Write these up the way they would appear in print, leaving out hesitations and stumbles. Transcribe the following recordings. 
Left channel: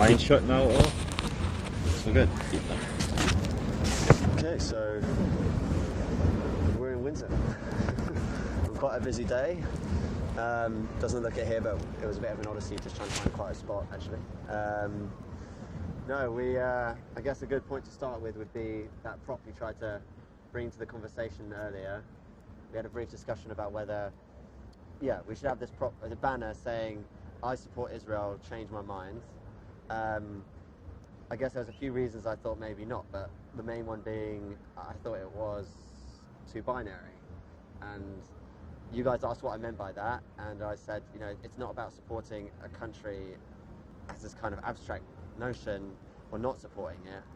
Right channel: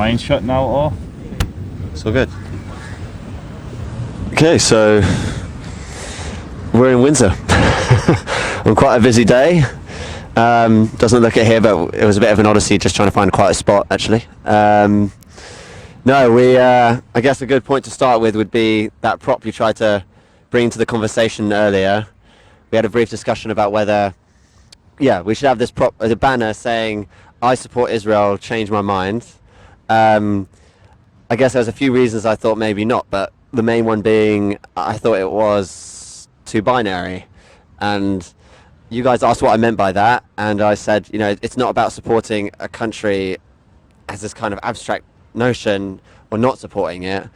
Mine shut now or? It's all good. Okay, so we're in Windsor on quite a busy day. Doesn't look it here, but it was a bit of an odyssey just trying to find quite a spot, actually. I guess a good point to start with would be that prop you tried to bring to the conversation earlier. We had a brief discussion about whether, we should have this prop, a banner saying, "I support Israel, change my mind." I guess there's a few reasons I thought maybe not, but the main one being I thought it was too binary. And you guys asked what I meant by that, and I said, it's not about supporting a country as this kind of abstract notion or not supporting it,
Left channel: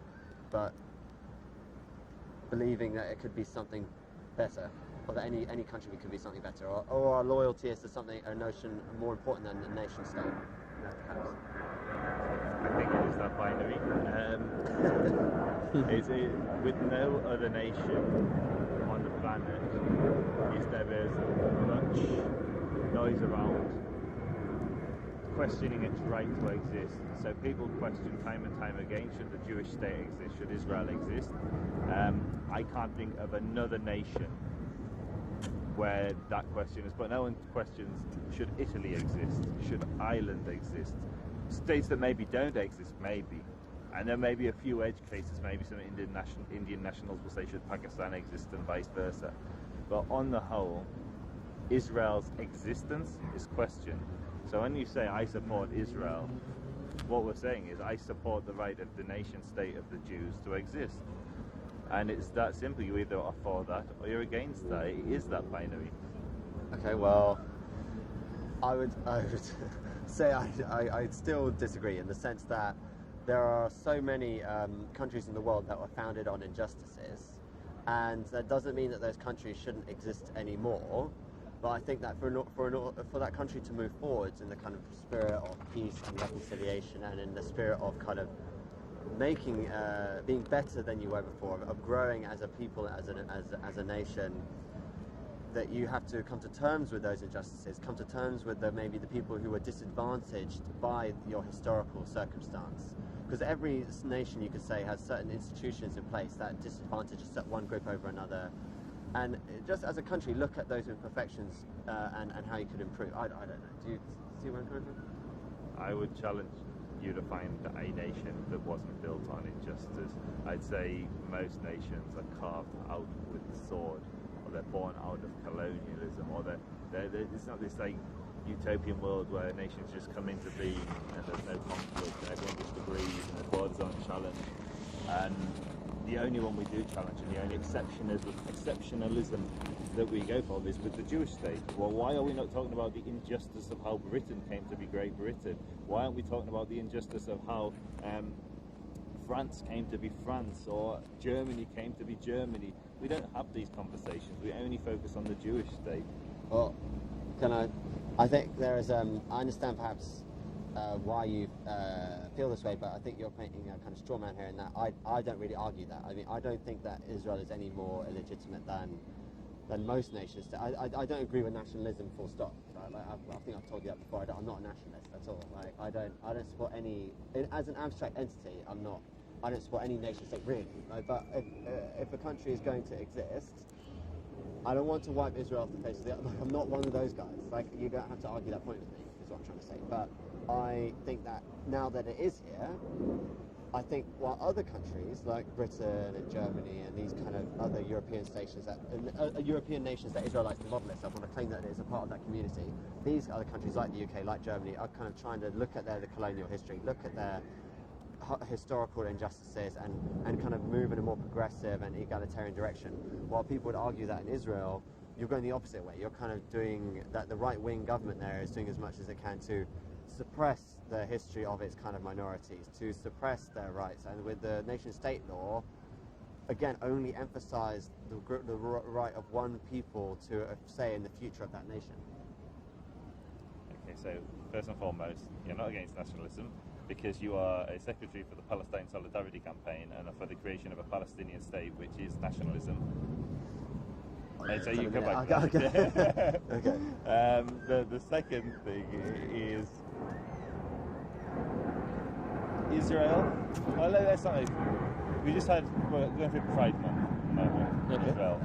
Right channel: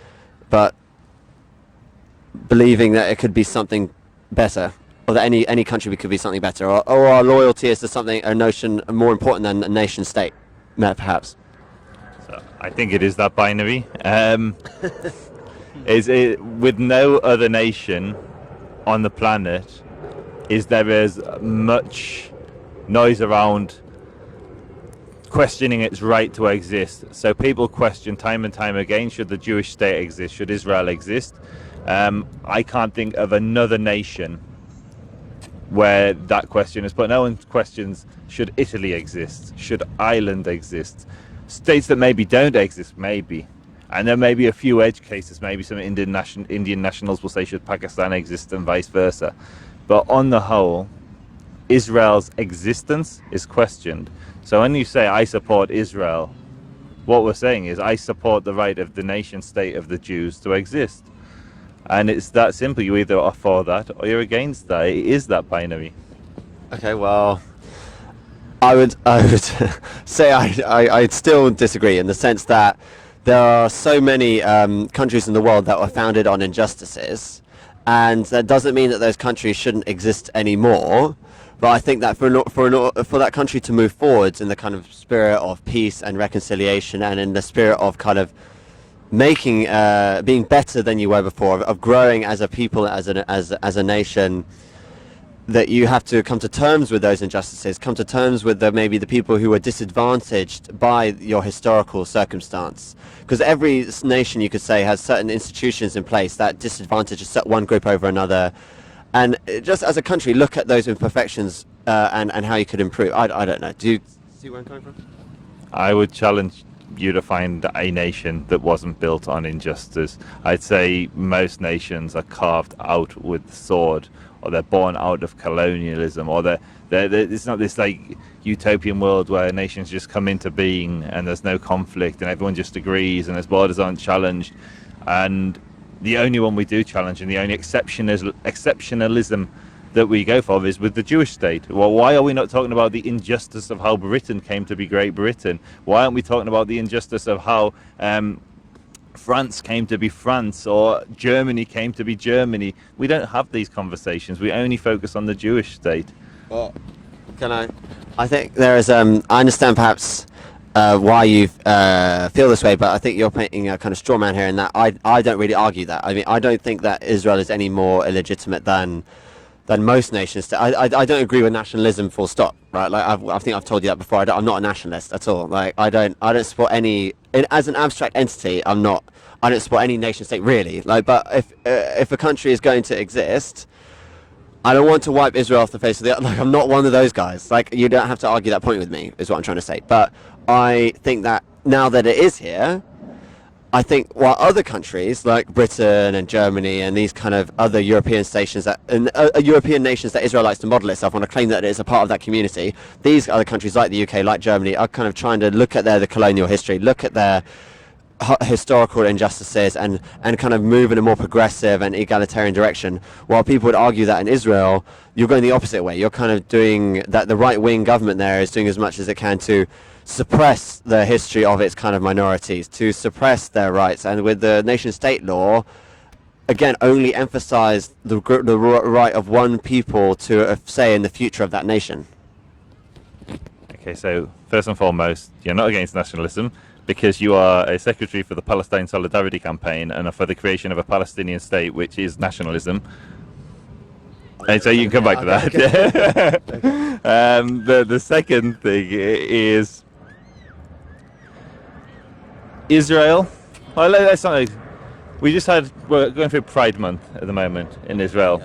but believing that it could be something better, or that any country could be something better, or our loyalty is to something, a notion more important than a nation state, perhaps. I think it is that binary. Is it with no other nation on the planet? Is there as much noise around questioning its right to exist? So people question time and time again: should the Jewish state exist? Should Israel exist? I can't think of another nation where that question is put. No one questions: should Italy exist? Should Ireland exist? States that maybe don't exist, maybe. And there may be a few edge cases, maybe some Indian nationals will say, should Pakistan exist, and vice versa. But on the whole, Israel's existence is questioned. So when you say, I support Israel, what we're saying is, I support the right of the nation state of the Jews to exist. And it's that simple. You either are for that or you're against that. It is that binary. Okay, well, I would say I'd still disagree, in the sense that there are so many countries in the world that were founded on injustices, and that doesn't mean that those countries shouldn't exist anymore. But I think that for that country to move forwards in the kind of spirit of peace and reconciliation, and in the spirit of kind of making being better than you were before, of growing as a people, as a nation, that you have to come to terms with those injustices, come to terms with maybe the people who were disadvantaged by your historical circumstance. Because every nation, you could say, has certain institutions in place that disadvantage one group over another. And just as a country, look at those imperfections and how you could improve. I don't know. Do you see where I'm coming from? I would challenge you to find a nation that wasn't built on injustice. I'd say most nations are carved out with the sword, or they're born out of colonialism, or it's not this like utopian world where nations just come into being and there's no conflict and everyone just agrees and its borders aren't challenged. And the only one we do challenge, and the only exceptionalism that we go for, is with the Jewish state. Well, why are we not talking about the injustice of how Britain came to be Great Britain? Why aren't we talking about the injustice of how France came to be France, or Germany came to be Germany? We don't have these conversations. We only focus on the Jewish state. Well, I think there is, I understand perhaps why you feel this way, but I think you're painting a kind of straw man here, in that I don't really argue that. I mean, I don't think that Israel is any more illegitimate than most nations. I don't agree with nationalism, full stop, right? Like I think I've told you that before. I'm not a nationalist at all. Like I don't support any, as an abstract entity. I don't support any nation state really. Like, but if a country is going to exist, I don't want to wipe Israel off the face of the earth. Like, I'm not one of those guys. Like, you don't have to argue that point with me, is what I'm trying to say. But I think that now that it is here, I think while other countries like Britain and Germany and these kind of other European nations that Israel likes to model itself on, a claim that it is a part of that community, these other countries like the UK, like Germany, are kind of trying to look at the colonial history, look at their historical injustices, and kind of move in a more progressive and egalitarian direction. While people would argue that in Israel, you're going the opposite way. You're kind of doing that. The right-wing government there is doing as much as it can to suppress the history of its kind of minorities, to suppress their rights, and with the nation-state law, again, only emphasize the right of one people to a say in the future of that nation. Okay, so first and foremost, you're not against nationalism, because you are a secretary for the Palestine Solidarity Campaign and are for the creation of a Palestinian state, which is nationalism. And so you can come back to that. Okay. The second thing is, Israel. Well, let's not. We're going through Pride Month at the moment in Israel.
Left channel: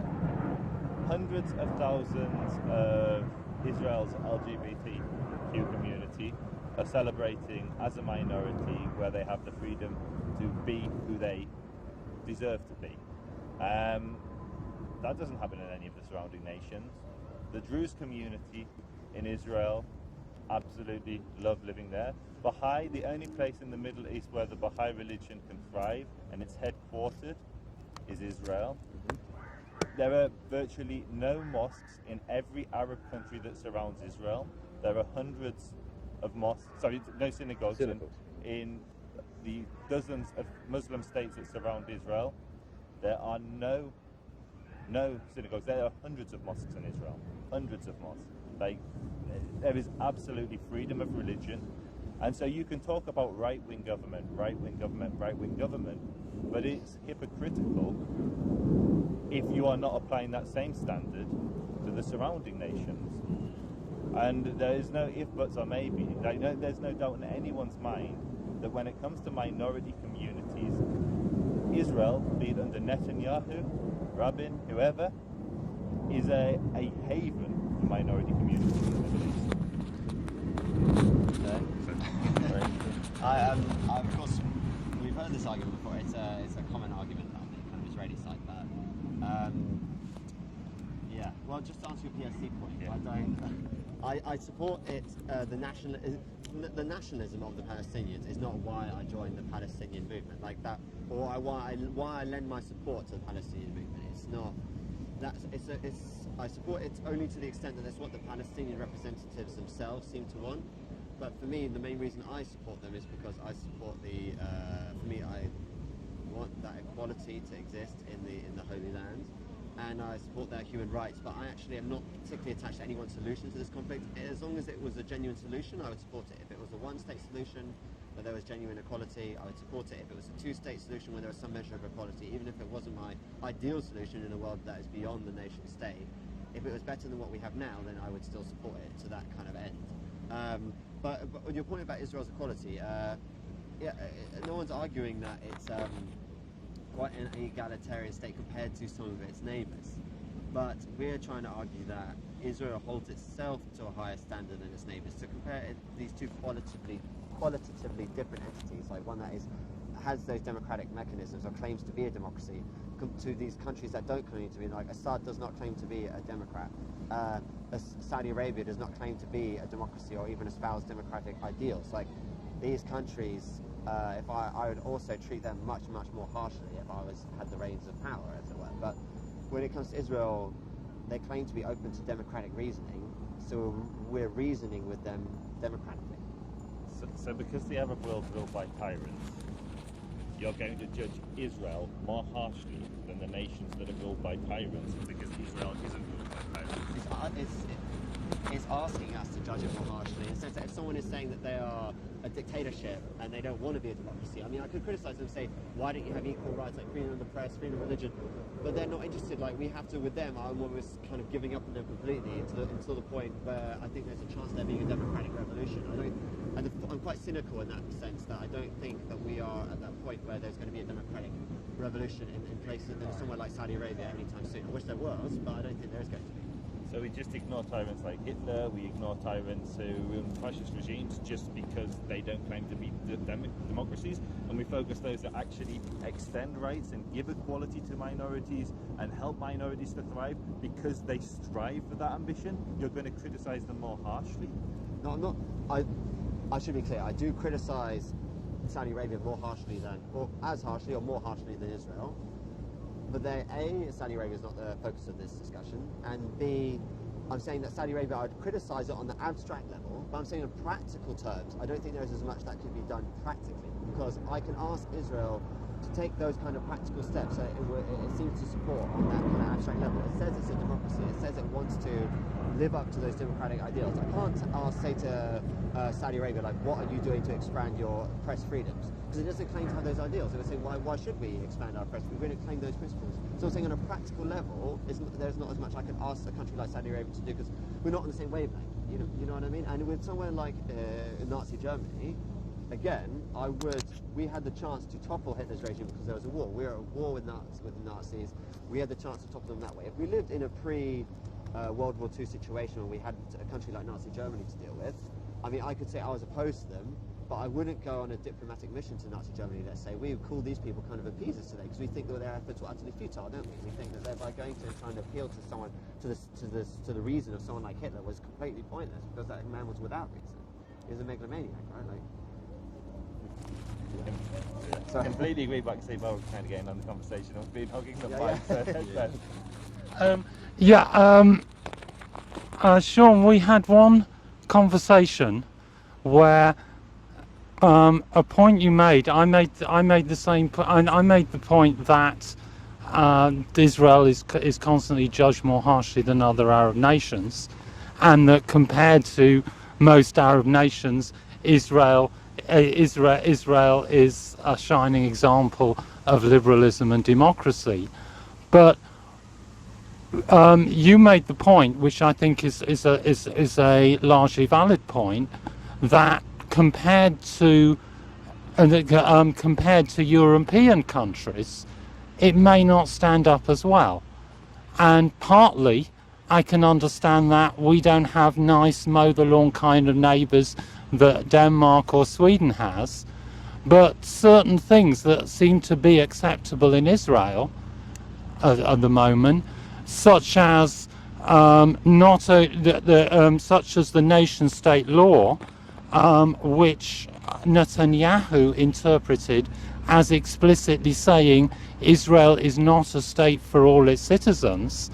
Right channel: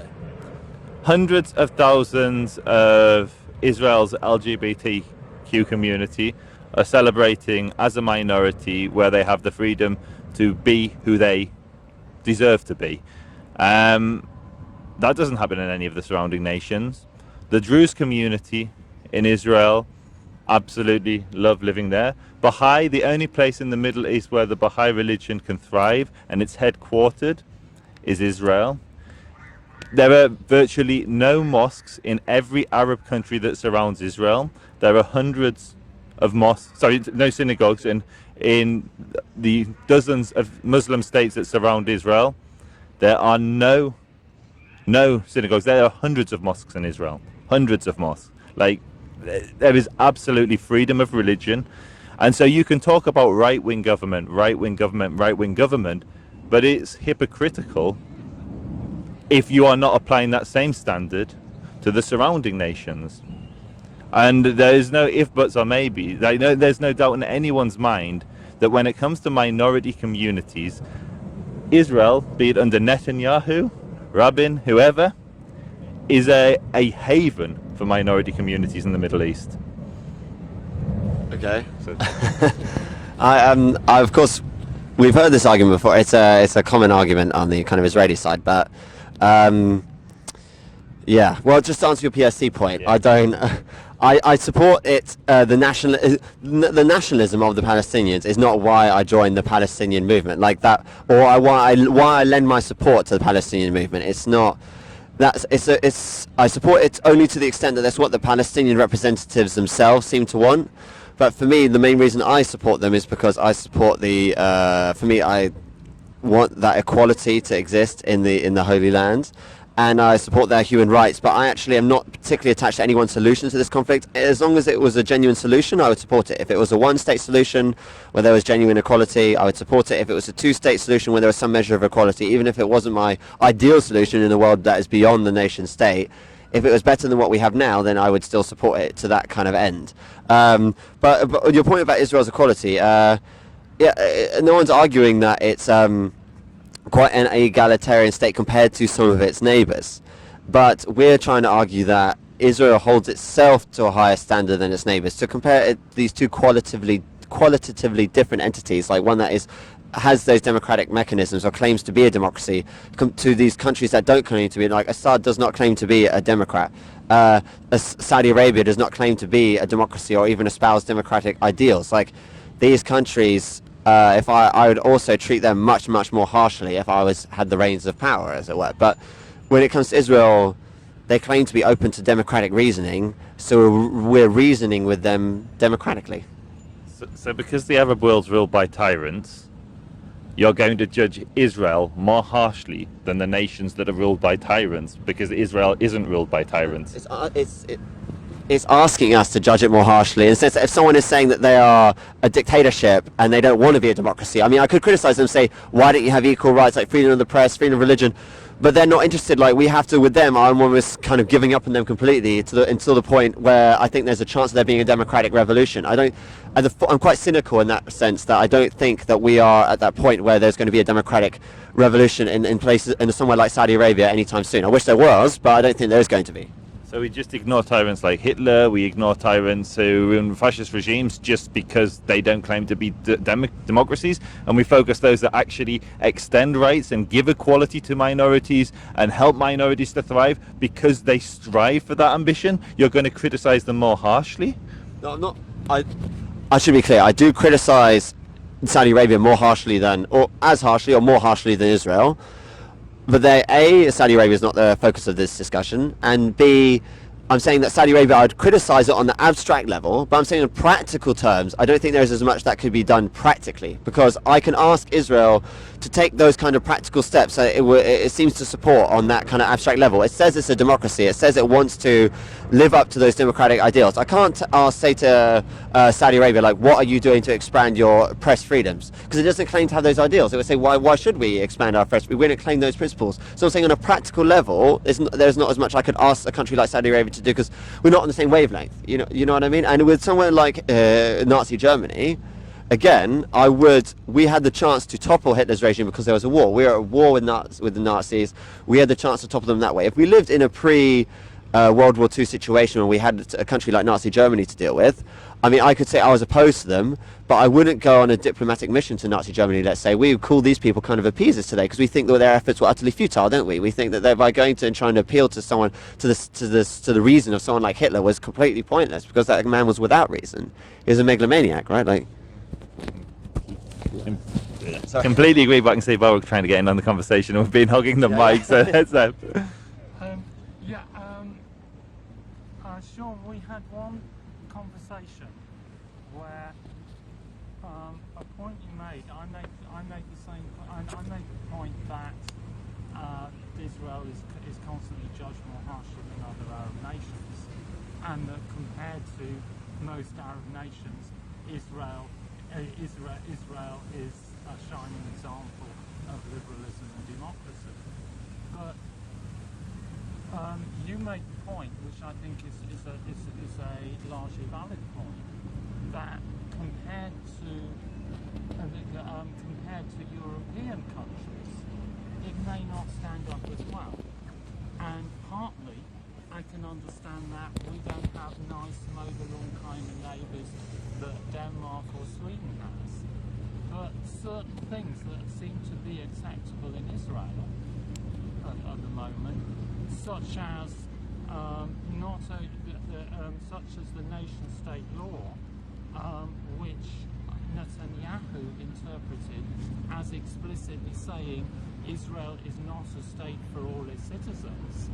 Hundreds of thousands of Israel's LGBTQ community are celebrating as a minority where they have the freedom to be who they deserve to be. That doesn't happen in any of the surrounding nations. The Druze community in Israel absolutely love living there. Baha'i, the only place in the Middle East where the Baha'i religion can thrive and it's headquartered is Israel. There are virtually no mosques in every Arab country that surrounds Israel. There are hundreds of mosques, no synagogues in the dozens of Muslim states that surround Israel. There are no synagogues. There are hundreds of mosques in Israel. Hundreds of mosques. Like, there is absolutely freedom of religion. And so you can talk about right-wing government, but it's hypocritical if you are not applying that same standard to the surrounding nations. And there is no if, buts, or maybe. There's no doubt in anyone's mind that when it comes to minority communities, Israel, be it under Netanyahu, Rabin, whoever, is a haven for minority communities in the Middle East. Okay. I of course, we've heard this argument before. It's a common argument on the kind of Israeli side, but yeah. Well, just to answer your PSC point, yeah. I support it. The nationalism of the Palestinians is not why I joined the Palestinian movement, like that, or why I lend my support to the Palestinian movement. It's not. I support it only to the extent that that's what the Palestinian representatives themselves seem to want. But for me, the main reason I support them is because I support for me, I want that equality to exist in the Holy Land, and I support their human rights. But I actually am not particularly attached to any one solution to this conflict. As long as it was a genuine solution, I would support it. If it was a one-state solution where there was genuine equality, I would support it. If it was a two-state solution where there was some measure of equality, even if it wasn't my ideal solution in a world that is beyond the nation-state, if it was better than what we have now, then I would still support it to that kind of end. But your point about Israel's equality, yeah, no one's arguing that it's quite an egalitarian state compared to some of its neighbours. But we're trying to argue that Israel holds itself to a higher standard than its neighbours. To compare these two qualitatively different entities, like one that has those democratic mechanisms or claims to be a democracy, to these countries that don't claim to be, like Assad does not claim to be a democrat. Saudi Arabia does not claim to be a democracy or even espouse democratic ideals. Like, these countries, if I would also treat them much more harshly if I had the reins of power, as it were. But when it comes to Israel, they claim to be open to democratic reasoning, so we're reasoning with them democratically. So because the Arab world's ruled by tyrants, you're going to judge Israel more harshly than the nations that are ruled by tyrants, because Israel isn't ruled by tyrants. It's asking us to judge it more harshly, in the sense that if someone is saying that they are a dictatorship and they don't want to be a democracy, I mean, I could criticize them and say, why don't you have equal rights like freedom of the press, freedom of religion? But they're not interested. Like, we have to, with them, I'm almost kind of giving up on them completely until the point where I think there's a chance of there being a democratic revolution. I'm quite cynical in that sense, that I don't think that we are at that point where there's going to be a democratic revolution in places, in somewhere like Saudi Arabia anytime soon. I wish there was, but I don't think there's going to be. So we just ignore tyrants like Hitler, we ignore tyrants who run fascist regimes just because they don't claim to be democracies, and we focus those that actually extend rights and give equality to minorities and help minorities to thrive because they strive for that ambition. You're going to criticize them more harshly? No, I'm not. I should be clear. I do criticize Saudi Arabia more harshly than, or as harshly or more harshly than Israel. But Saudi Arabia is not the focus of this discussion, and B, I'm saying that Saudi Arabia, I'd criticize it on the abstract level, but I'm saying in practical terms, I don't think there's as much that could be done practically, because I can ask Israel to take those kind of practical steps that it seems to support on that kind of abstract level. It says it's a democracy. It says it wants to live up to those democratic ideals. I can't say to Saudi Arabia, like, what are you doing to expand your press freedoms? Because it doesn't claim to have those ideals. It would say, why should we expand our press? We don't claim those principles. So I'm saying on a practical level, there's not as much I could ask a country like Saudi Arabia to do, because we're not on the same wavelength. You know what I mean? And with somewhere like Nazi Germany, again, we had the chance to topple Hitler's regime because there was a war. We were at war with the Nazis. We had the chance to topple them that way. If we lived in a World War II situation where we had a country like Nazi Germany to deal with, I mean, I could say I was opposed to them, but I wouldn't go on a diplomatic mission to Nazi Germany, let's say. We would call these people kind of appeasers today because we think that their efforts were utterly futile, don't we? We think that by going to and trying to appeal to someone, to the reason of someone like Hitler was completely pointless because that man was without reason. He was a megalomaniac, right? Like. Completely agree, but I can see Bo trying to get in on the conversation and we've been hogging the mic, so that's that. Sean, we had one conversation where a point you made, I made the same point, and I made the point that Israel is constantly judged more harshly than other Arab nations, and that compared to most Arab nations, Israel is a shining example of liberalism and democracy. But you made the point, which I think is a largely valid point, that compared to European countries, it may not stand up as well. And partly, I can understand that we don't have nice mow the lawn kind of neighbours that Denmark or Sweden has, but certain things that seem to be acceptable in Israel at the moment, such as such as the nation-state law, which Netanyahu interpreted as explicitly saying Israel is not a state for all its citizens.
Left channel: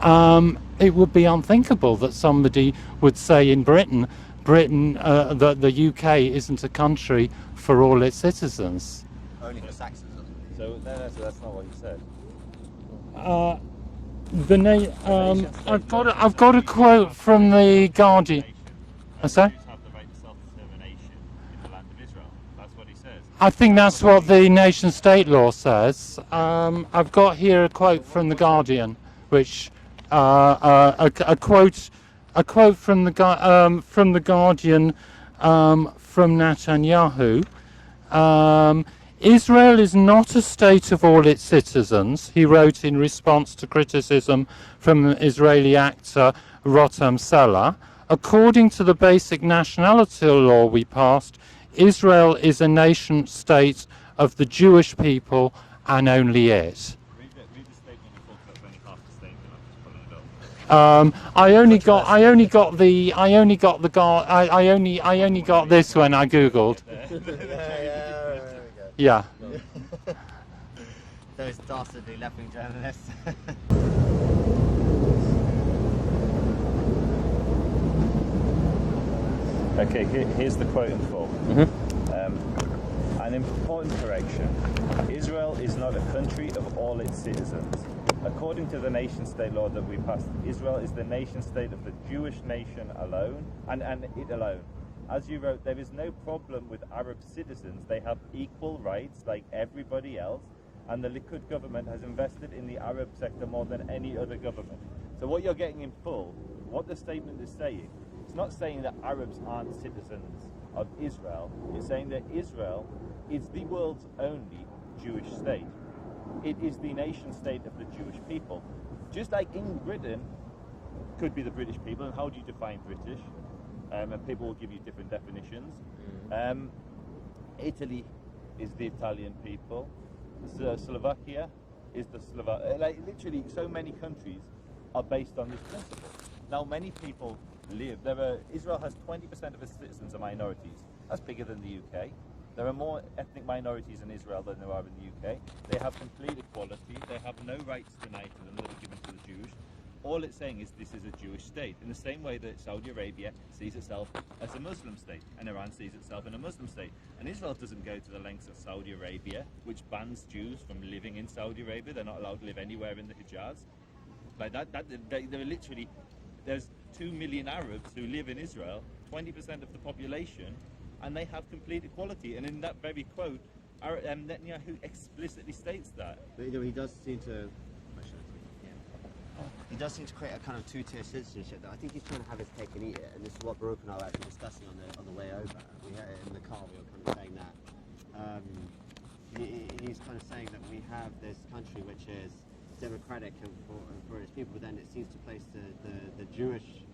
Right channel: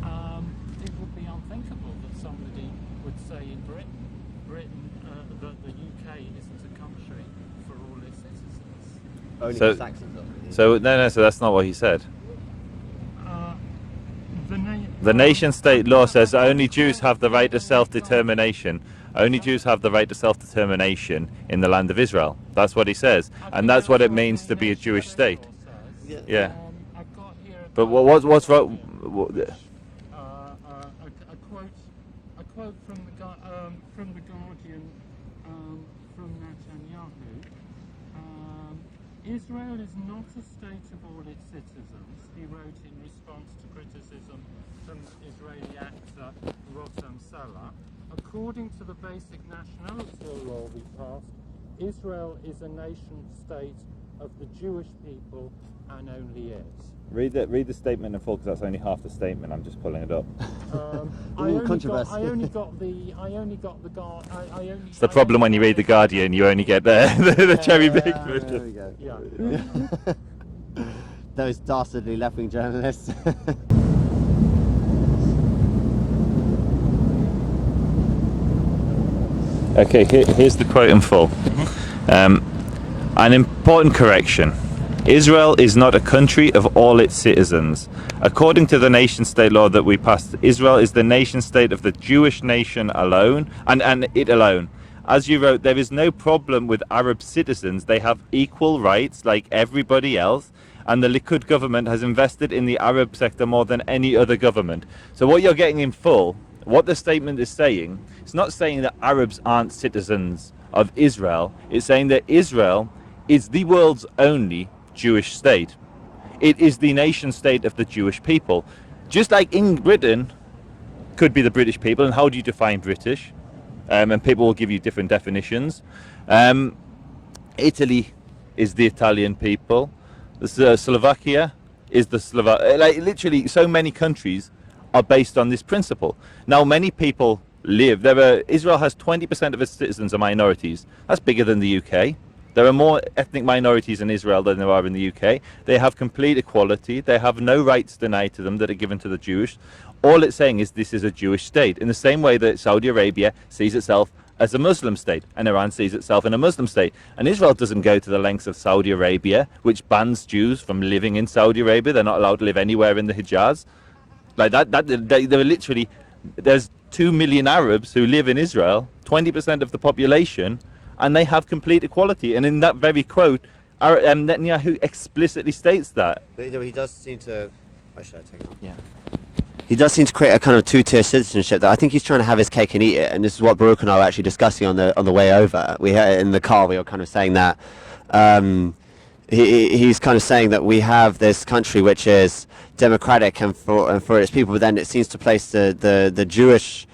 It would be unthinkable that somebody would say in Britain that the UK isn't a country for all its citizens. So that's not what he said. The nation-state law says only Jews have the right to self-determination. Only Jews have the right to self-determination in the land of Israel. That's what he says. I think that's what the nation-state law says. Yeah. I've got here a quote from the Guardian, which a quote from the Guardian from Netanyahu. Israel is not a state of all its citizens, he wrote in response to criticism from Israeli actor Rotem Selah. According to the basic nationality law we passed, Israel is a nation state of the Jewish people and only it. Read the statement in full, because that's only half the statement. I'm just pulling it up. I only got the problem when you read the Guardian, you only get the cherry pick version. Yeah. Those dastardly left-wing journalists. Okay, here's the quote in full. An important correction. Israel is not a country of all its citizens. According to the nation-state law that we passed, Israel is the nation-state of the Jewish nation alone, and it alone. As you wrote, there is no problem with Arab citizens. They have equal rights like everybody else, and the Likud government has invested in the Arab sector more than any other government. So what you're getting in full, what the statement is saying, it's not saying that Arabs aren't citizens of Israel. It's saying that Israel is the world's only Jewish state. It is the nation state of the Jewish people. Just like in Britain could be the British people, and how do you define British? And people will give you different definitions. Italy is the Italian people. Slovakia is the Slovak. Like literally, so many countries are based on this principle. Now, many people live there. Israel has 20% of its citizens are minorities. That's bigger than the UK. There are more ethnic minorities in Israel than there are in the UK. They have complete equality. They have no rights denied to them that are given to the Jewish. All it's saying is this is a Jewish state, in the same way that Saudi Arabia sees itself as a Muslim state, and Iran sees itself in a Muslim state. And Israel doesn't go to the lengths of Saudi Arabia, which bans Jews from living in Saudi Arabia. They're not allowed to live anywhere in the Hijaz. Like that they're literally, there's 2 million Arabs who live in Israel, 20% of the population, and they have complete equality. And in that very quote, Netanyahu explicitly states that. He does seem to... Why should I take it? Yeah. he does seem to create a kind of two-tier citizenship that I think he's trying to have his cake and eat it. And this is what Baruch and I were actually discussing on the way over. We had in the car. We were kind of saying that he's kind of saying that we have this country which is democratic and for its people, but then it seems to place the Jewish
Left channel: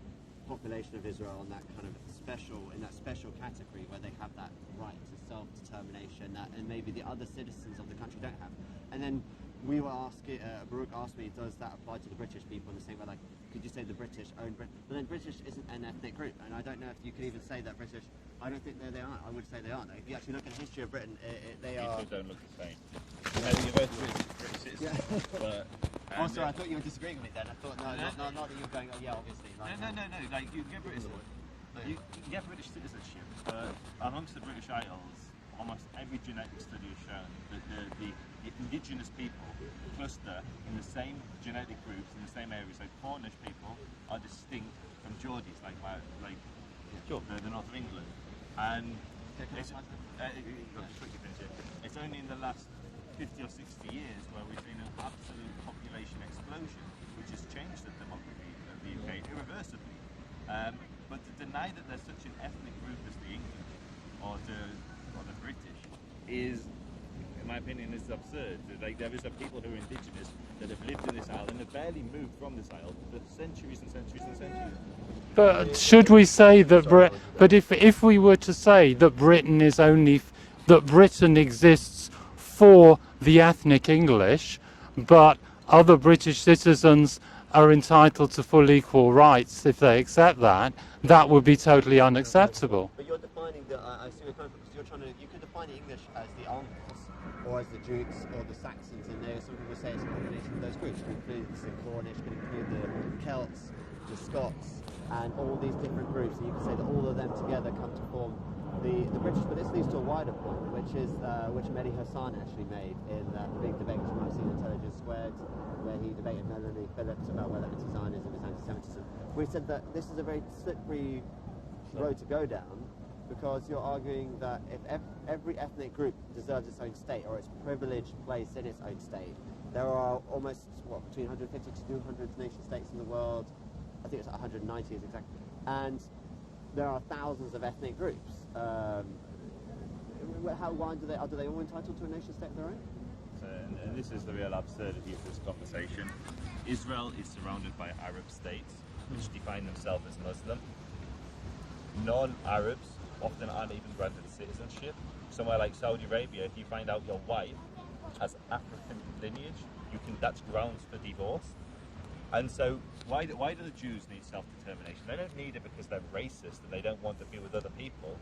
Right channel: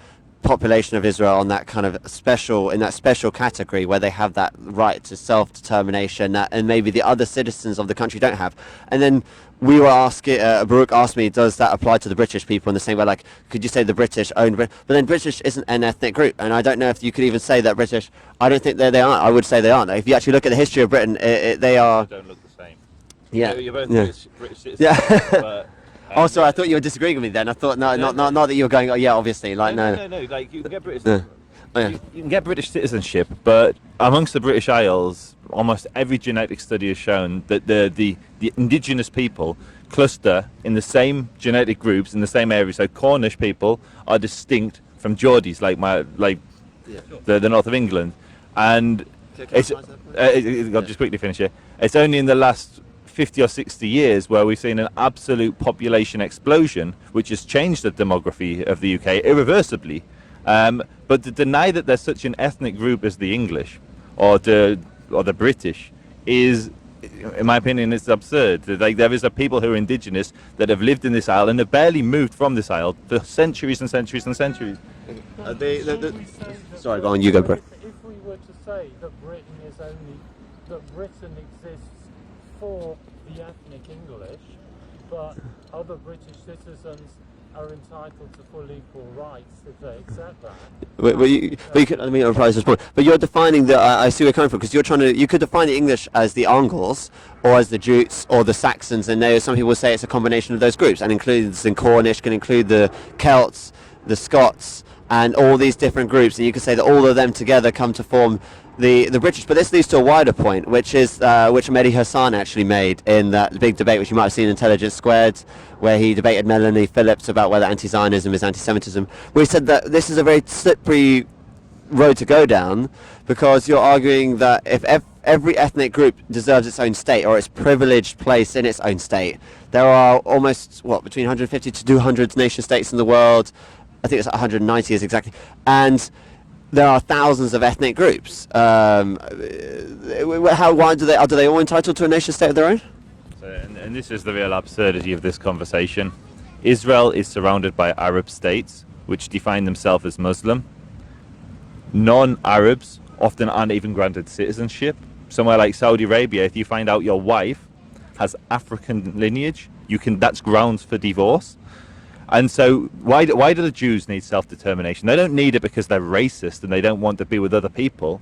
population of Israel on that kind of special category where they have that right to self-determination and maybe the other citizens of the country don't have. And then we were asking, Baruch asked me, does that apply to the British people in the same way? Like, could you say the British own Britain? But then British isn't an ethnic group, and I don't know if you could even say that British. I don't think they aren't. I would say they aren't. If you actually look at the history of Britain, they are. Don't look the same. Yeah. You're both Yeah. British citizens. Yeah. But, Oh, sorry. I thought you were disagreeing with me then. I thought not that you were going. Oh, yeah, obviously. Like no. No. Like you can get British. No. Oh, yeah. You can get British citizenship, but amongst the British Isles, almost every genetic study has shown that the indigenous people cluster in the same genetic groups in the same area. So Cornish people are distinct from Geordies, the north of England, and I'll just quickly finish here. It's only in the last 50 or 60 years where we've seen an absolute population explosion, which has changed the demography of the UK irreversibly. But to deny that there's such an ethnic group as the English or the British is, in my opinion, it's absurd. Like, there is a people who are indigenous that have lived in this isle and have barely moved from this isle for centuries and centuries and centuries. But should we say that? If we were to say that Britain exists for the ethnic English, but other British citizens are entitled to full equal rights if they accept that, that would be totally unacceptable. But you're defining I see where you're coming from, because you could define the English as the Angles, or as the Jutes, or the Saxons, and there some people say it's a combination of those groups, and includes in Cornish, can include the Celts, the Scots, and all these different groups, and you could say that all of them together come to form the British. But this leads to a wider point, which is which Mehdi Hassan actually made in that big debate, which you might have seen in Intelligence Squared, where he debated Melanie Phillips about whether anti-Zionism is anti-Semitism, where he said that this is a very slippery road to go down, because you're arguing that if every ethnic group deserves its own state, or its privileged place in its own state, there are almost, between 150 to 200 nation states in the world. I think it's 190 is exactly. And there are thousands of ethnic groups. Why are they all entitled to a nation state of their own? And this is the real absurdity of this conversation. Israel is surrounded by Arab states which define themselves as Muslim. Non-Arabs often aren't even granted citizenship. Somewhere like Saudi Arabia, if you find out your wife has African lineage, that's grounds for divorce. And so why do the Jews need self-determination? They don't need it because they're racist and they don't want to be with other people.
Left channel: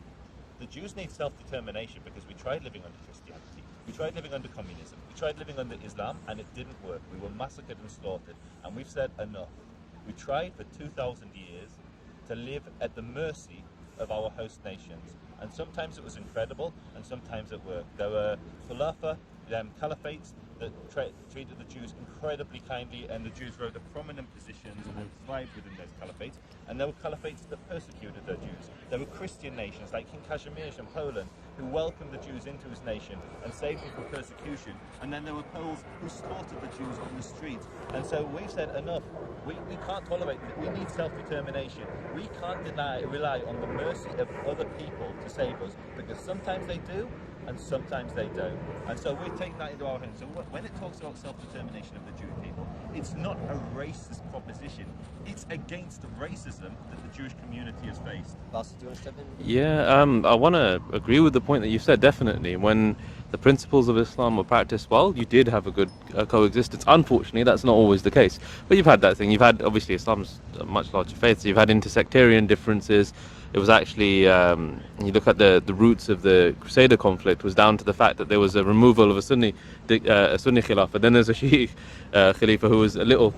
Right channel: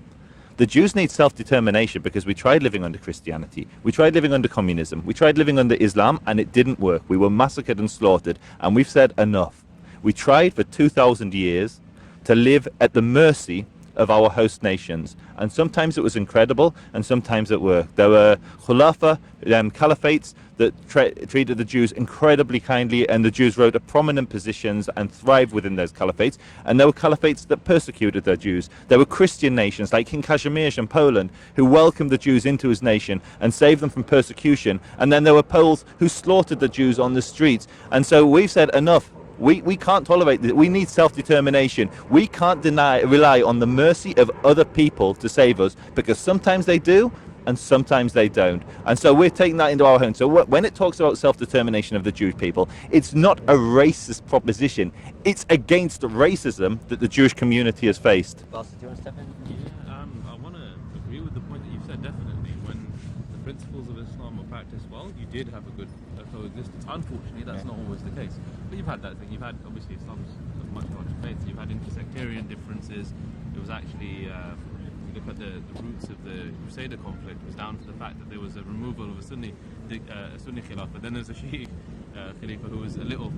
The Jews need self-determination because we tried living under Christianity, we tried living under communism, we tried living under Islam, and it didn't work. We were massacred and slaughtered, and we've said enough. We tried for 2,000 years to live at the mercy of our host nations, and sometimes it was incredible and sometimes it worked. There were khulafa, caliphates that treated the Jews incredibly kindly, and the Jews rose to prominent positions and thrived within those caliphates, and there were caliphates that persecuted their Jews. There were Christian nations like King Kazimierz in Poland who welcomed the Jews into his nation and saved them from persecution, and then there were Poles who slaughtered the Jews on the streets. And so we've said enough. We can't tolerate this. We need self-determination. We can't rely on the mercy of other people to save us, because sometimes they do and sometimes they don't. And so we're taking that into our own. So when it talks about self-determination of the Jewish people, it's not a racist proposition. It's against racism that the Jewish community has faced. Basith, do you want to step in? Yeah, I want to agree with the point that you said, definitely. When the principles of Islam were practiced well, you did have a good coexistence. Unfortunately, that's not always the case. But you've had that thing. You've had, obviously, Islam's a much larger faith, so you've had intersectarian differences. It was actually, you look at the roots of the Crusader conflict was down to the fact that there was a removal of a Sunni Khilafah. Then there's a Shi'i Khalifa who was a little,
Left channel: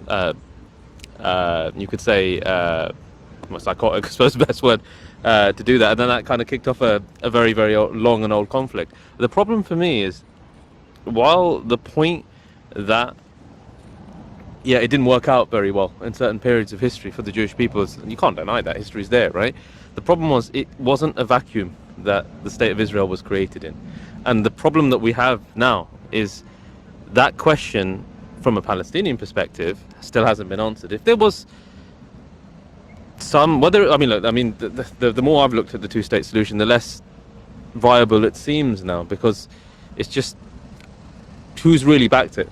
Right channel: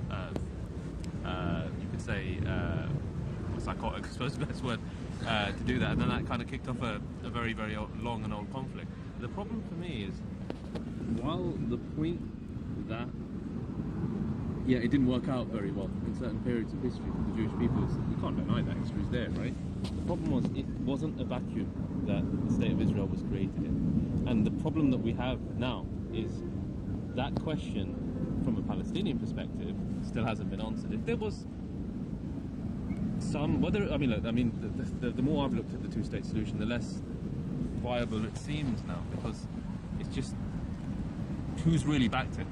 you could say, psychotic, I suppose the best word, to do that. And then that kind of kicked off a very, very long and old conflict. The problem for me is, while the point that, it didn't work out very well in certain periods of history for the Jewish people, you can't deny that, history's there, right? The problem was, it wasn't a vacuum that the state of Israel was created in. And the problem that we have now is that question from a Palestinian perspective, still hasn't been answered. If there was some, whether, I mean, look, I mean, the more I've looked at the two-state solution, the less viable it seems now, because it's just, who's really backed it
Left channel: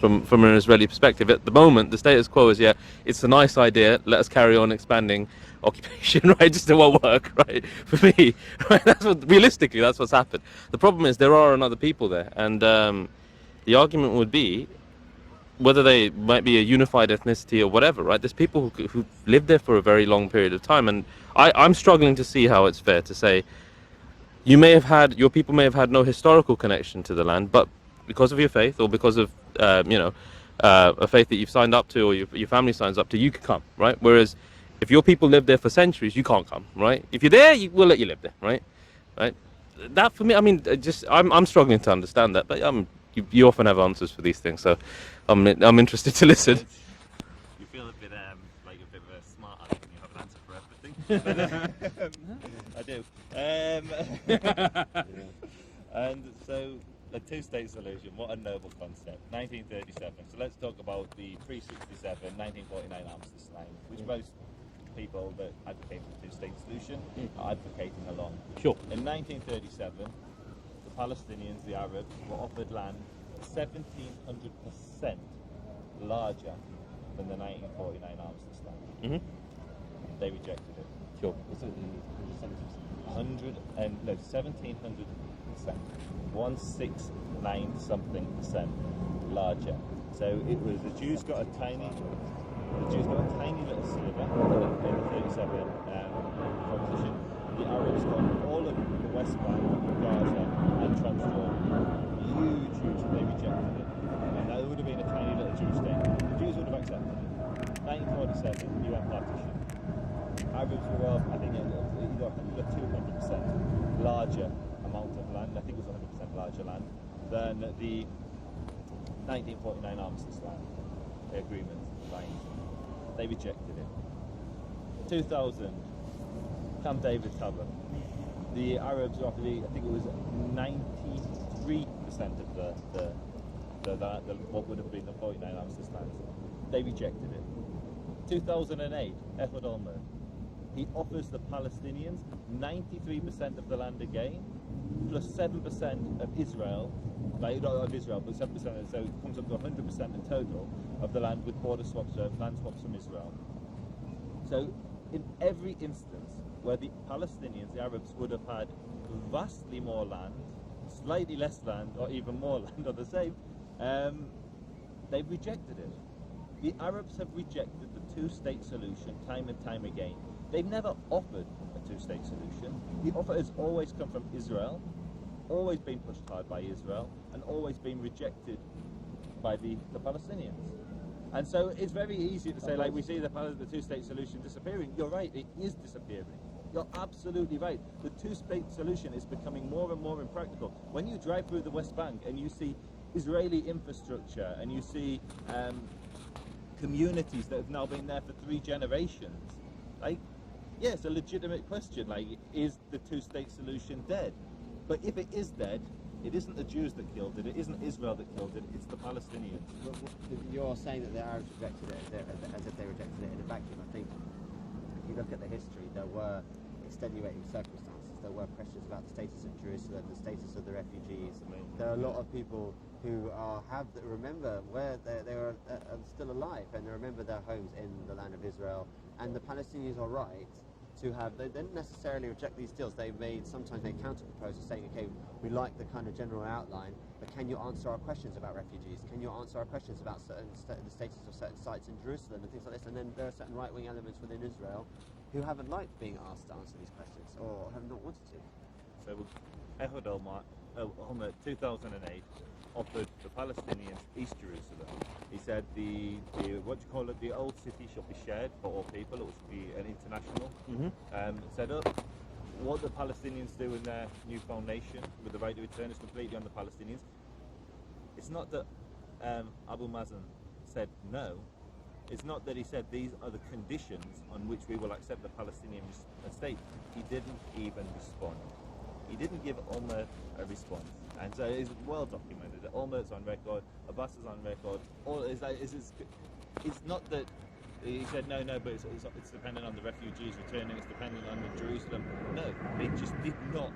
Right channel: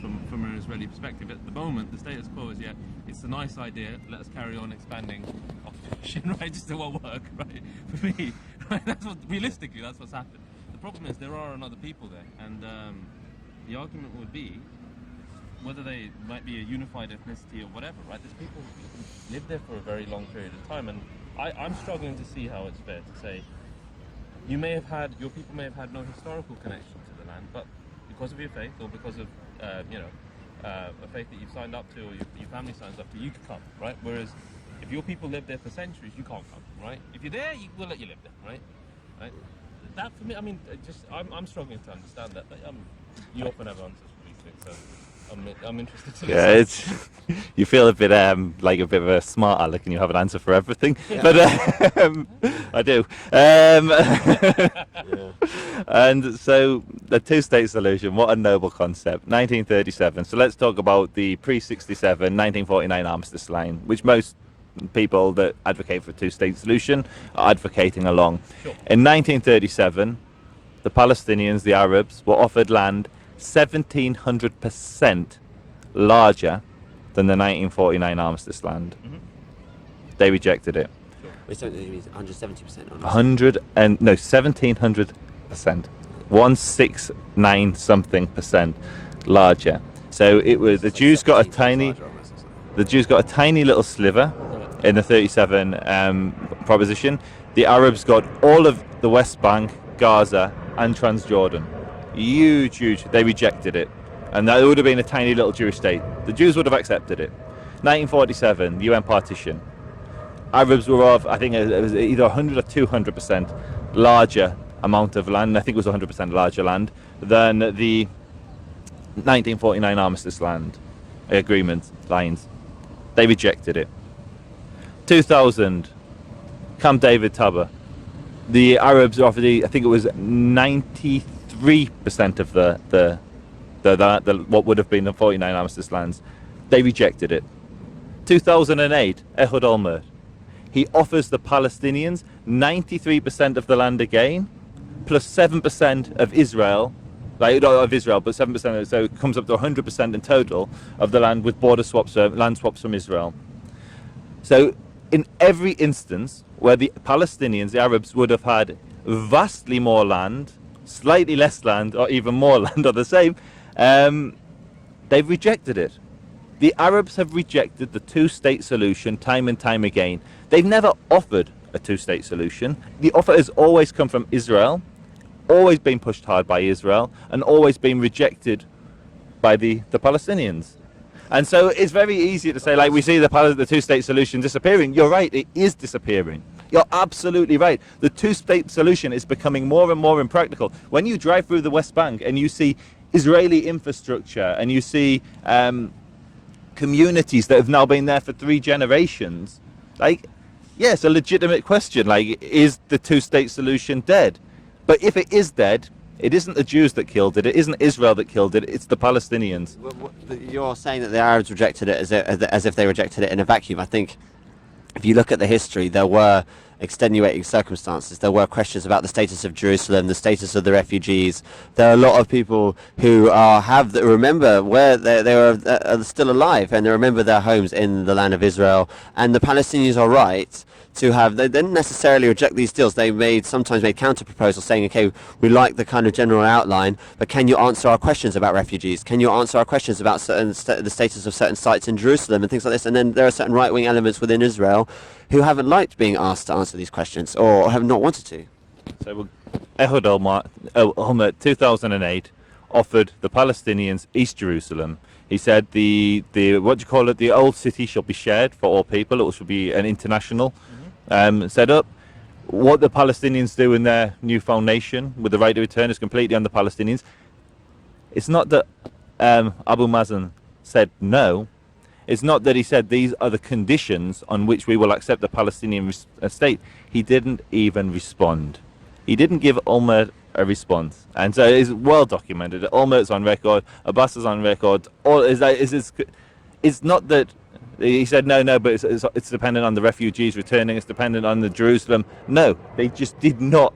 from an Israeli perspective? At the moment, the status quo is, yeah, it's a nice idea, let us carry on expanding occupation, right? Just it won't work, right? For me, right? Realistically, that's what's happened. The problem is there are other people there, and the argument would be, whether they might be a unified ethnicity or whatever, right? There's people who lived there for a very long period of time, and I'm struggling to see how it's fair to say, your people may have had no historical connection to the land, but because of your faith or because of a faith that you've signed up to or your family signs up to, you can come, right? Whereas if your people live there for centuries, you can't come, right? If you're there, we'll let you live there, right? That for me, I mean, I'm struggling to understand that, but you often have answers for these things, so I'm interested to listen. Yeah, you feel a bit like a bit of a smart aleck, and you have an answer for everything. Yeah. But I do. And so the two-state solution, what a noble concept. 1937. So let's talk about the pre-67, 1949 armistice line, which most people that advocate for a two-state solution are advocating along. Sure. In 1937, the Palestinians, the Arabs, were offered land 1,700% larger than the 1949 armistice land. Mm-hmm. They rejected it. Sure. Wait, so it means 170%? 1,700%. 169 something percent larger. So it was the Jews got a tiny little sliver in the 37 proposition. The Arabs got all of the West Bank, Gaza, and Transjordan. Huge. They rejected it, and that would have been a tiny little Jewish state. The Jews would have accepted it. 1947, UN partition. Arabs were off, I think it was either 100 or 200% larger amount of land. I think it was 100% larger land than the 1949 armistice land agreement lines. They rejected it. 2000, Camp David Tabor. The Arabs were offered, I think it was 93% of the what would have been the 49 armistice lands. They rejected it. 2008, Ehud Olmert. He offers the Palestinians 93% of the land again, plus 7% of Israel, but 7% of it, so it comes up to 100% in total of the land with border swaps, land swaps from Israel. So in every instance where the Palestinians, the Arabs, would have had vastly more land, slightly less land, or even more land, or the same, they've rejected it. The Arabs have rejected the two-state solution time and time again. They've never offered a two-state solution. The offer has always come from Israel, always been pushed hard by Israel, and always been rejected by the Palestinians. And so it's very easy to say, like, we see the two-state solution disappearing. You're right, it is disappearing. You're absolutely right. The two-state solution is becoming more and more impractical. When you drive through the West Bank and you see Israeli infrastructure and you see communities that have now been there for 3 generations, like, yes, a legitimate question, like, is the two-state solution dead? But if it is dead, it isn't the Jews that killed it, it isn't Israel that killed it, it's the Palestinians. You're saying that the Arabs rejected it as if they rejected it in a vacuum. I think if you look at the history, there were extenuating circumstances. There were questions about the status of Jerusalem, the status of the refugees. There are a lot of people who remember where they are still alive, and they remember their homes in the land of Israel. And the Palestinians are right to have, they didn't necessarily reject these deals. They sometimes made counter proposals saying, okay, we like the kind of general outline, but can you answer our questions about refugees? Can you answer our questions about the status of certain sites in Jerusalem and things like this? And then there are certain right-wing elements within Israel who haven't liked being asked to answer these questions or have not wanted to. So Ehud Olmert, 2008, offered the Palestinians East Jerusalem. He said the old city shall be shared for all people. It should be an international set up. What the Palestinians do in their newfound nation with the right to return is completely on the Palestinians. It's not that Abu Mazen said no. It's not that he said these are the conditions on which we will accept the Palestinian state. He didn't even respond. He didn't give Olmert a response, and so it's well documented. Olmert's on record, Abbas is on record. It's not that he said no, but it's dependent on the refugees returning. It's dependent on the Jerusalem. No, they just did not.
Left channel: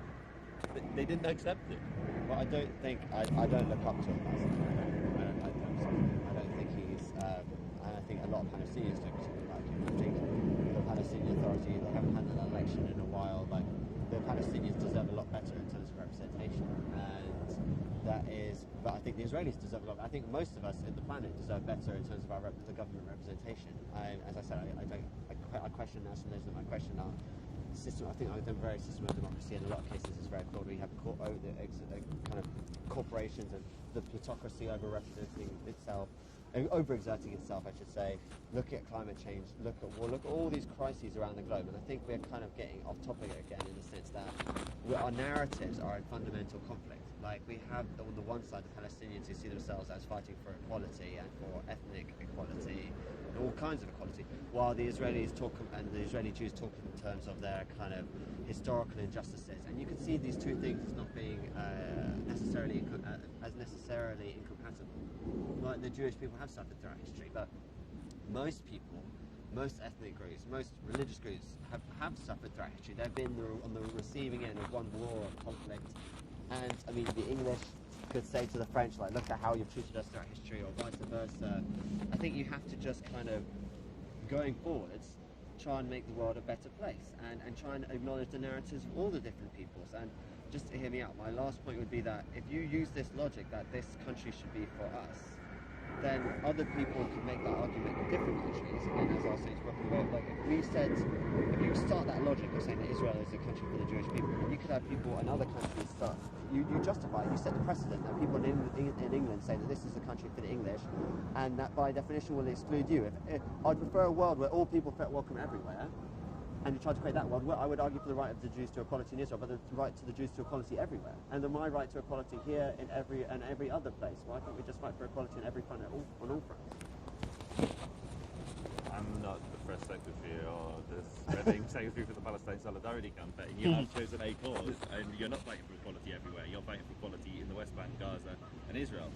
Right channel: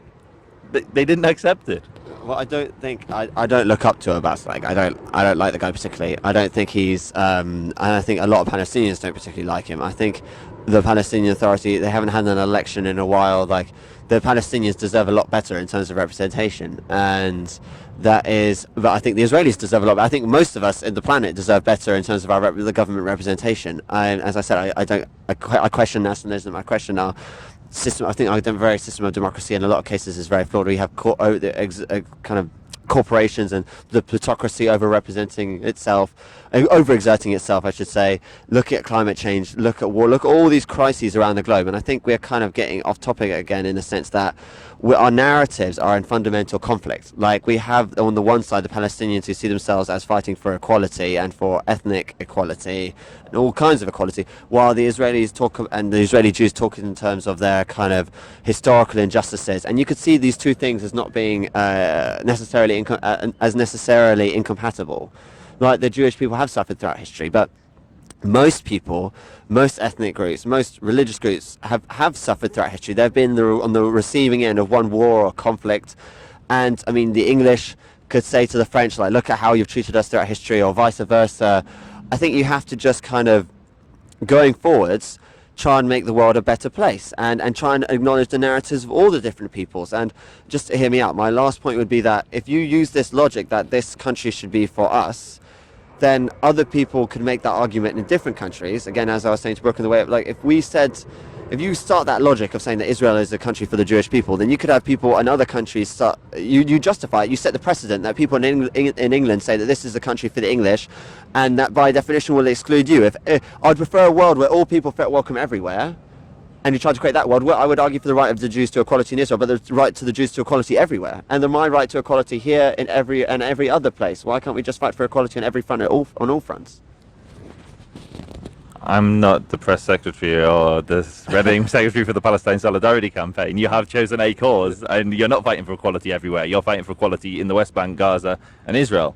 They didn't accept it. Well, I don't think I don't look up to Abbas. Like I don't like the guy particularly. I don't think he's and I think a lot of Palestinians don't particularly like him. I think the Palestinian Authority, they haven't had an election in a while. Like the Palestinians deserve a lot better in terms of representation, and that is. But I think the Israelis deserve a lot. I think most of us in the planet deserve better in terms of the government representation. As I said, I question nationalism. I question our system. I think our very system of democracy in a lot of cases is very flawed. We have kind of corporations and the plutocracy over-representing itself, overexerting itself, I should say. Look at climate change, look at war, look at all these crises around the globe. And I think we're kind of getting off topic again in the sense that our narratives are in fundamental conflict. Like we have on the one side the Palestinians who see themselves as fighting for equality and for ethnic equality and all kinds of equality, while the Israelis talk and the Israeli Jews talk in terms of their kind of historical injustices. And you could see these two things as not being necessarily incompatible. Like the Jewish people have suffered throughout history, but most people, most ethnic groups, most religious groups have suffered throughout history. They've been on the receiving end of one war or conflict. And I mean, the English could say to the French, like, look at how you've treated us throughout history, or vice versa. I think you have to just kind of, going forwards, try and make the world a better place and try and acknowledge the narratives of all the different peoples. And just to hear me out, my last point would be that if you use this logic that this country should be for us, then other people could make that argument in different countries. Again, as I was saying to Brooke in the way, like if you start that logic of saying that Israel is a country for the Jewish people, then you could have people in other countries start, you justify it, you set the precedent that people in England say that this is a country for the English, and that by definition will exclude you. If I'd prefer a world where all people felt welcome everywhere, and you try to create that world, well, I would argue for the right of the Jews to equality in Israel, but the right to the Jews to equality everywhere, and my right to equality here in every other place. Why can't we just fight for equality on every front, on all fronts? I'm not the press secretary or the Reading secretary for the Palestine Solidarity Campaign. You have chosen a cause, and you're not fighting for equality everywhere. You're fighting for equality in the West Bank, Gaza, and Israel.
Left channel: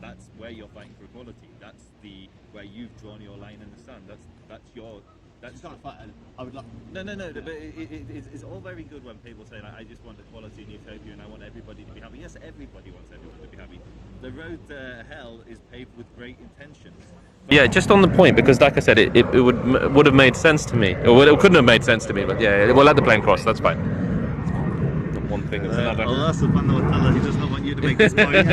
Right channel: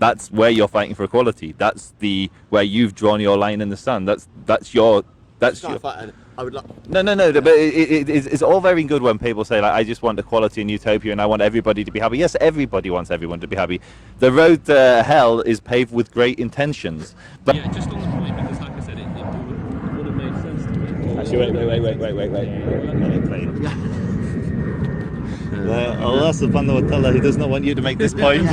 That's where you're fighting for equality. That's where you've drawn your line in the sand. That's your. I would No, but it's all very good when people say, like, I just want equality and utopia and I want everybody to be happy. Yes, everybody wants everyone to be happy. The road to hell is paved with great intentions. But yeah, just on the point, because like I said, it would have made sense to me. Or it couldn't have made sense to me, but yeah, we'll let the plane cross, that's fine. One thing is Allah subhanahu wa ta'ala, he does not want you to make this point.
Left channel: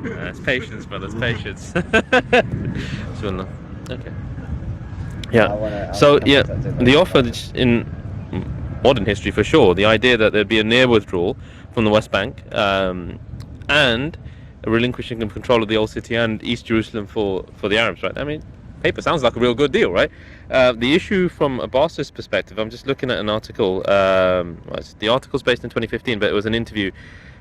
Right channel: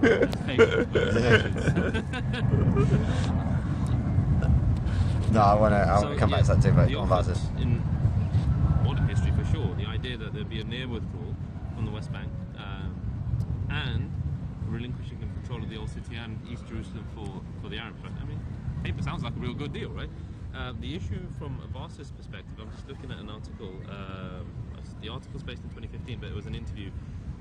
That's patience, brother, patience. Okay. Yeah. The offer in modern history, for sure, the idea that there'd be a near withdrawal from the West Bank and a relinquishing of control of the Old City and East Jerusalem for the Arabs, right? I mean, paper sounds like a real good deal, right? The issue from a Basith's perspective, I'm just looking at an article. The article's based in 2015, but it was an interview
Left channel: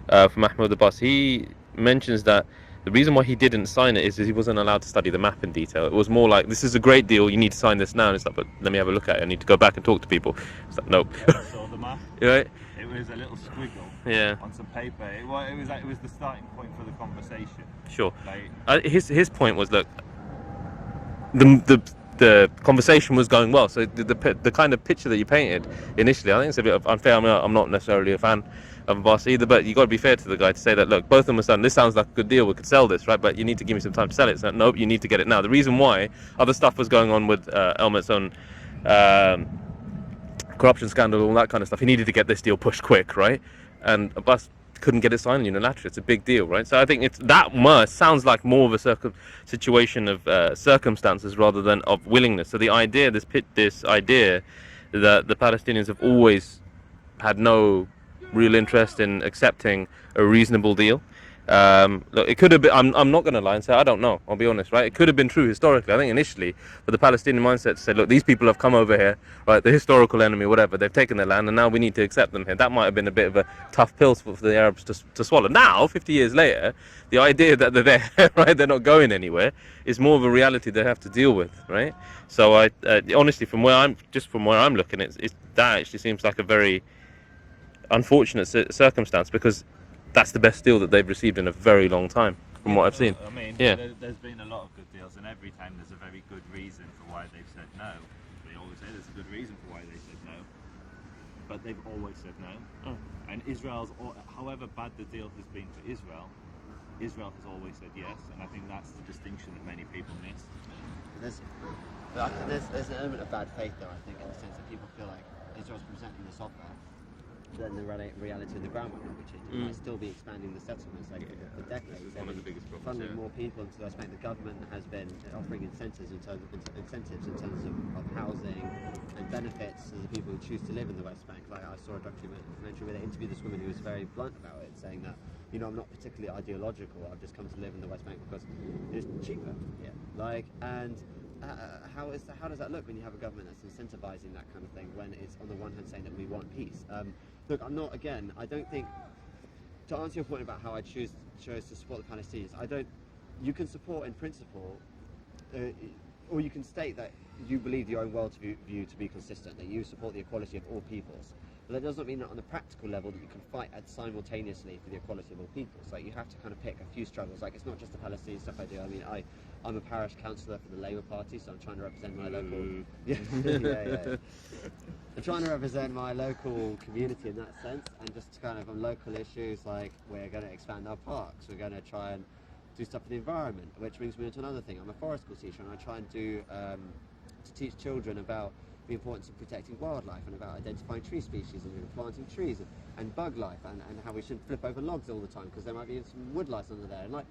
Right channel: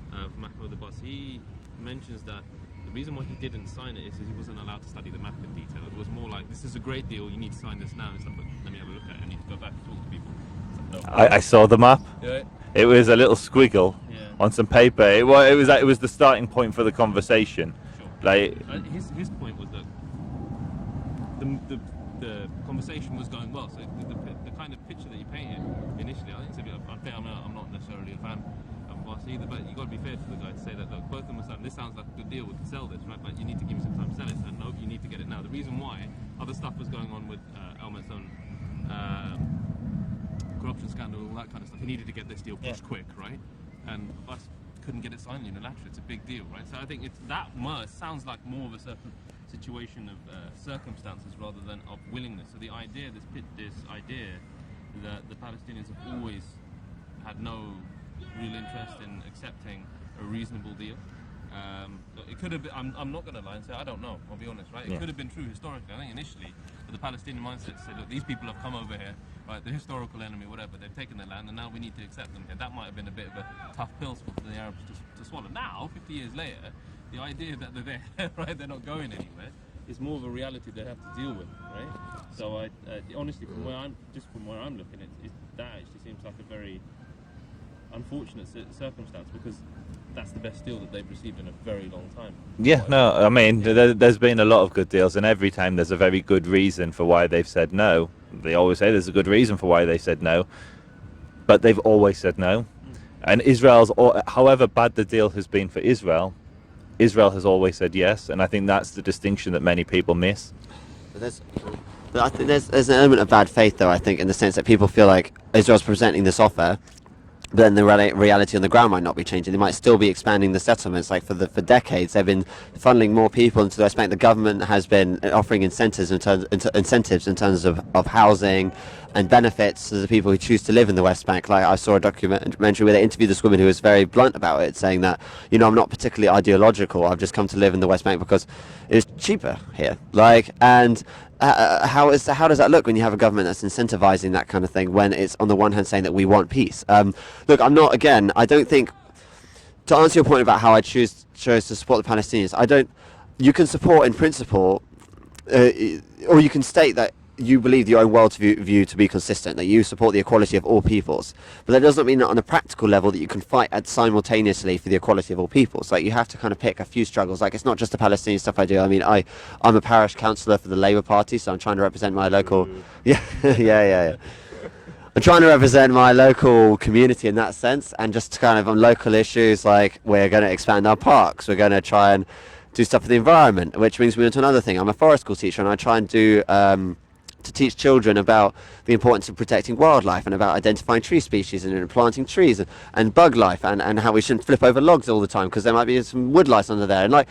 from Mahmoud Abbas. He mentions that the reason why he didn't sign it is he wasn't allowed to study the map in detail. It was more like, this is a great deal, you need to sign this now. And it's like, but let me have a look at it. I need to go back and talk to people. It's like, no. I saw the map. Right? It was a little squiggle on some paper. It was the starting point for the conversation. Sure. Like his point was that the conversation was going well. So the kind of picture that you painted initially, I think it's a bit unfair. I mean, I'm not necessarily a fan of Abbas either, but you got to be fair to the guy to say that, look, both of them are saying this sounds like a good deal, we could sell this, right? But you need to give me some time to sell it. So nope, you need to get it now. The reason why other stuff was going on with Elmer's own corruption scandal, all that kind of stuff, he needed to get this deal pushed quick, right? And Abbas couldn't get it signed unilaterally. It's a big deal, right? So I think it's that sounds like more of a situation of circumstances rather than of willingness. So the idea, this idea that the Palestinians have always had no real interest in accepting a reasonable deal. Look, it could have been, I'm not going to lie and say I don't know, I'll be honest, right? It could have been true historically. I think initially, but the Palestinian mindset said, look, these people have come over here, right, the historical enemy, whatever, they've taken their land and now we need to accept them here. That might have been a bit of a tough pill for the Arabs to swallow. Now, 50 years later, the idea that they're there, right, they're not going anywhere, is more of a reality they have to deal with, right? So I honestly, from where I'm looking, that actually seems like a very unfortunate circumstance, because that's the best deal that they've received in a very long time. Yeah, no, I mean, there's been a lot of good deals, and every time there's a very good reason for why they've said no. They always say there's a good reason for why they said no, but they've always said no. And however bad the deal has been for Israel, Israel has always said yes, and I think that's the distinction that many people miss. I think there's an element of bad faith, though, I think, in the sense that people feel like Israel's presenting this offer, but then the reality on the ground might not be changing. They might still be expanding the settlements. Like for decades, they've been funneling more people into the West Bank. The government has been offering incentives in terms of housing and benefits to the people who choose to live in the West Bank. Like I saw a documentary where they interviewed this woman who was very blunt about it, saying that, I'm not particularly ideological. I've just come to live in the West Bank because it's cheaper here. How does that look when you have a government that's incentivizing that kind of thing, when it's on the one hand saying that we want peace? Look, I don't think, to answer your point about how I chose to support the Palestinians, you can support in principle, or you can state that you believe your own worldview to be consistent, that you support the equality of all peoples. But that doesn't mean that on a practical level that you can fight simultaneously for the equality of all peoples. Like, you have to kind of pick a few struggles. Like, it's not just the Palestinian stuff I do. I mean, I'm a parish councillor for the Labour Party, so I'm trying to represent my local... Yeah. I'm trying to represent my local community in that sense, and just kind of on local issues, like we're going to expand our parks, we're going to try and do stuff for the environment, which brings me on to another thing. I'm a forest school teacher, and I try and do... to teach children about the importance of protecting wildlife and about identifying tree species and planting trees and bug life and how we shouldn't flip over logs all the time because there might be some wood lice under there. And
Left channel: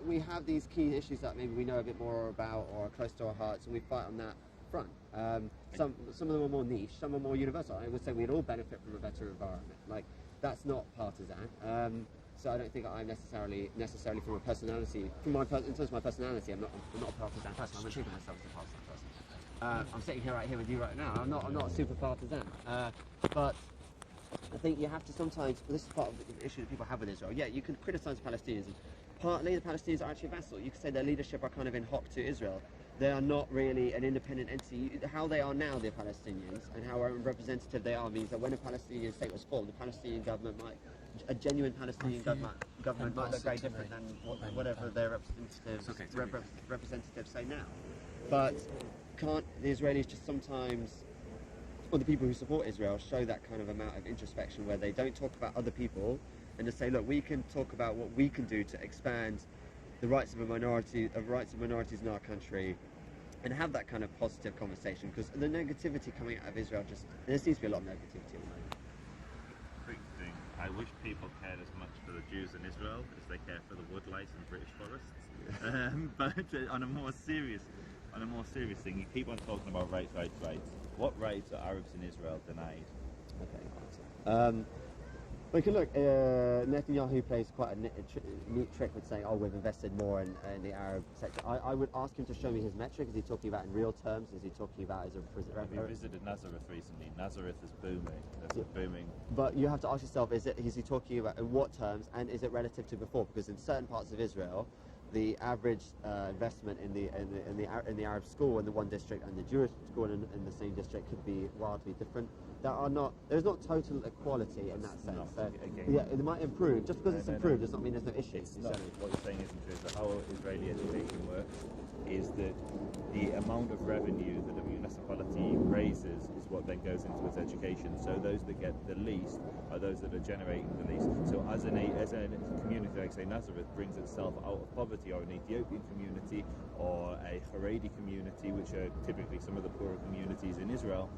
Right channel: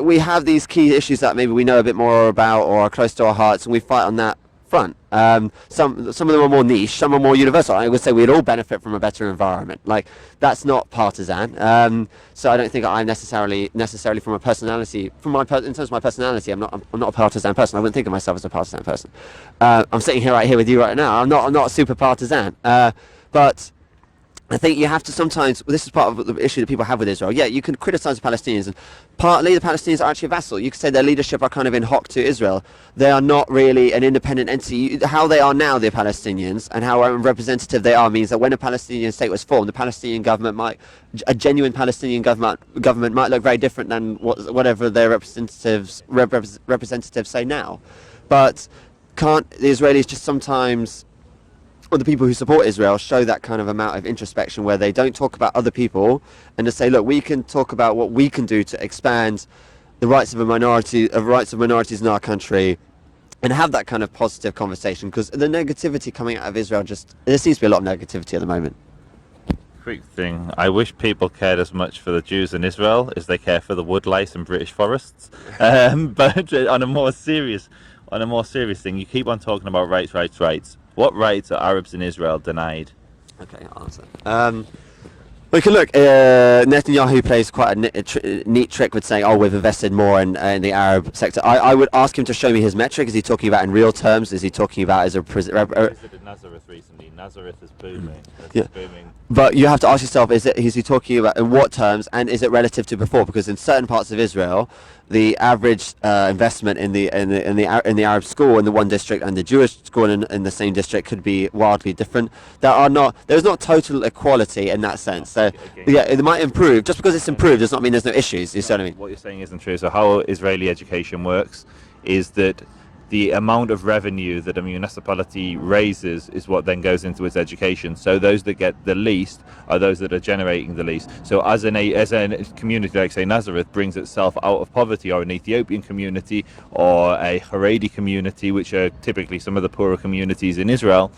we have these key issues that maybe we know a bit more about or are close to our hearts, and we fight on that front. Some of them are more niche, some are more universal. I would say we'd all benefit from a better environment. Like, that's not partisan. So I don't think I'm necessarily from a personality, in terms of my personality, I'm not a partisan person. I wouldn't think of myself as a partisan person. I'm sitting right here with you right now. I'm not super partisan. But I think you have to sometimes, this is part of the issue that people have with Israel. Yeah, you can criticize the Palestinians, and partly the Palestinians are actually a vassal. You could say their leadership are kind of in hock to Israel. They are not really an independent entity. How they are now, the Palestinians, and how representative they are means that when a Palestinian state was formed, the Palestinian government a genuine Palestinian government might look very different than whatever their representatives say now. But can't the Israelis just sometimes, or the people who support Israel, show that kind of amount of introspection where they don't talk about other people and just say, look, we can talk about what we can do to expand the rights of minorities in our country, and have that kind of positive conversation, because the negativity coming out of Israel, there seems to be a lot of negativity at the moment. Quick thing, I wish people cared as much for the Jews in Israel as they care for the wood lice and British forests. But on a more serious thing, you keep on talking about rights. What rights are Arabs in Israel denied? Okay, I'll answer. We can look. Netanyahu plays quite a neat trick with saying, "Oh, we've invested more in the Arab sector." I would ask him to show me his metric. Is he talking about in real terms? Is he talking about as a visited Nazareth recently? Nazareth is booming. Yeah. But you have to ask yourself: is he talking about in what terms, and is it relative to before? Because in certain parts of Israel, the average investment in the Arab school in the one district and the Jewish school in the same district could be wildly different. There's not total equality in that sense. So yeah, it might improve. Just because it's improved does not mean there's no issues. You see what I mean? What you're saying isn't true. So how Israeli education works is that the amount of revenue that a municipality raises is what then goes into its education. So those that get the least are those that are generating the least. So as a community like, say, Nazareth brings itself out of poverty, or an Ethiopian community or a Haredi community, which are typically some of the poorer communities in Israel,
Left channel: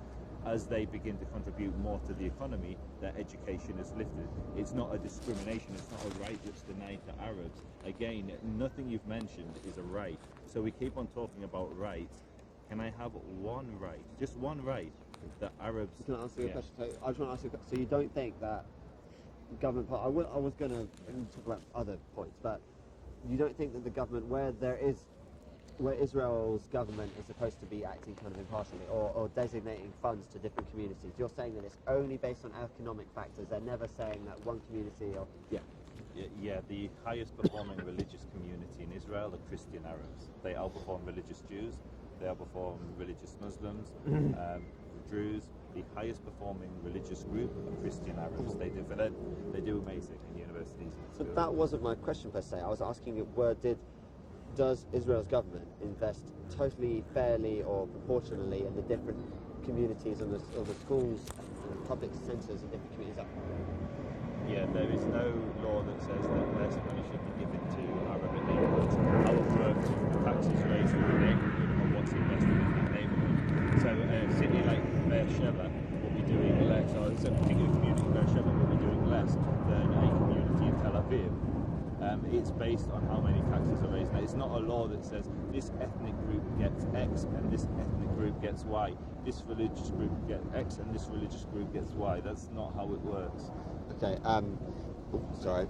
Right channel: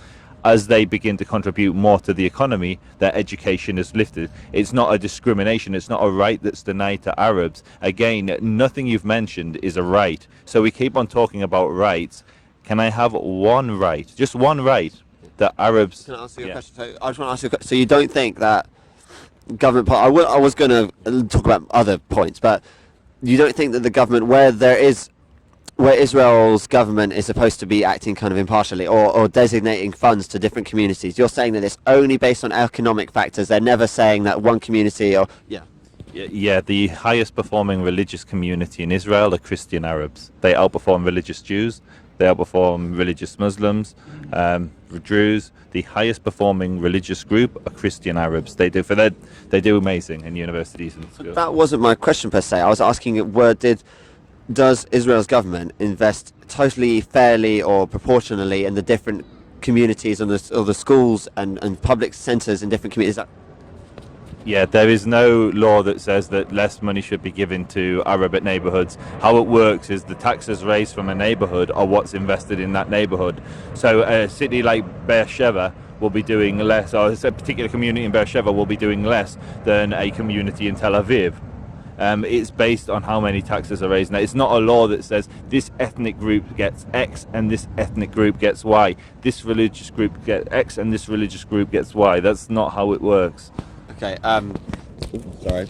as they begin to contribute more to the economy, their education is lifted. It's not a discrimination, it's not a right that's denied to Arabs. Again, nothing you've mentioned is a right. So we keep on talking about rights. Can I have one right, just one right, that Arabs... Can I ask you a question? So I just want to ask you a question. So you don't think that government... I was going to talk about other points, but you don't think that the government, where Israel's government is supposed to be acting kind of impartially or designating funds to different communities, you're saying that it's only based on economic factors? They're never saying that one community or... Yeah, the highest performing religious community in Israel are Christian Arabs. They outperform religious Jews They outperform religious Muslims, Druze. The highest performing religious group are Christian Arabs. They do amazing in universities and schools. That wasn't my question per se. I was asking, does Israel's government invest totally fairly or proportionally in the different communities and the schools and public centres in different communities? Yeah, there is no law that says that less money should be given to Arab neighbourhoods. How it works is the taxes raised from a neighbourhood are what's invested in that neighbourhood. So a city like Beersheba will be doing less, or a particular community in Beersheba will be doing less than a community in Tel Aviv. It's based on how many taxes are raised. Now, it's not a law that says this ethnic group gets X and this ethnic group gets Y. This religious group gets X and this religious group gets Y. That's not how it works. Okay, sorry.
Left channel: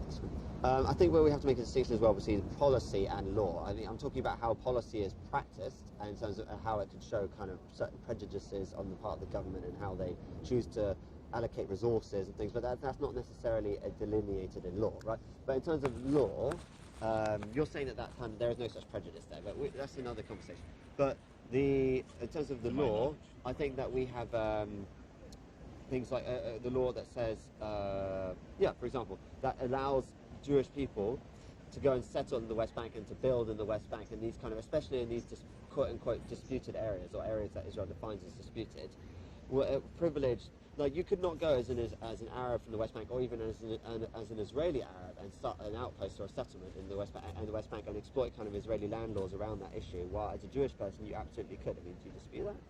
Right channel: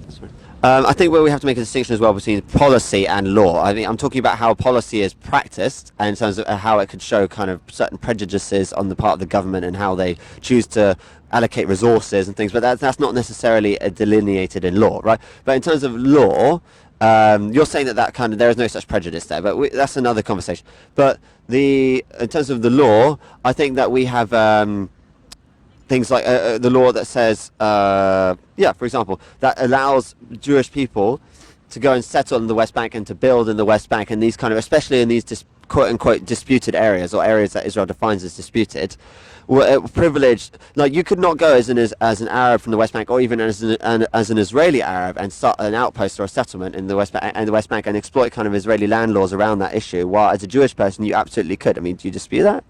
I think where we have to make a distinction as well between policy and law. I mean, I'm talking about how policy is practiced and in terms of how it could show kind of certain prejudices on the part of the government and how they choose to allocate resources and things, but that's not necessarily delineated in law, right? But in terms of law, you're saying that kind of there is no such prejudice there, but that's another conversation. But in terms of the law, I think that we have things like the law that says, for example, that allows Jewish people to go and settle in the West Bank and to build in the West Bank, and these kind of, especially in these quote-unquote disputed areas or areas that Israel defines as disputed, were privileged. Like, you could not go as an Arab from the West Bank, or even as an Israeli Arab, and start an outpost or a settlement in the West Bank and exploit kind of Israeli land laws around that issue. While as a Jewish person, you absolutely could. I mean, do you dispute that?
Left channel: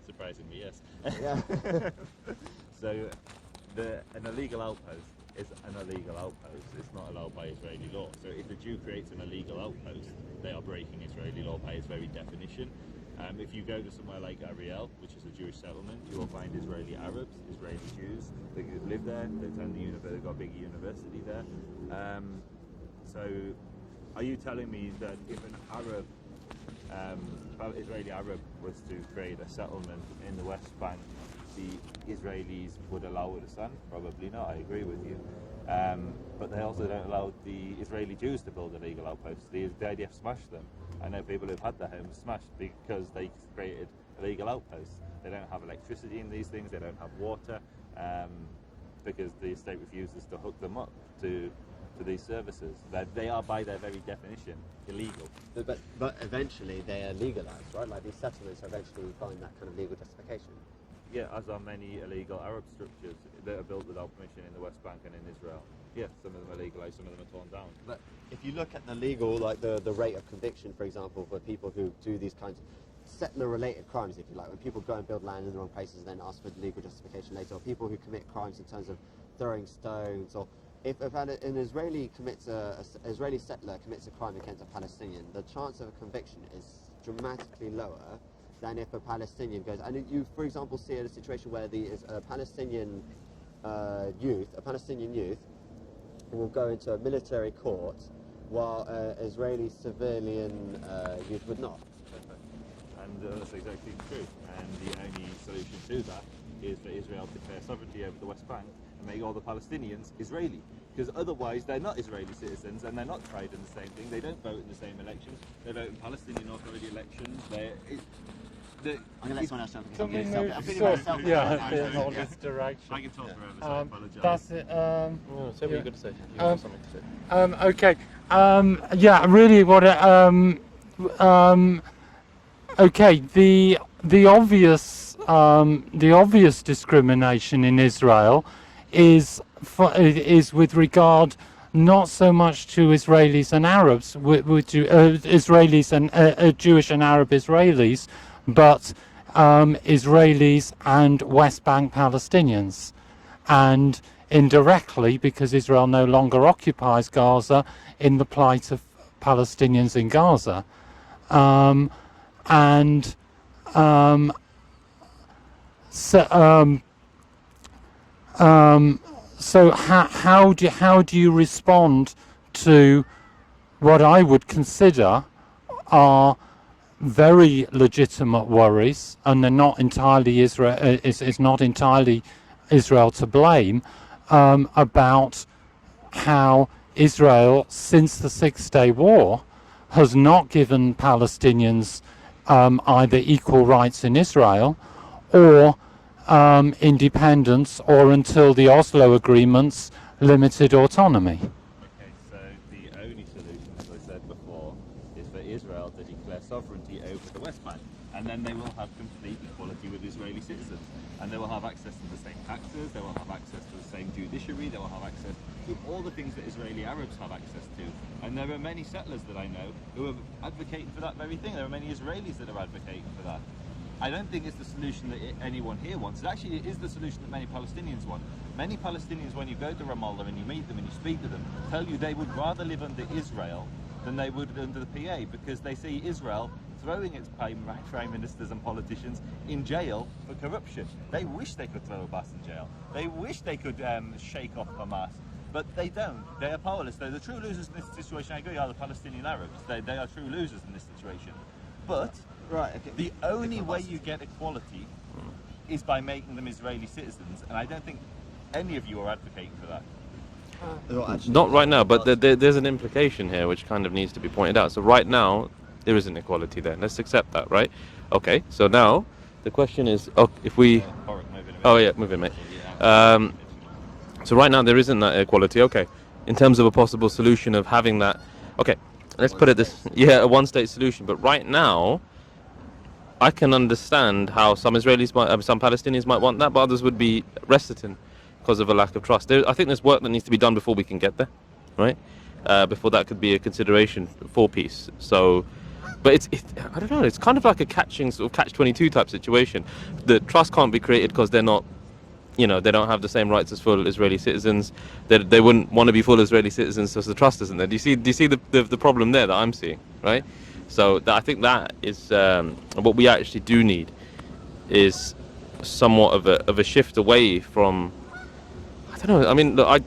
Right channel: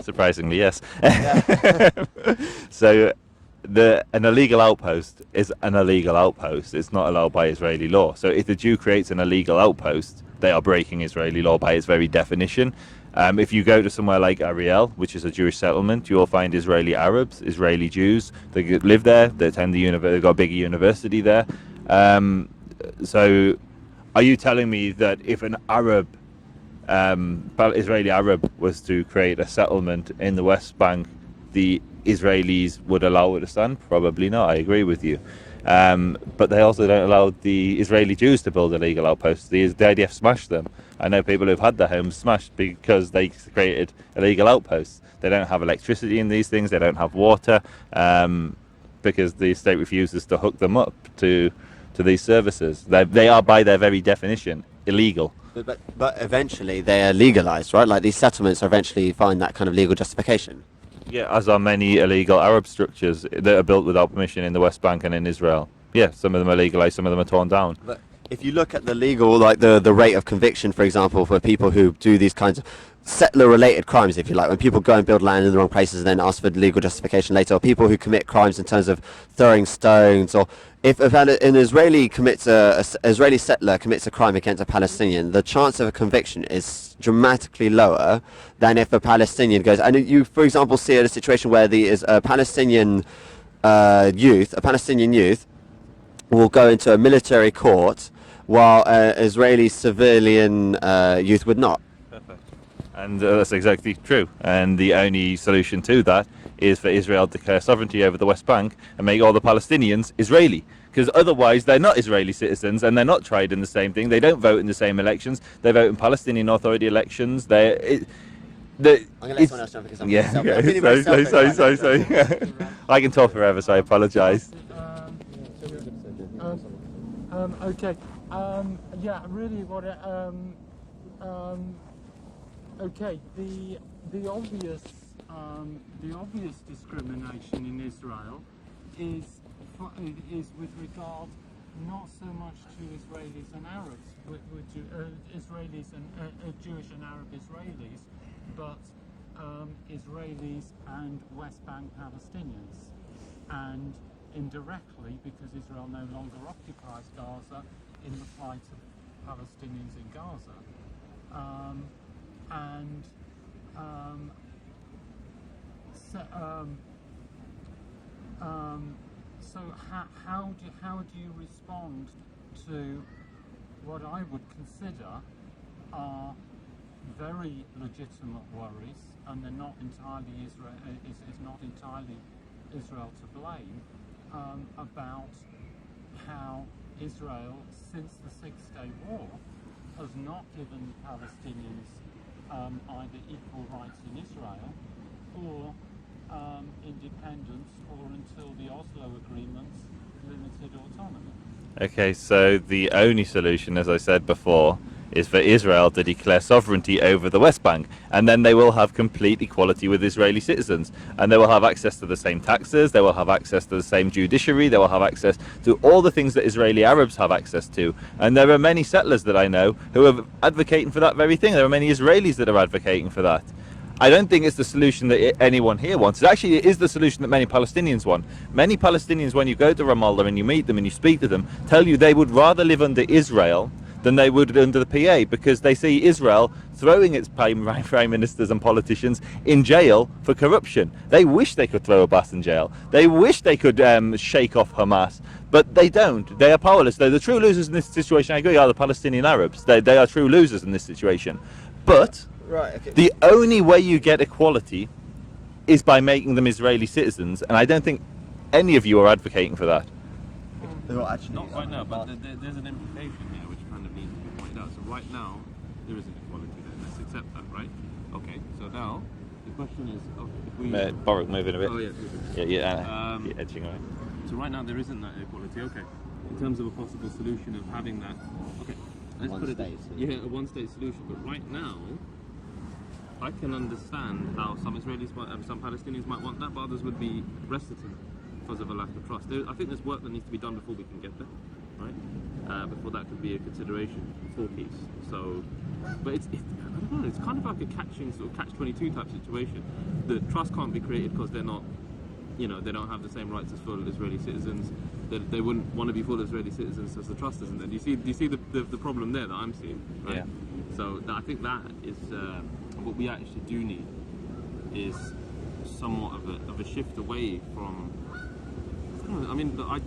Surprisingly, yes. So an illegal outpost is an illegal outpost. It's not allowed by Israeli law. So if the Jew creates an illegal outpost, they are breaking Israeli law by its very definition. If you go to somewhere like Ariel, which is a Jewish settlement, you'll find Israeli Arabs, Israeli Jews. They live there. They attend the university. They've got a bigger university there. So are you telling me that if an Israeli Arab was to create a settlement in the West Bank, the Israelis would allow it to stand? Probably not. I agree with you. But they also don't allow the Israeli Jews to build illegal outposts. The IDF smashed them. I know people who've had their homes smashed because they created illegal outposts. They don't have electricity in these things. They don't have water because the state refuses to hook them up to these services. They are, by their very definition, illegal. But eventually they are legalized, right? Like, these settlements eventually find that kind of legal justification. Yeah, as are many illegal Arab structures that are built without permission in the West Bank and in Israel. Yeah, some of them are legalized, some of them are torn down. But if you look at the legal, like the rate of conviction, for example, for people who do these kinds of settler-related crimes, if you like, when people go and build land in the wrong places and then ask for legal justification later, or people who commit crimes in terms of throwing stones, or if an Israeli Israeli settler commits a crime against a Palestinian, the chance of a conviction is dramatically lower than if a Palestinian goes. And you, for example, see a situation where a Palestinian youth will go into a military court while Israeli civilian youth would not. And that's exactly true. And the only solution to that is for Israel to declare sovereignty over the West Bank and make all the Palestinians Israeli. Because otherwise they're not Israeli citizens and they're not tried in the same thing. They don't vote in the same elections. They vote in Palestinian Authority elections. Sorry. I can talk forever, so I apologise. Okay. Yeah, really what okay, the obvious discrimination in Israel is with regard not so much to Israelis and Arabs, Israelis and Jewish and Arab Israelis, but Israelis and West Bank Palestinians, and indirectly, because Israel no longer occupies Gaza, in the plight of Palestinians in Gaza. So how do you respond to what I would consider are very legitimate worries, and they're not entirely Israel. It's not entirely Israel to blame, about how Israel, since the Six-Day War, has not given Palestinians either equal rights in Israel or independence, or until the Oslo agreements limited autonomy. Okay, so the only solution, as I said before, is for Israel to declare sovereignty over the West Bank, and then they will have complete equality with Israeli citizens, and they will have access to the same taxes, they will have access to the same judiciary, they will have access to all the things that Israeli Arabs have access to. And there are many settlers that I know who are advocating for that very thing. There are many Israelis that are advocating for that. I don't think it's the solution that anyone here wants. Actually, it is the solution that many Palestinians want. Many Palestinians, when you go to Ramallah and you meet them and you speak to them, tell you they would rather live under Israel than they would under the PA, because they see Israel throwing its prime ministers and politicians in jail for corruption. They wish they could throw Abbas in jail. They wish they could shake off Hamas. But they don't. They are powerless. They're the true losers in this situation. I agree, are the Palestinian Arabs. They are true losers in this situation. But Right, okay. the only way you get equality is by making them Israeli citizens, and I don't think any of you are advocating for that. Not right now, but there's an implication here which kind of needs to be pointed out. So right now, there is inequality there. Let's accept that, right? Okay, so now the question is, if we... Baruch, move in a bit. Oh yeah, move in, mate. Yeah. So right now there isn't that equality. Okay, in terms of a possible solution of having that... Okay, let's put it this... Yeah, a one-state solution. But right now, I can understand how some Israelis might, some Palestinians might want that, but others would be reticent because of a lack of trust. I think there's work that needs to be done before we can get there, right? Before that could be a consideration for peace. So, but I don't know. It's kind of like a catch-22 type situation. The trust can't be created because they're not, they don't have the same rights as full Israeli citizens. They wouldn't want to be full Israeli citizens, so the trust isn't there. Do you see the problem there that I'm seeing, right? So I think that is what we actually do need is somewhat of a shift away from, I don't know. I mean, look,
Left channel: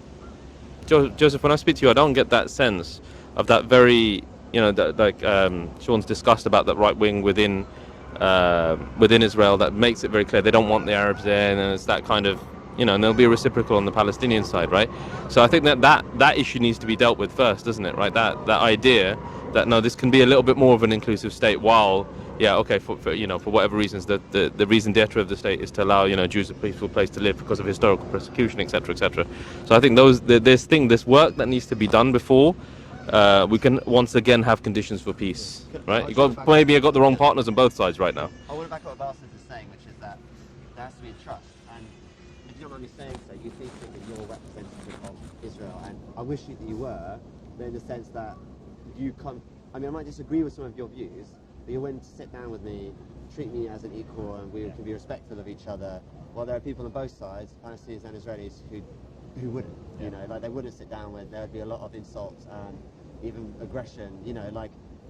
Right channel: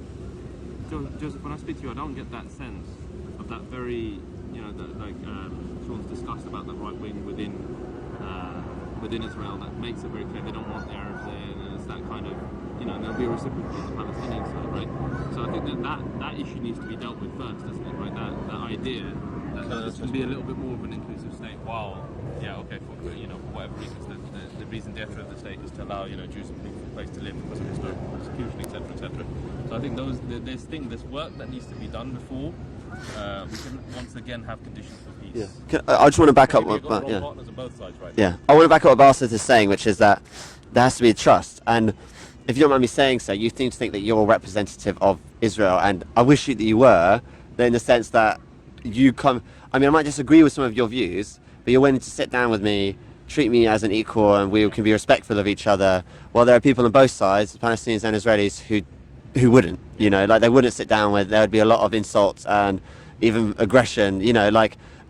Joseph, when I speak to you, I don't get that sense of that very, Sean's discussed about that right wing within Israel that makes it very clear they don't want the Arabs there, and it's that kind of, and there'll be a reciprocal on the Palestinian side, right? So I think that issue needs to be dealt with first, doesn't it, right? That idea that no, this can be a little bit more of an inclusive state, while for whatever reasons the reason d'etre of the state is to allow Jews a peaceful place to live because of historical persecution, etc., etc. So I think this work that needs to be done before we can once again have conditions for peace. Yeah. I just want to back up. Maybe I've got the wrong partners on both sides right now. Yeah, I want to back up what Basith is saying, which is that there has to be trust. And if you don't mind me saying so, you seem to think that you're representative of Israel, and I wish that you were, in the sense that you come. I mean, I might disagree with some of your views, but you're willing to sit down with me, treat me as an equal, and we can be respectful of each other. While there are people on both sides, Palestinians and Israelis, who wouldn't. They wouldn't sit down with. There would be a lot of insults and even aggression.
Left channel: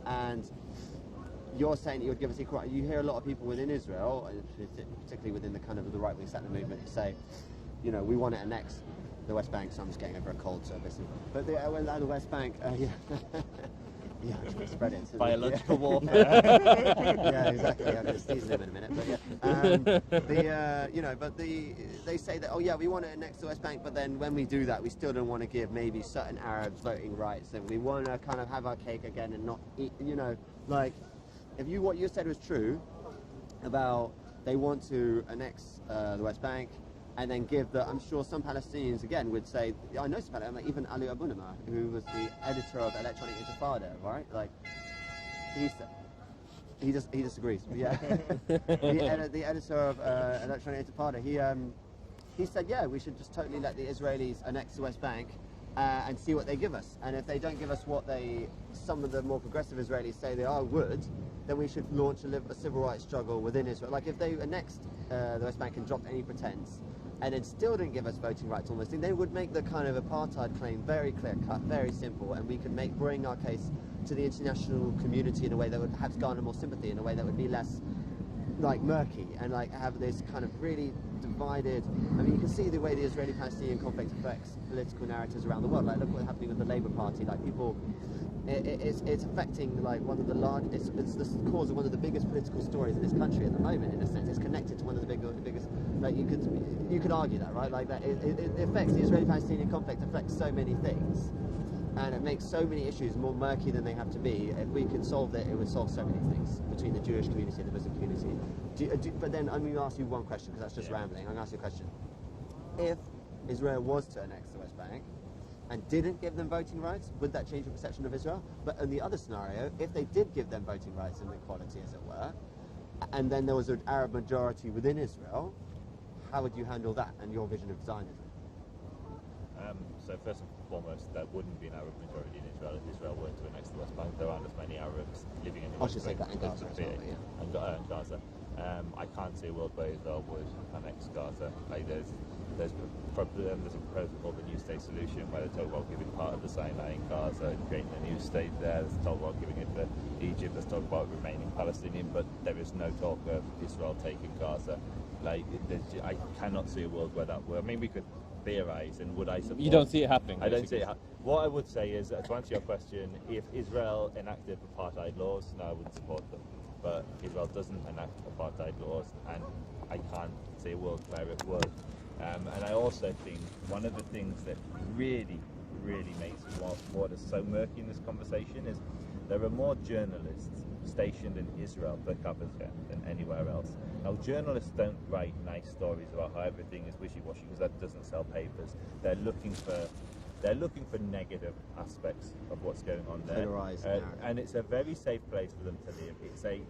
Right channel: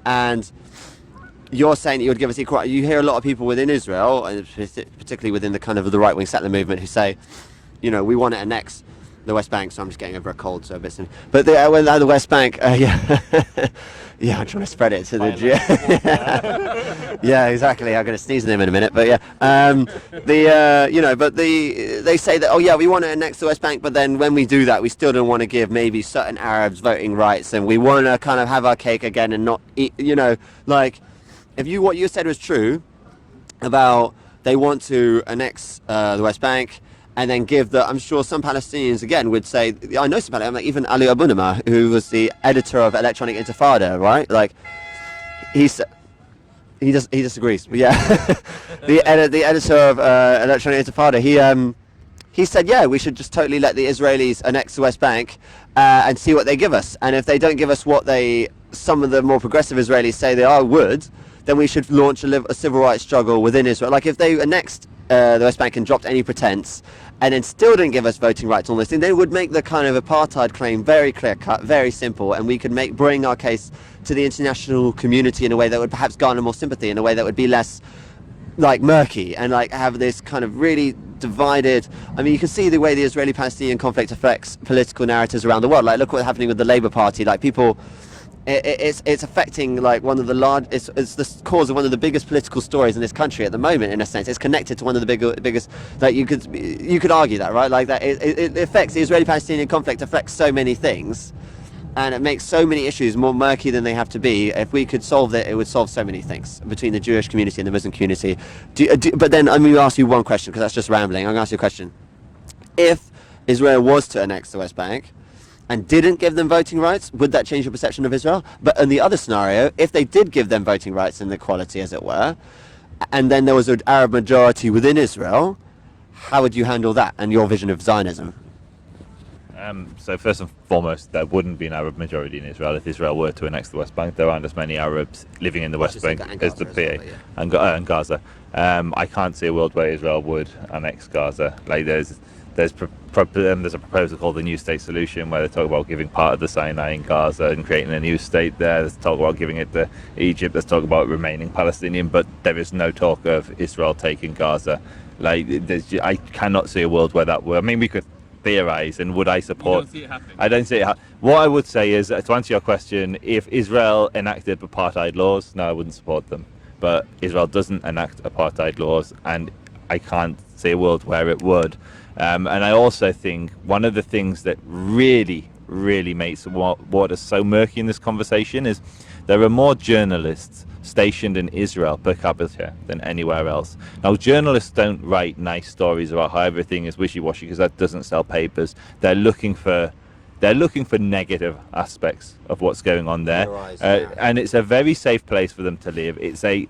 And you're saying that you would give us equal. You hear a lot of people within Israel, and particularly within the kind of the right-wing settler movement, who say, we want to annex the West Bank. So I'm just getting over a cold, so a bit. But the West Bank, yeah, I'm trying to spread it to the yeah, exactly. I'm going to sneeze at him in a minute, but yeah, they say that we want to annex the West Bank, but then when we do that, we still don't want to give maybe certain Arabs voting rights, and we want to kind of have our cake again and not eat. If what you said was true about they want to annex the West Bank. And then I'm sure some Palestinians again would say, I know some Palestinians, like even Ali Abunimah, who was the editor of Electronic Intifada, right? Like, he disagrees, but yeah. the editor of Electronic Intifada, he said, we should just totally let the Israelis annex the West Bank and see what they give us. And if they don't give us what some of the more progressive Israelis say they would, then we should launch a civil rights struggle within Israel. Like, if they annexed the West Bank and dropped any pretense, and then still didn't give us voting rights on this thing, they would make the kind of apartheid claim very clear-cut, very simple, and we could bring our case to the international community in a way that would perhaps garner more sympathy, in a way that would be less, murky, and, have this kind of really divided... I mean, you can see the way the Israeli-Palestinian conflict affects political narratives around the world. Look what's happening with the Labour Party. People... It's affecting one of the it's the cause of one of the biggest political stories in this country at the moment. In a sense, it's connected to one of the biggest. You could argue that, right? It affects the Israeli-Palestinian conflict affects so many things, And it makes so many issues more murky than they have to be. If we could solve it, it would solve so many things between the Jewish community and the Muslim community. But then I'm going to ask you one question, because that's just rambling. I'm going to ask you a question. If Israel was to annex the West Bank and didn't give them voting rights, would that change your perception of Israel? But in the other scenario, if they did give them voting rights and equality, as it were, and then there was an Arab majority within Israel, how would you handle that and your vision of Zionism? So first and foremost, there wouldn't be an Arab majority in Israel if Israel were to annex the West Bank. There aren't as many Arabs living in the West Bank as the PA and Gaza. I can't see a world where Israel would annex Gaza. Like there's a proposal called the New State Solution, where they talk about giving part of the Sinai in Gaza and creating a new state there. There's talk about giving it to Egypt. There's talk about remaining Palestinian, but there is no talk of Israel taking Gaza. I cannot see a world where that would. I mean, we could theorize, and would I support? You don't see it happening. I don't see it. What I would say is, to answer your question, if Israel enacted apartheid laws, no, I wouldn't support them. But Israel doesn't enact apartheid laws, and I can't see a world where it would. And I also think one of the things that really makes water so murky in this conversation is there are more journalists stationed in Israel per capita than anywhere else. Now, journalists don't write nice stories about how everything is wishy-washy, because that doesn't sell papers. They're looking for negative aspects of what's going on there, and it's a very safe place for them to live. It's a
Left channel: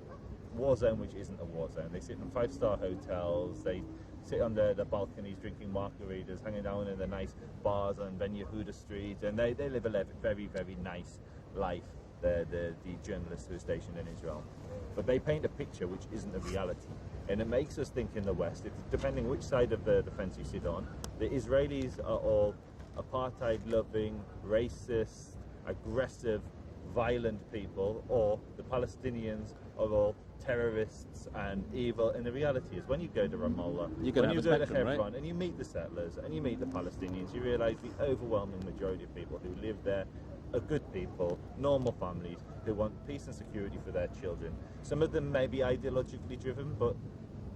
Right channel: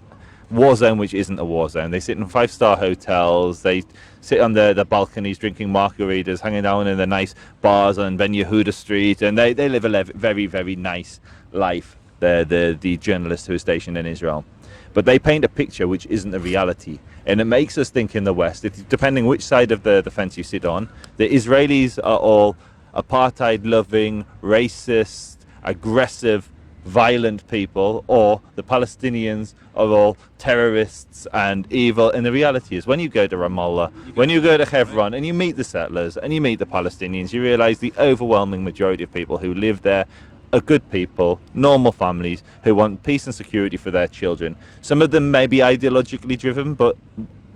war zone which isn't a war zone. They sit in 5-star hotels. They sit on the balconies drinking margaritas, hanging down in the nice bars on Ben Yehuda Street, and they live a very, very nice life. The journalists who are stationed in Israel. But they paint a picture which isn't the reality. And it makes us think in the West, depending which side of the fence you sit on, the Israelis are all apartheid-loving, racist, aggressive, violent people, or the Palestinians are all terrorists and evil. And the reality is, when you go to Ramallah, when you go to Hebron, and you meet the settlers and you meet the Palestinians, you realize the overwhelming majority of people who live there are good people, normal families who want peace and security for their children. Some of them may be ideologically driven, but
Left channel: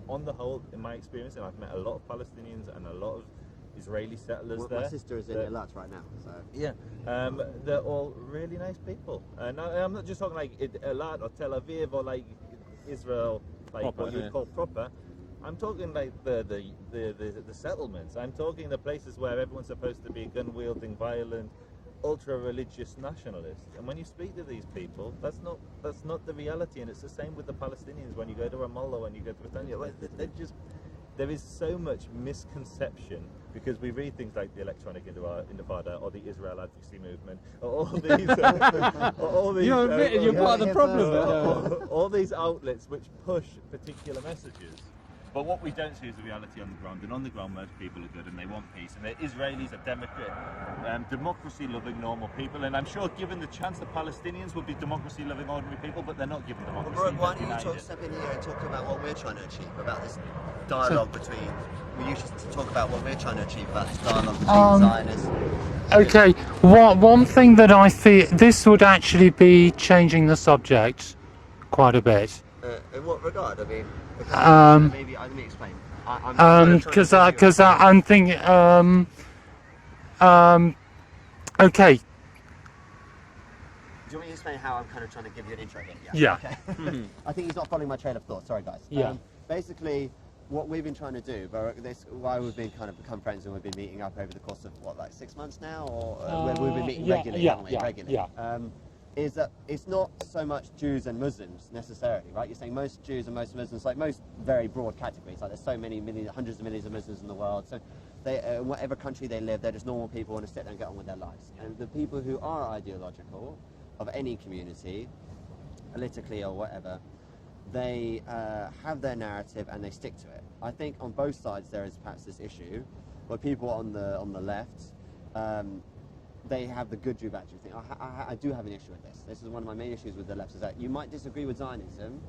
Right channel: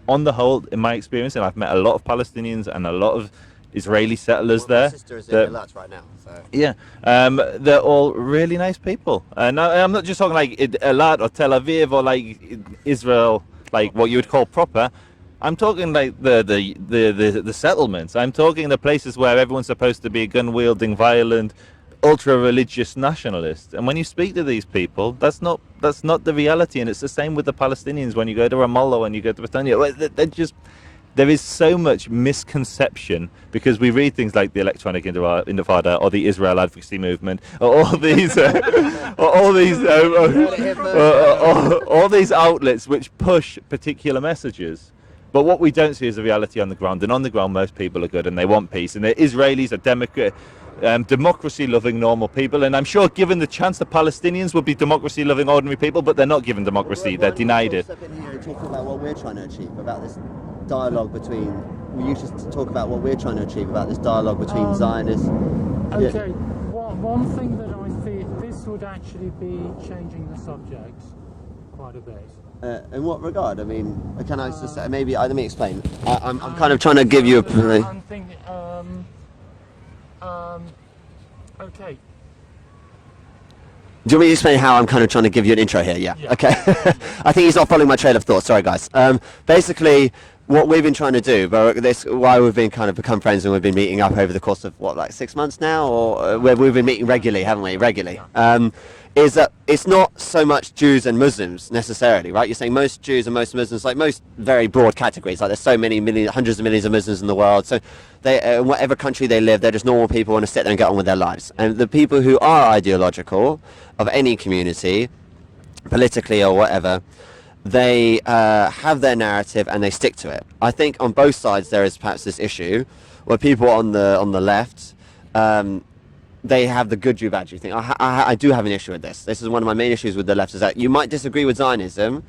on the whole, in my experience, and I've met a lot of Palestinians and a lot of Israeli settlers there. My sister is in Eilat right now. So. Yeah, they're all really nice people. And I'm not just talking like Eilat or Tel Aviv or like Israel, like what you would call proper. I'm talking like the settlements. I'm talking the places where everyone's supposed to be gun-wielding, violent, ultra-religious nationalists. And when you speak to these people, that's not the reality. And it's the same with the Palestinians. When you go to Ramallah, when you go to Bethania, there is so much misconception, because we read things like the Electronic Intifada or the Israel Advocacy Movement, or all these outlets which push particular messages. But what we don't see is the reality on the ground. And on the ground, most people are good and they want peace. And the Israelis are democracy-loving, normal people. And I'm sure, given the chance, the Palestinians would be democracy-loving, ordinary people, but they're not given democracy. They're denied it. Talk about what we're trying to achieve, about this dialogue between. We used to talk about what we're trying to achieve, about this dialogue between Zionists. Okay, one thing that I feel, this would actually be changing the subject quite a bit. In what regard? I mean, maybe let me explain. I'm kind of trying to give you. Because I'm thinking. Okay. Do you want me to explain how I'm kind of trying to give you an intro here? Yeah. Okay. I think he's not following my trail of thought. Sorry, guys. Basically, what we've been trying to do, but why we've been kind of become friends and we've been meeting up over the course of like 6 months now, or where we've been meeting regularly, haven't we? Regularly. Is that it's not so much Jews and Muslims necessarily, right? You're saying most Jews and most Muslims, like most very broad categories, like there's so many hundreds of millions of Muslims in the world, so they, in whatever country they live, they're just normal people who want to sit there and get on with their lives. And the people who are ideological of any community, politically or whatever, they have their narrative and they stick to it. I think on both sides there is perhaps this issue where people on the left, they have the good Jew, bad Jew thing. I do have an issue with this. This is one of my main issues with the left, is that you might disagree with Zionism,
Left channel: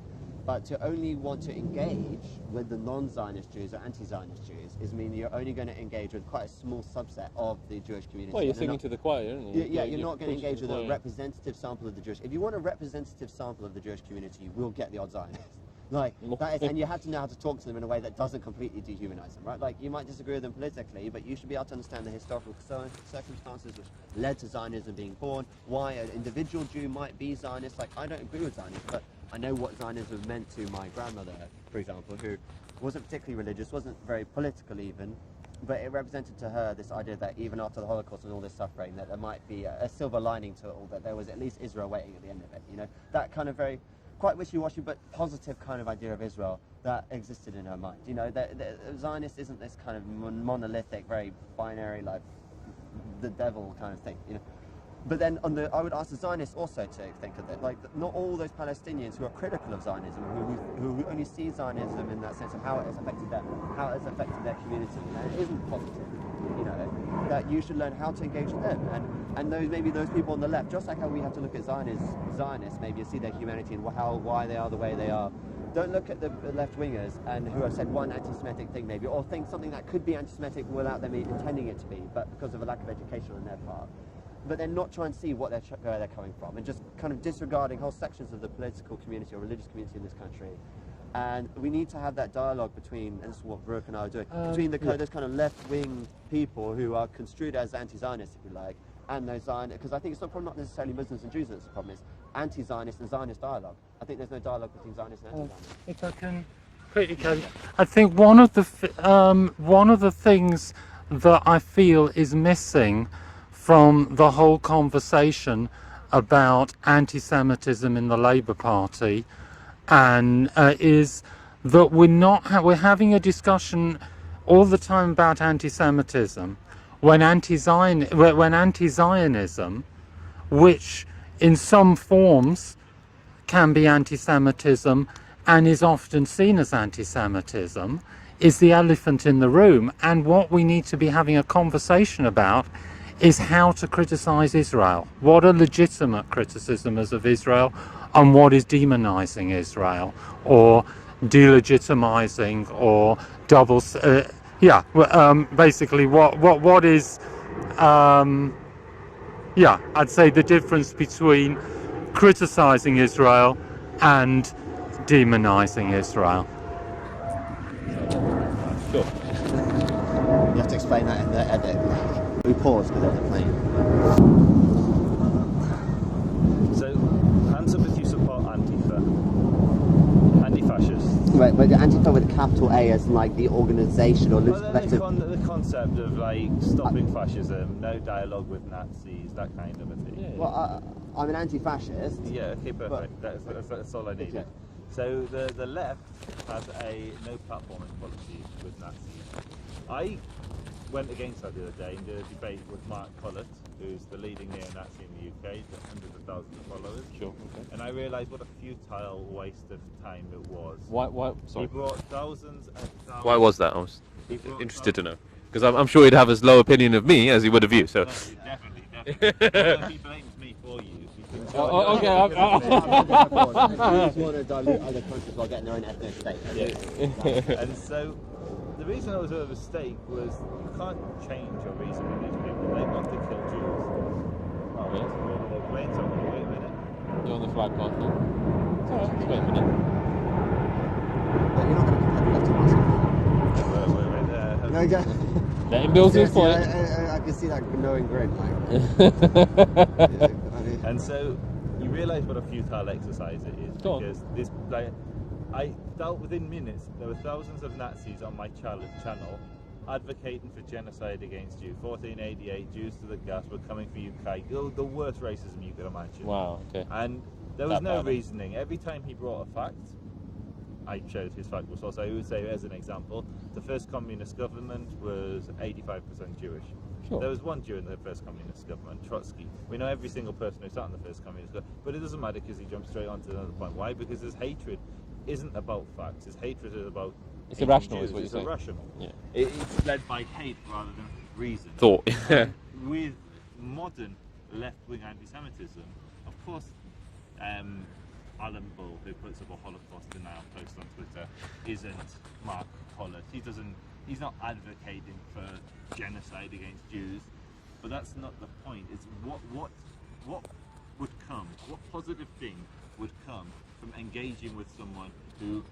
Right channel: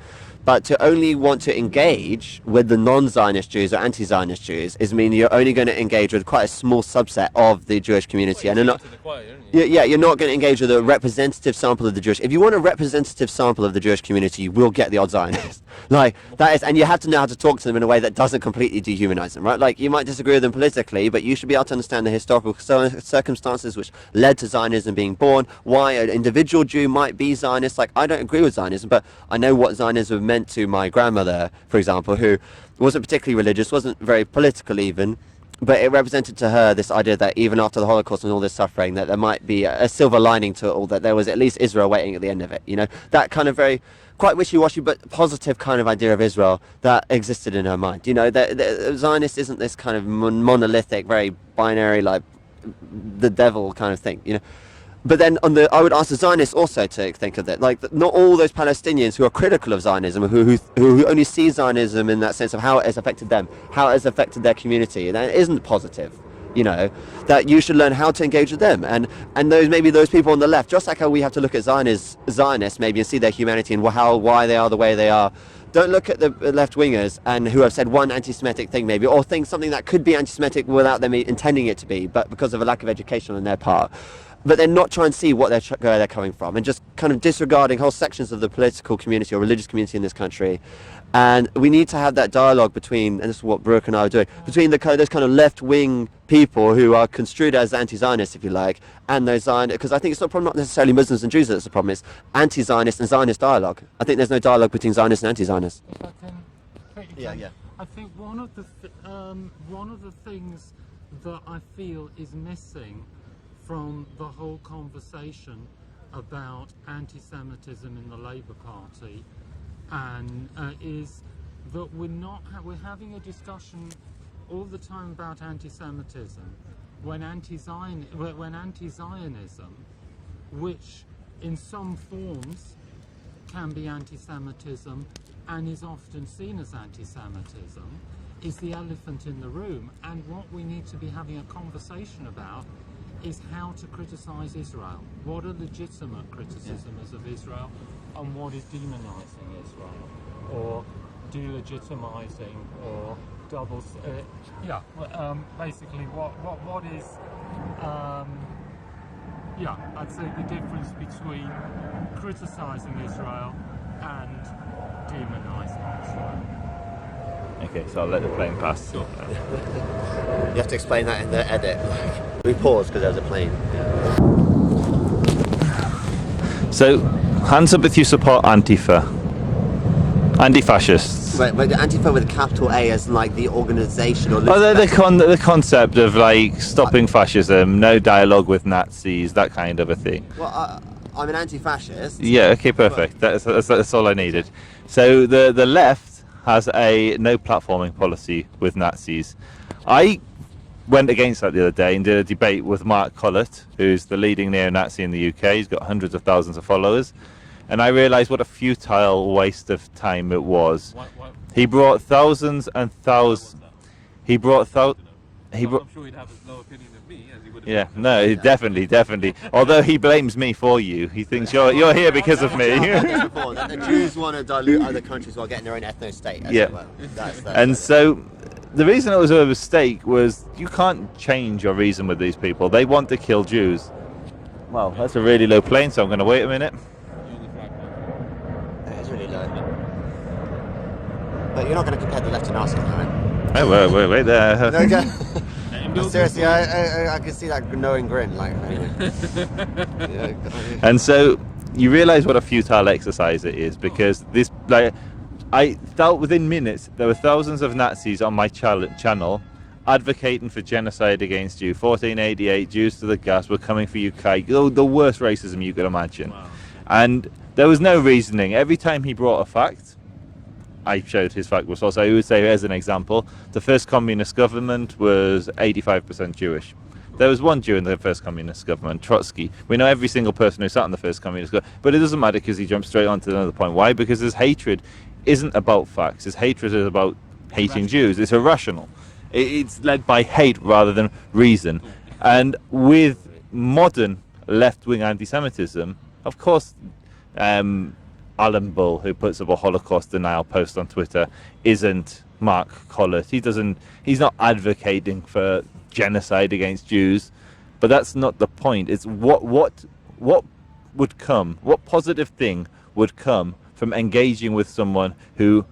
But to only want to engage with the non-Zionist Jews or anti-Zionist Jews is mean you're only going to engage with quite a small subset of the Jewish community. Well, and you're to the choir, aren't you? yeah, you're not going to engage with a representative sample of the Jewish. If you want a representative sample of the Jewish community, you will get the odd Zionist. Like, that is, and you have to know how to talk to them in a way that doesn't completely dehumanize them, right? Like, you might disagree with them politically, but you should be able to understand the historical circumstances which led to Zionism being born, why an individual Jew might be Zionist. Like, I don't agree with Zionism, but I know what Zionism meant to my grandmother, for example, who wasn't particularly religious, wasn't very political even, but it represented to her this idea that even after the Holocaust and all this suffering, that there might be a silver lining to it all, that there was at least Israel waiting at the end of it, you know? That kind of very, quite wishy-washy but positive kind of idea of Israel that existed in her mind. You know, the Zionist isn't this kind of monolithic, very binary, like the devil kind of thing, you know? But then I would ask the Zionists also to think of that. Like, not all those Palestinians who are critical of Zionism, who only see Zionism in that sense of how it has affected them, how it has affected their community, that isn't positive, you know, that you should learn how to engage with them. And those people on the left, just like how we have to look at Zionists maybe and see their humanity and why they are the way they are. Don't look at the left-wingers and who have said one anti-Semitic thing maybe, or think something that could be anti-Semitic without them intending it to be, but because of a lack of education on their part. But then not try and see where they're coming from, and just kind of disregarding whole sections of the political community or religious community in this country. And we need to have that dialogue between, and this is what Brooke and I are doing, between those kind of left-wing people who are construed as anti-Zionists, if you like, and those Zionists, because I think it's not necessarily Muslims and Jews that's the problem, it's anti-Zionist and Zionist dialogue. I think there's no dialogue between Zionists and anti-Zionists. If I can quickly go, I think one of the things that I feel is missing from the whole conversation about anti-Semitism in the Labour Party, and is that we're having a discussion all the time about anti-Semitism when anti-Zionism, which in some forms can be anti-Semitism and is often seen as anti-Semitism, is the elephant in the room. And what we need to be having a conversation about is how to criticize Israel. What are legitimate criticisms of Israel and what is demonizing Israel or delegitimizing or basically what is I'd say the difference between criticizing Israel and demonizing Israel. Okay, so I'll let the plane pass. Sure. You have to explain that in the edit. We paused because there was a plane. So, hands up if you support Antifa. Anti-fascists. Right, but the Antifa with a capital A as like the organisation or the concept of like stopping fascism, no dialogue with Nazis, that kind of a thing. Well, I'm an anti-fascist. Yeah, okay, perfect. That's all I needed. So the left has a no platforming policy with Nazis. I went against that the other day and did a debate with Mark Collett, who's the leading neo-Nazi in the UK. He's got hundreds of thousands of followers. Sure. And I realised what a futile waste of time it was. Why? He brought thousands and thousands... Why was that? He brought thousands... to know. Because I'm sure he'd have as low opinion of me as he would of you. So. No, definitely. Although he blames me for you. He thinks you're here because of me. The Jews want to dilute other countries while getting their own ethno state. Yeah. And so... the reason it was a mistake was you can't change your reason with these people. They want to kill Jews. Well, that's a really low plane, so I'm going to wait a minute. You're on the flag path. That's really good. But you're not going to compare the left to Nazi, are you? Oh, wait there. No, seriously, I can see that knowing grin. Like, And so you realise what a futile exercise it is, because this, like, I felt within minutes there were thousands of Nazis on my channel advocating for genocide against you. 1488, Jews to the gas, we're coming for you, Kai. The worst racism you could imagine. Wow, okay. And there was no reasoning. Every time he brought a fact, I showed his fact was also, I would say, as an example, the first communist government was 85% Jewish. Sure. There was one Jew in the first communist government, Trotsky. We know every single person who sat in the first communist government, but it doesn't matter because he jumped straight on to another point. Why? Because his hatred isn't about facts. His hatred is about hating Jews. It's irrational. Yeah. It's led by hate rather than reason. Thought. And with modern left-wing anti-Semitism, of course, Alan Bull, who puts up a Holocaust denial post on Twitter, isn't Mark Collett. He's not advocating for genocide against Jews, but that's not the point. It's what would come, what positive thing would come from engaging with someone who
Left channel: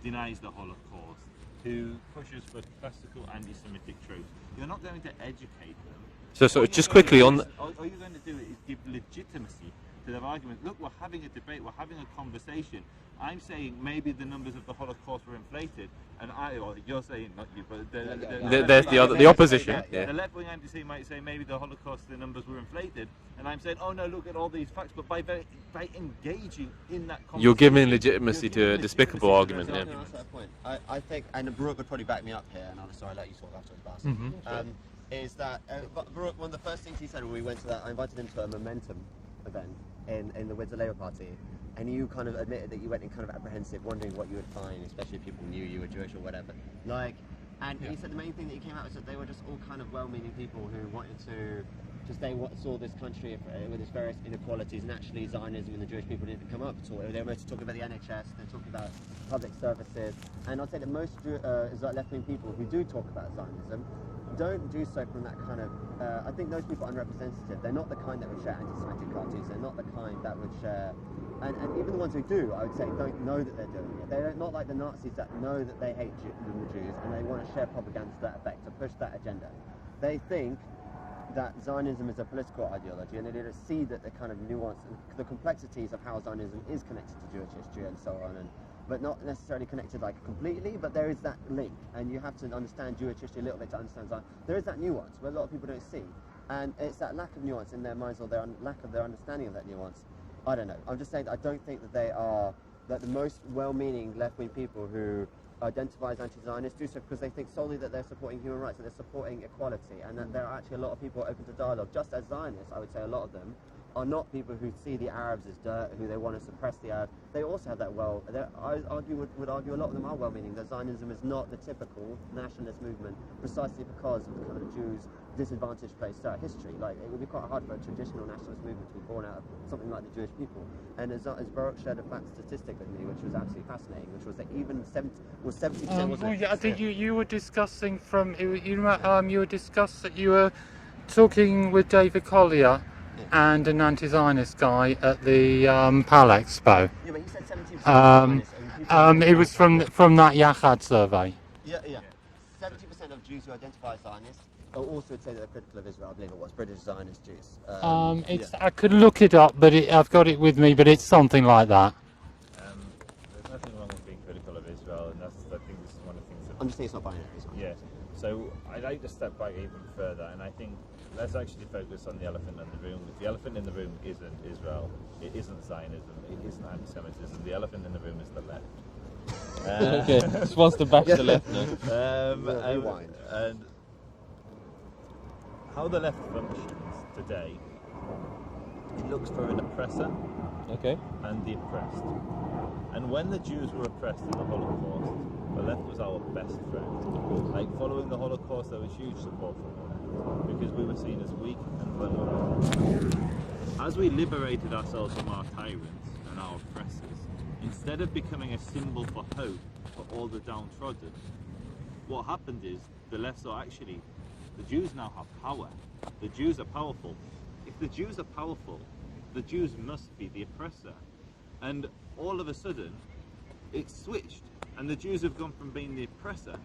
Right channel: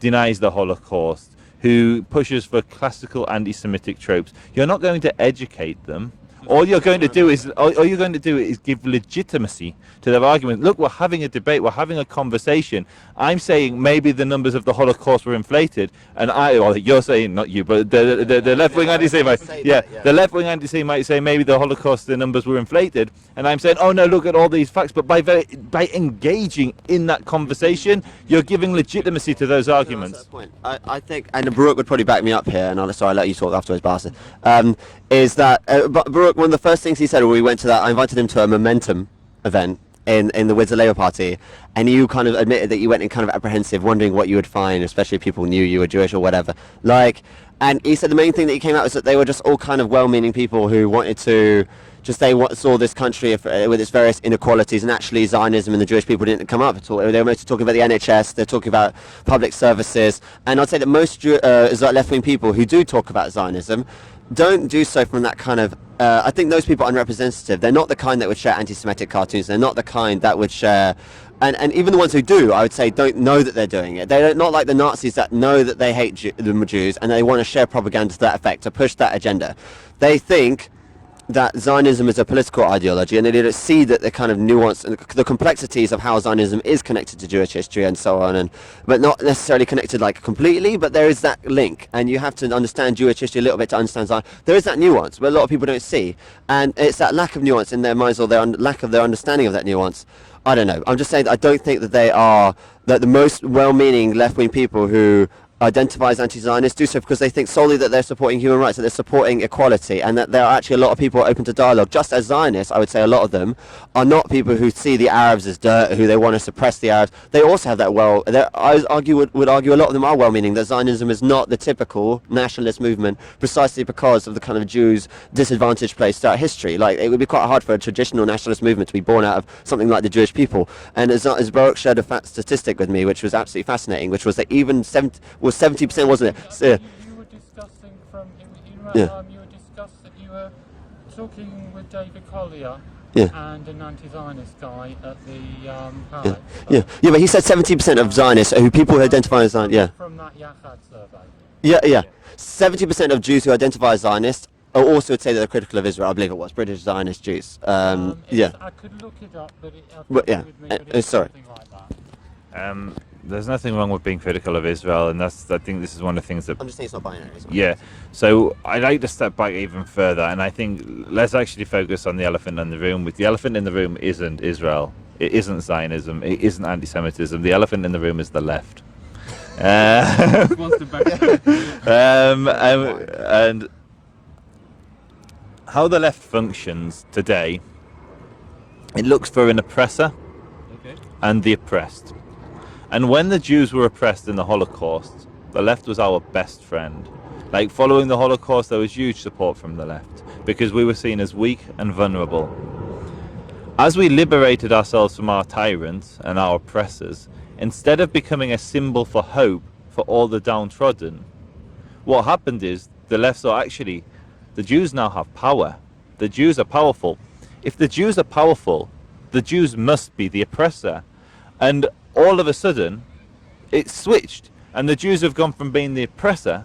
denies the Holocaust, who pushes for classical anti-Semitic tropes. You're not going to educate them. All you're going to do is give legitimacy to their argument. Look, we're having a debate, we're having a conversation. I'm saying maybe the numbers of the Holocaust were inflated, and you're saying, not you, but the left-wing anti-Semite, the left-wing anti-Semite might say maybe the Holocaust, the numbers were inflated, and I'm saying, oh no, look at all these facts. But by engaging in that conversation, you're giving legitimacy to those arguments. I think, and Baruch would probably back me up here, and I'll let you talk afterwards, Basith. Is that Baruch, one of the first things he said when we went to that, I invited him to a Momentum event in the Windsor Labour Party, and you kind of admitted that you went in kind of apprehensive, wondering what you would find, especially if people knew you were Jewish or whatever. And he said the main thing that he came out was that they were just all kind of well-meaning people who wanted to saw this country with its various inequalities, and actually Zionism and the Jewish people didn't come up at all. They were mostly talking about the NHS, they're talking about public services, and I'd say that most left-wing people who do talk about Zionism don't do so from that kind of, I think those people are unrepresentative. They're not the kind that would share anti-Semitic cartoons. They're not the kind that would share, and even the ones who do, I would say, don't know that they're doing it. They're not like the Nazis that know that they hate the Jews and they want to share propaganda to that effect, to push that agenda. They think that Zionism is a political ideology, and they don't see that the kind of nuance and the complexities of how Zionism is connected to Jewish history and so on, but not necessarily connected completely, but there is that link, and you have to understand Jewish history a little bit to understand Zion. There is that nuance, but a lot of people don't see, and it's that lack of nuance in their minds, or their lack of their understanding of that nuance. I don't know. I'm just saying that I don't think that that the most well-meaning left-wing people who identify as anti-Zionists do so because they think solely that they're supporting human rights, that they're supporting equality, and that there are actually a lot of people open to dialogue. Just as Zionists, I would say a lot of them are not people who see the Arabs as dirt, who they want to suppress the Arabs. They also have that I would argue a lot of them are well-meaning, that Zionism is not the typical nationalist movement precisely because of the kind of Jews' disadvantaged place throughout history. It would be quite hard for a traditional nationalist movement to be born out of something like the Jewish people. And as Baruch shared a statistic with me, which was absolutely fascinating, which was that even 70%, wasn't it? I think you were discussing you were talking with David Collier and an anti-Zionist guy at the PAL Expo. Yeah, but he said 70% of Zionists, who people who identify as Zionists. From that Yachad survey. Yeah. 70% of Jews who identify as Zionists also would say that they're critical of Israel. I believe it was British Zionist Jews. I could look it up, but I've got it with me, but it's something like that. There's nothing wrong with being critical of Israel, and I think this is one of the things that... I'm just saying it's not binary. Yeah, so I'd like to step back even further, and I think let's actually focus on the elephant in the room. The elephant in the room isn't Israel, it isn't Zionism, it isn't anti-Semitism. The elephant in the room is the left. And how the left functions today, it looks for an oppressor and the oppressed. And when the Jews were oppressed in the Holocaust, the left was our best friend. Following the Holocaust, there was huge support from the left because we were seen as weak and vulnerable. As we liberated ourselves from our tyrants and our oppressors, instead of becoming a symbol for hope for all the downtrodden, what happened is the left saw actually the Jews now have power. The Jews are powerful. If the Jews are powerful, the Jews must be the oppressor. And all of a sudden, it's switched, and the Jews have gone from being the oppressed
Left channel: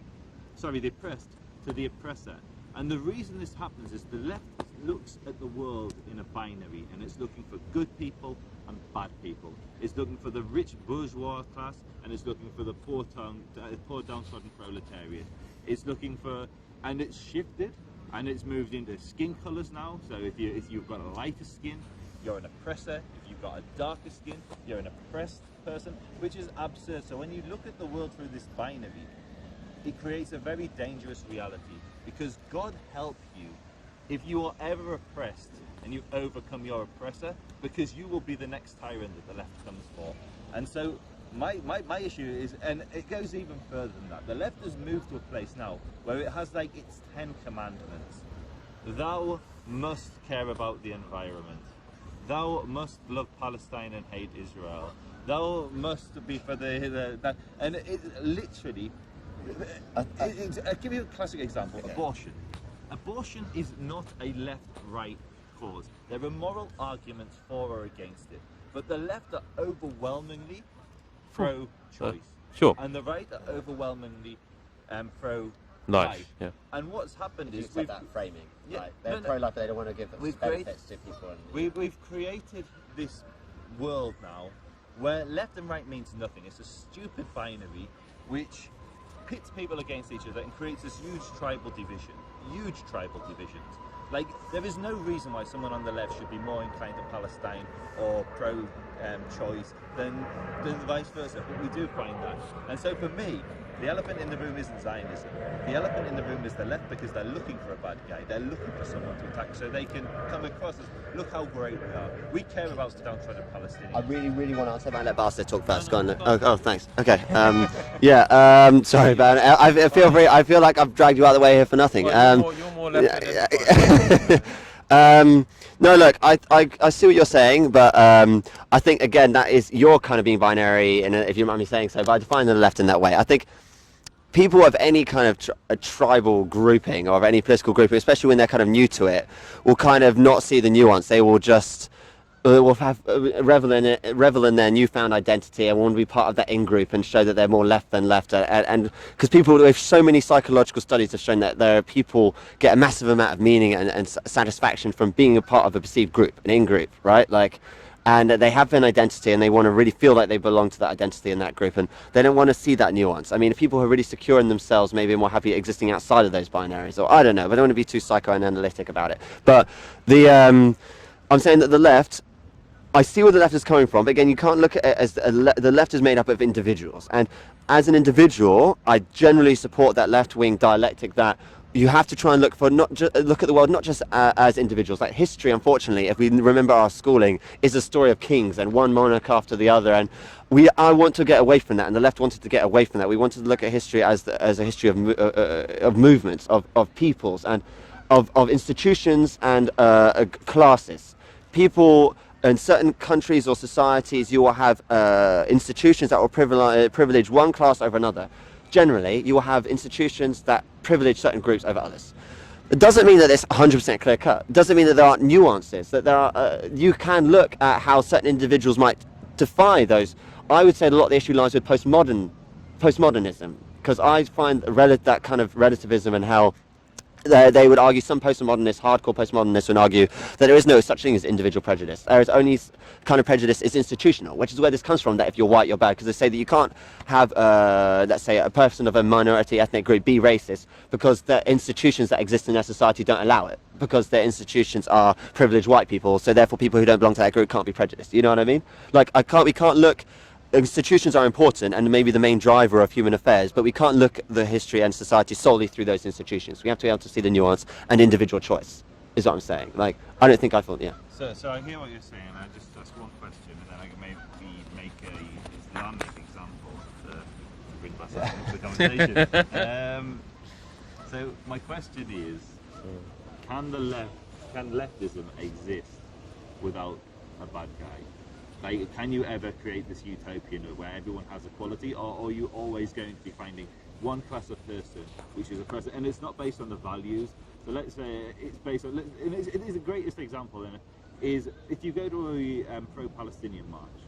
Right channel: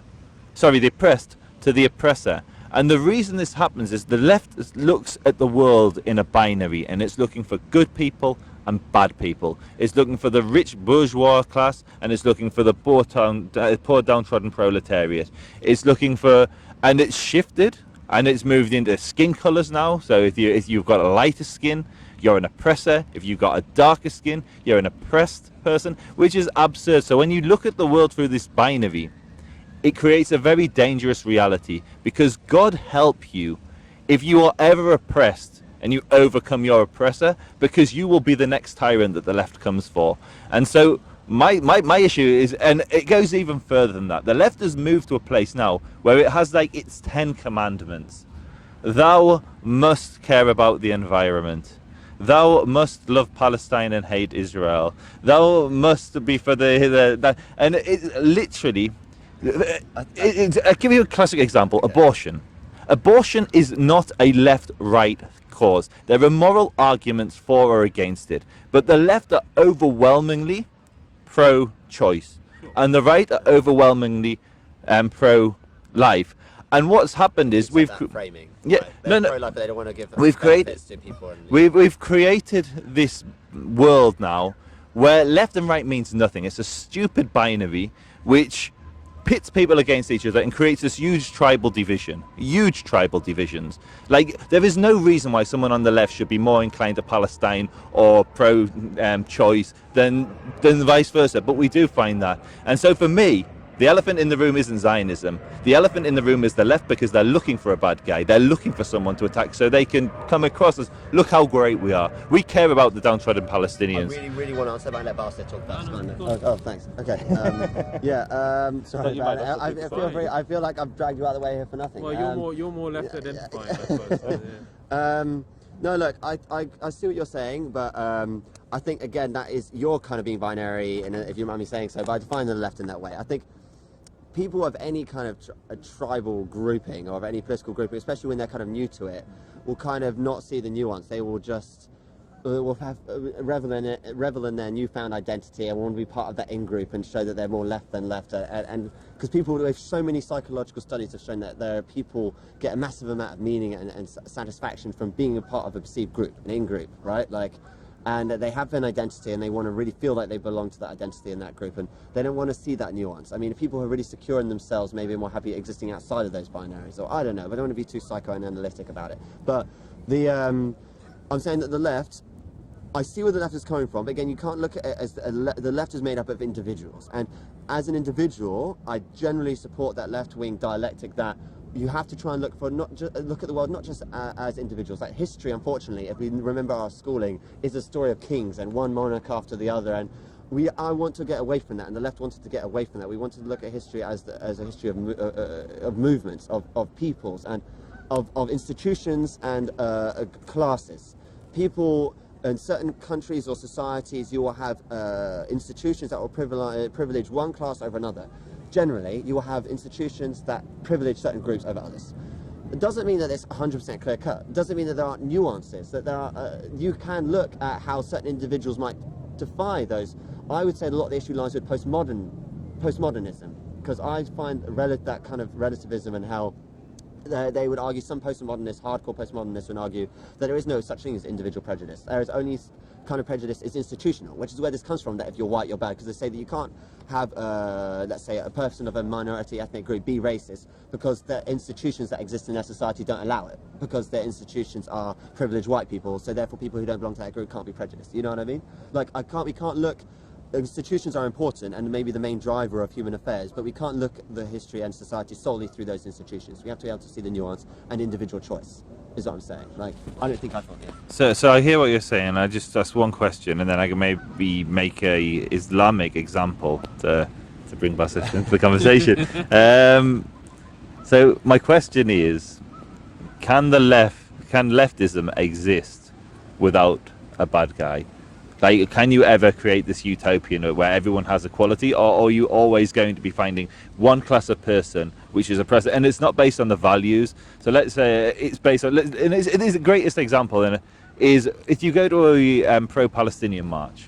to the oppressor. And the reason this happens is the left looks at the world in a binary, and it's looking for good people and bad people. It's looking for the rich bourgeois class, and it's looking for the poor downtrodden proletariat. It's looking for, and it's shifted, and it's moved into skin colors now. So if you've got a lighter skin, you're an oppressor. If you've got a darker skin, you're an oppressed person, which is absurd. So when you look at the world through this binary, it creates a very dangerous reality, because God help you if you are ever oppressed and you overcome your oppressor, because you will be the next tyrant that the left comes for. And so my issue is, and it goes even further than that, the left has moved to a place now where it has its 10 commandments. Thou must care about the environment. thou must love Palestine and hate Israel. Thou must be for and it's literally. I'll give you a classic example: abortion. Abortion is not a left-right cause. There are moral arguments for or against it, but the left are overwhelmingly pro-choice, Sure. and the right are overwhelmingly pro-life. Yeah. And what's happened is We've framing. Yeah, Right? They're no. pro-life, but they don't want to give We've created- benefits to people. And We've created this world now where left and right means nothing. It's a stupid binary which pits people against each other and creates this huge tribal divisions. Like, there is no reason why someone on the left should be more inclined to Palestine or pro-choice than vice versa, but we do find that. And so for me, the elephant in the room isn't Zionism. The elephant in the room is the left, because they're looking for a bad guy. They're looking for someone to attack so they can come across as, look how great we are. We care about the downtrodden I Palestinians. really want to answer, but I let Basith talk first. Go on. Oh, thanks. Okay. Sorry, man. I feel like I've dragged you out of the way here for nothing. Well, you're more left No, look, I see what you're saying, but I think, again, that is, you're kind of being binary, and if you mind me saying so, but I define the left in that way. I think people of any kind of a tribal grouping or of any political grouping, especially when they're kind of new to it, will kind of not see the nuance. They will just will have revel in their newfound identity and want to be part of that in-group and show that they're more left than left. And because people, with so many psychological studies have shown that there are people get a massive amount of meaning and satisfaction from being a part of a perceived group, an in-group, right? Like, and they have an identity and they want to really feel like they belong to that identity in that group, and they don't want to see that nuance. I mean, people who are really secure in themselves maybe are more happy existing outside of those binaries, or I don't know, but I don't want to be too psychoanalytic about it. But I'm saying that the left, I see where the left is coming from, but again, you can't look at it as the left is made up of individuals, and as an individual, I generally support that left-wing dialectic that you have to try and look at the world not just as individuals. Like history, unfortunately, if we remember our schooling, is a story of kings and one monarch after the other, and I want to get away from that, and the left wanted to get away from that. We wanted to look at history as a history of movements, of peoples, and of institutions and classes. People in certain countries or societies, you will have institutions that will privilege one class over another. Generally, you will have institutions that privilege certain groups over others. It doesn't mean that it's 100% clear cut. It doesn't mean that there aren't nuances, that there are, you can look at how certain individuals might defy those. I would say a lot of the issue lies with postmodernism, because I find that kind of relativism and how they would argue, some postmodernists, hardcore postmodernists would argue that there is no such thing as individual prejudice. There is only kind of prejudice is institutional, which is where this comes from, that if you're white, you're bad, because they say that you can't have, let's say, a person of a minority ethnic group be racist because the institutions that exist in their society don't allow it, because their institutions are privileged white people, so therefore people who don't belong to that group can't be prejudiced. You know what I mean? Like, we can't look. Institutions are important and maybe the main driver of human affairs, but we can't look at the history and society solely through those institutions. We have to be able to see the nuance and individual choice, is what I'm saying. Like, I don't think I thought, yeah. So I hear what you're saying. I just ask one question, and then I can maybe make a Islamic example to bring Basith into the conversation. So my question is, can leftism exist without a bad guy? Like, can you ever create this utopian where everyone has equality, or are you always going to be finding one class of person which is oppressed? And it's not based on the values. So let's say it's based on, and it is the greatest example, and is if you go to a pro-Palestinian march,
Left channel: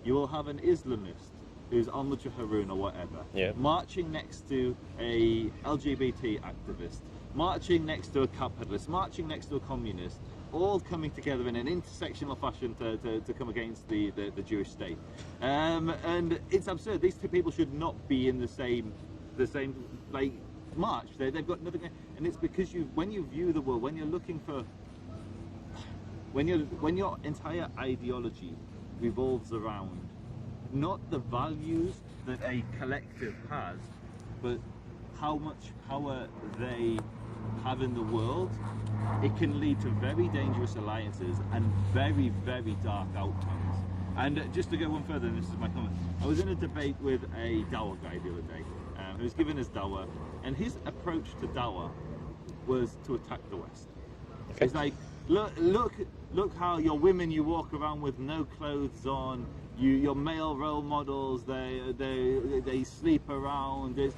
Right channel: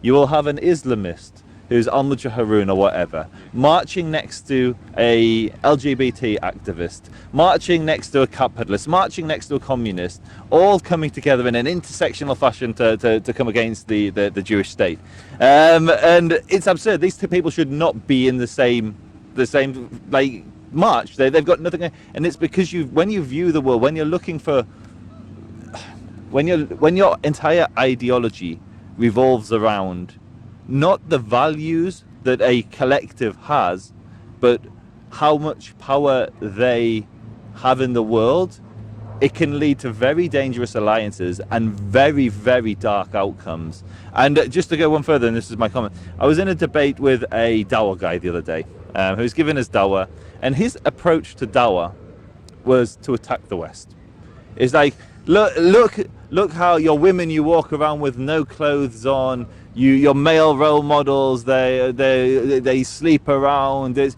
you will have an Islamist who's on the Jaharoon or whatever, marching next to a LGBT activist, marching next to a capitalist, marching next to a communist, all coming together in an intersectional fashion to come against the Jewish state. And it's absurd. These two people should not be in the same like march. They've got nothing, and it's because when you view the world, when you're looking for, when your entire ideology revolves around not the values that a collective has, but how much power they have in the world, it can lead to very dangerous alliances and very, very dark outcomes. And just to go one further, and this is my comment, I was in a debate with a Dawah guy the other day, who was giving us Dawah, and his approach to Dawah was to attack the West. It's like, look look how your women, you walk around with no clothes on. Your male role models, they sleep around.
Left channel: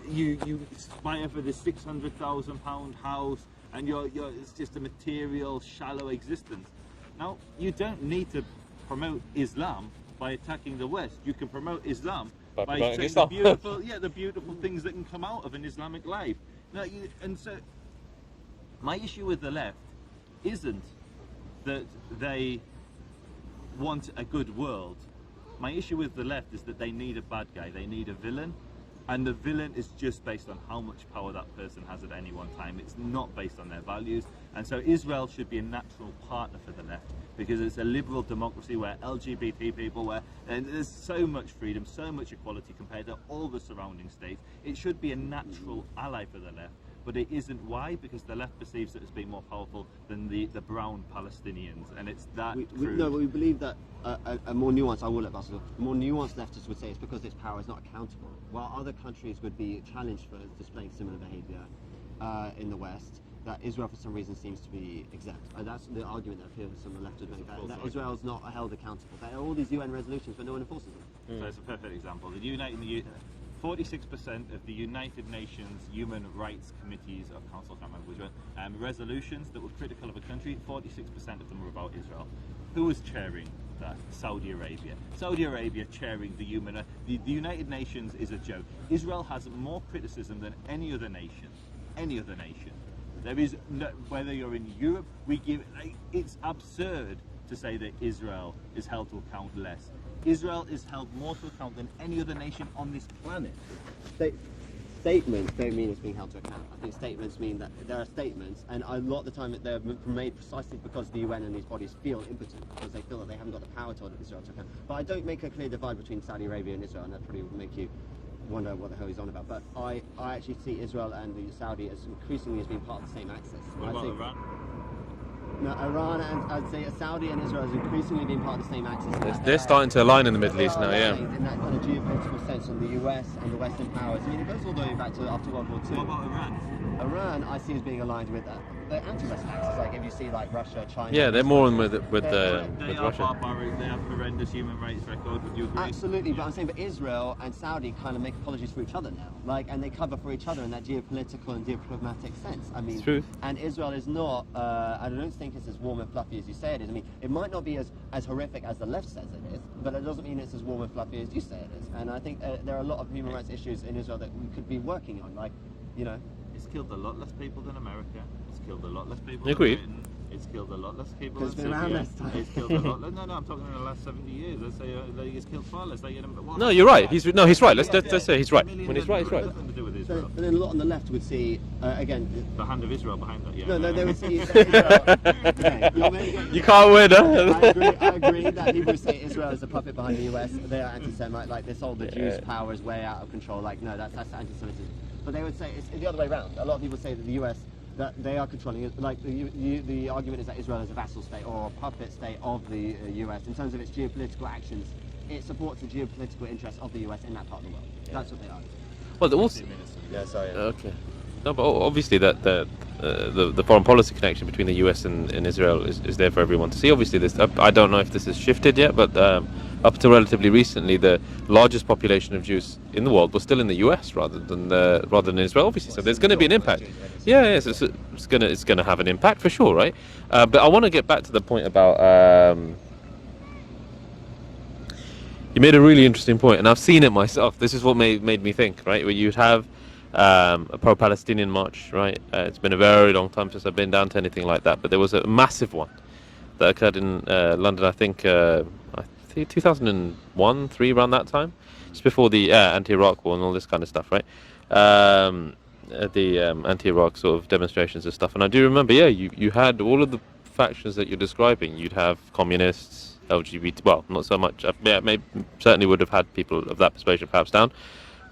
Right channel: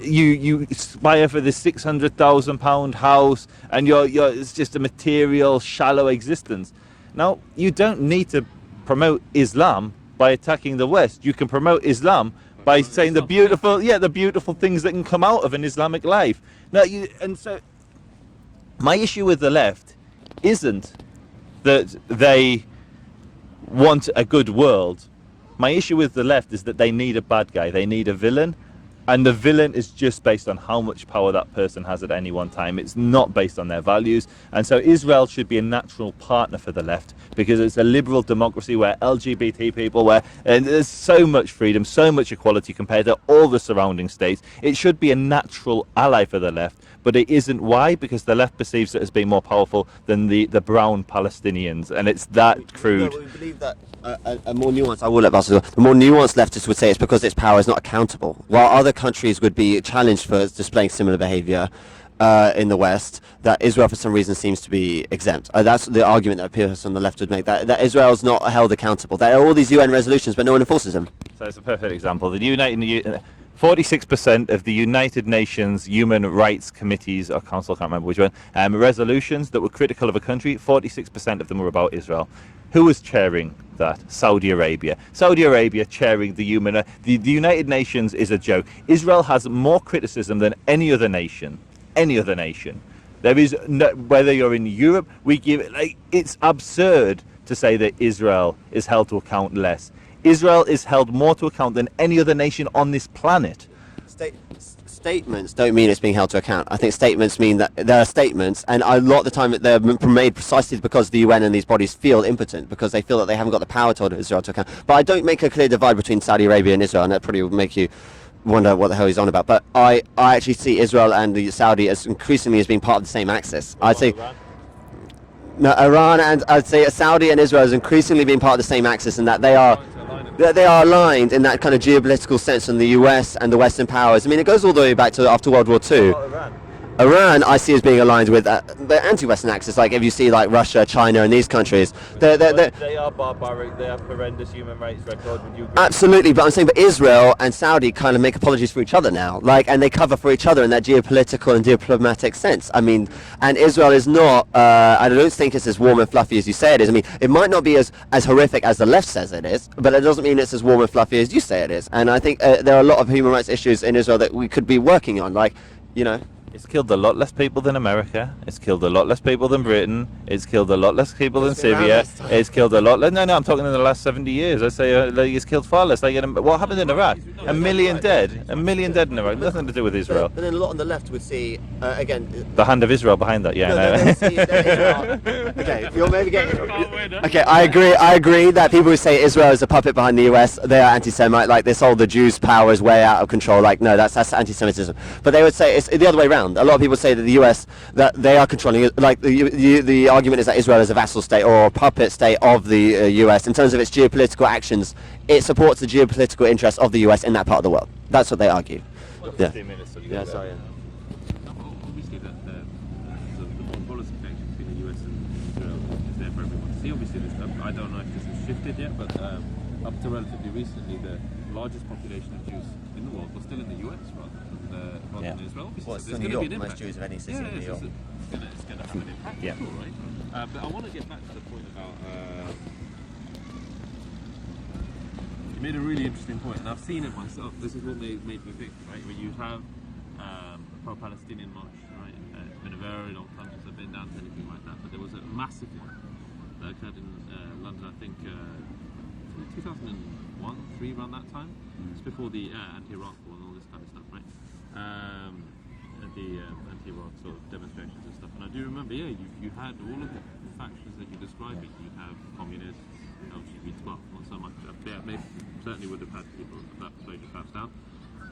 You aspire for this £600,000 house, and it's just a material, shallow existence. Now, you don't need to promote Islam by attacking the West. You can promote Islam by saying the beautiful things that can come out of an Islamic life. Now, so my issue with the left isn't that they want a good world. My issue with the left is that they need a bad guy. They need a villain. And the villain is just based on how much power that person has at any one time. It's not based on their values. And so Israel should be a natural partner for the left, because it's a liberal democracy where LGBT people, and there's so much freedom, so much equality compared to all the surrounding states. It should be a natural ally for the left, but it isn't. Why? Because the left perceives it as being more powerful than the brown Palestinians, and it's that crude. No, we believe that a more nuanced, I will let Basith, the more nuanced leftists would say it's because its power is not accountable, while other countries would be challenged for displaying similar behaviour in the West, that Israel for some reason seems to be exempt. That's the argument that appears on the left would make, that Israel's not held accountable. There are all these UN resolutions, but no one enforces them. So it's a perfect example. 46% of the United Nations Human Rights Committees or Council, I can't remember which one, resolutions that were critical of a country, 46% of them were about Israel. Who was chairing that? Saudi Arabia. Saudi Arabia chairing the United Nations is a joke. Israel has more criticism than any other nation. Any other nation. There is no, whether you're in Europe, we give it, it's absurd to say that Israel is held to account less. Israel is held more to account than any other nation on this planet. Statements don't mean it's being held to account. I think statements mean that there are statements, and a lot of the time they're made precisely because the UN and these bodies feel impotent, because they feel that they haven't got the power to hold Israel to account. But I don't make a clear divide between Saudi Arabia and Israel, and that probably will make you wonder what the hell he's on about. But I actually see Israel and the Saudi as increasingly as being part of the same axis. I'd say no, Iran and I'd say Saudi and Israel is increasingly being part of the same axis, in that they are starting to align in the they are aligned in that kind of geopolitical sense in the US and the Western powers. I mean, it goes all the way back to after World War II. Iran, I see as being aligned with the anti-Western axis. Like if you see like Russia, China, and these countries, they are barbaric. They have horrendous human rights record. Would you agree? Absolutely, but I'm saying, but Israel and Saudi kind of make apologies for each other now, and they cover for each other in that geopolitical and diplomatic sense. I mean, and Israel is not. I don't think it's as warm and fluffy as you say it is. I mean, it might not be as horrific as the left says it is, but it doesn't mean it's as warm and fluffy as you say it is. And I think there are a lot of human rights issues in Israel that we could be working on, It's killed a lot less people than America. It's killed a lot less people than Britain. It's killed a lot less people than Syria. It's killed a lot less. No, I'm talking in the last 70 years. I say it's killed far less. What happened? You're right. He's right. Million dead. He's right. A million dead in Iraq. Nothing to do with Israel. But then a lot on the left would see again. The hand of Israel behind that. Yeah. Okay, you're maybe getting. You can't win. Okay, I agree that people who say Israel is a puppet behind the US, they are anti-Semite. Like this whole the Jews' power is way out of control. Like no, that's anti-Semitism. But they would say it's the other way around. A lot of people say that the US, that they are controlling it. Like the argument is that Israel is a vassal state or a puppet state of the US in terms of its geopolitical actions. It supports the geopolitical interests of the US in that part of the world. That's what they argue. Well, sorry. Okay. No, but obviously that the foreign policy connection between the US and Israel is there for everyone to see. Obviously, this I don't know if this has shifted yet, but up until relatively recently, the largest population of Jews in the world was still in the US rather than Israel. Obviously, so there's going to be an impact. Yeah, so it's going to have an impact for sure, right? But I want to get back to the point about. You made a really interesting point, and I've seen it myself. This is what made me think, right? Where you'd have a pro-Palestinian march, right? It's been a very long time since I've been down to anything like that, but there was a massive one that occurred in London, I think 2001, 3, around that time. It's before the anti-Iraq war and all this kind of stuff, right? The anti-Iraq sort of demonstrations and stuff. And I do remember, you had all of the factions that you're describing. You'd have communists, LGBT, well, not so much. Maybe certainly would have had people of that persuasion perhaps down,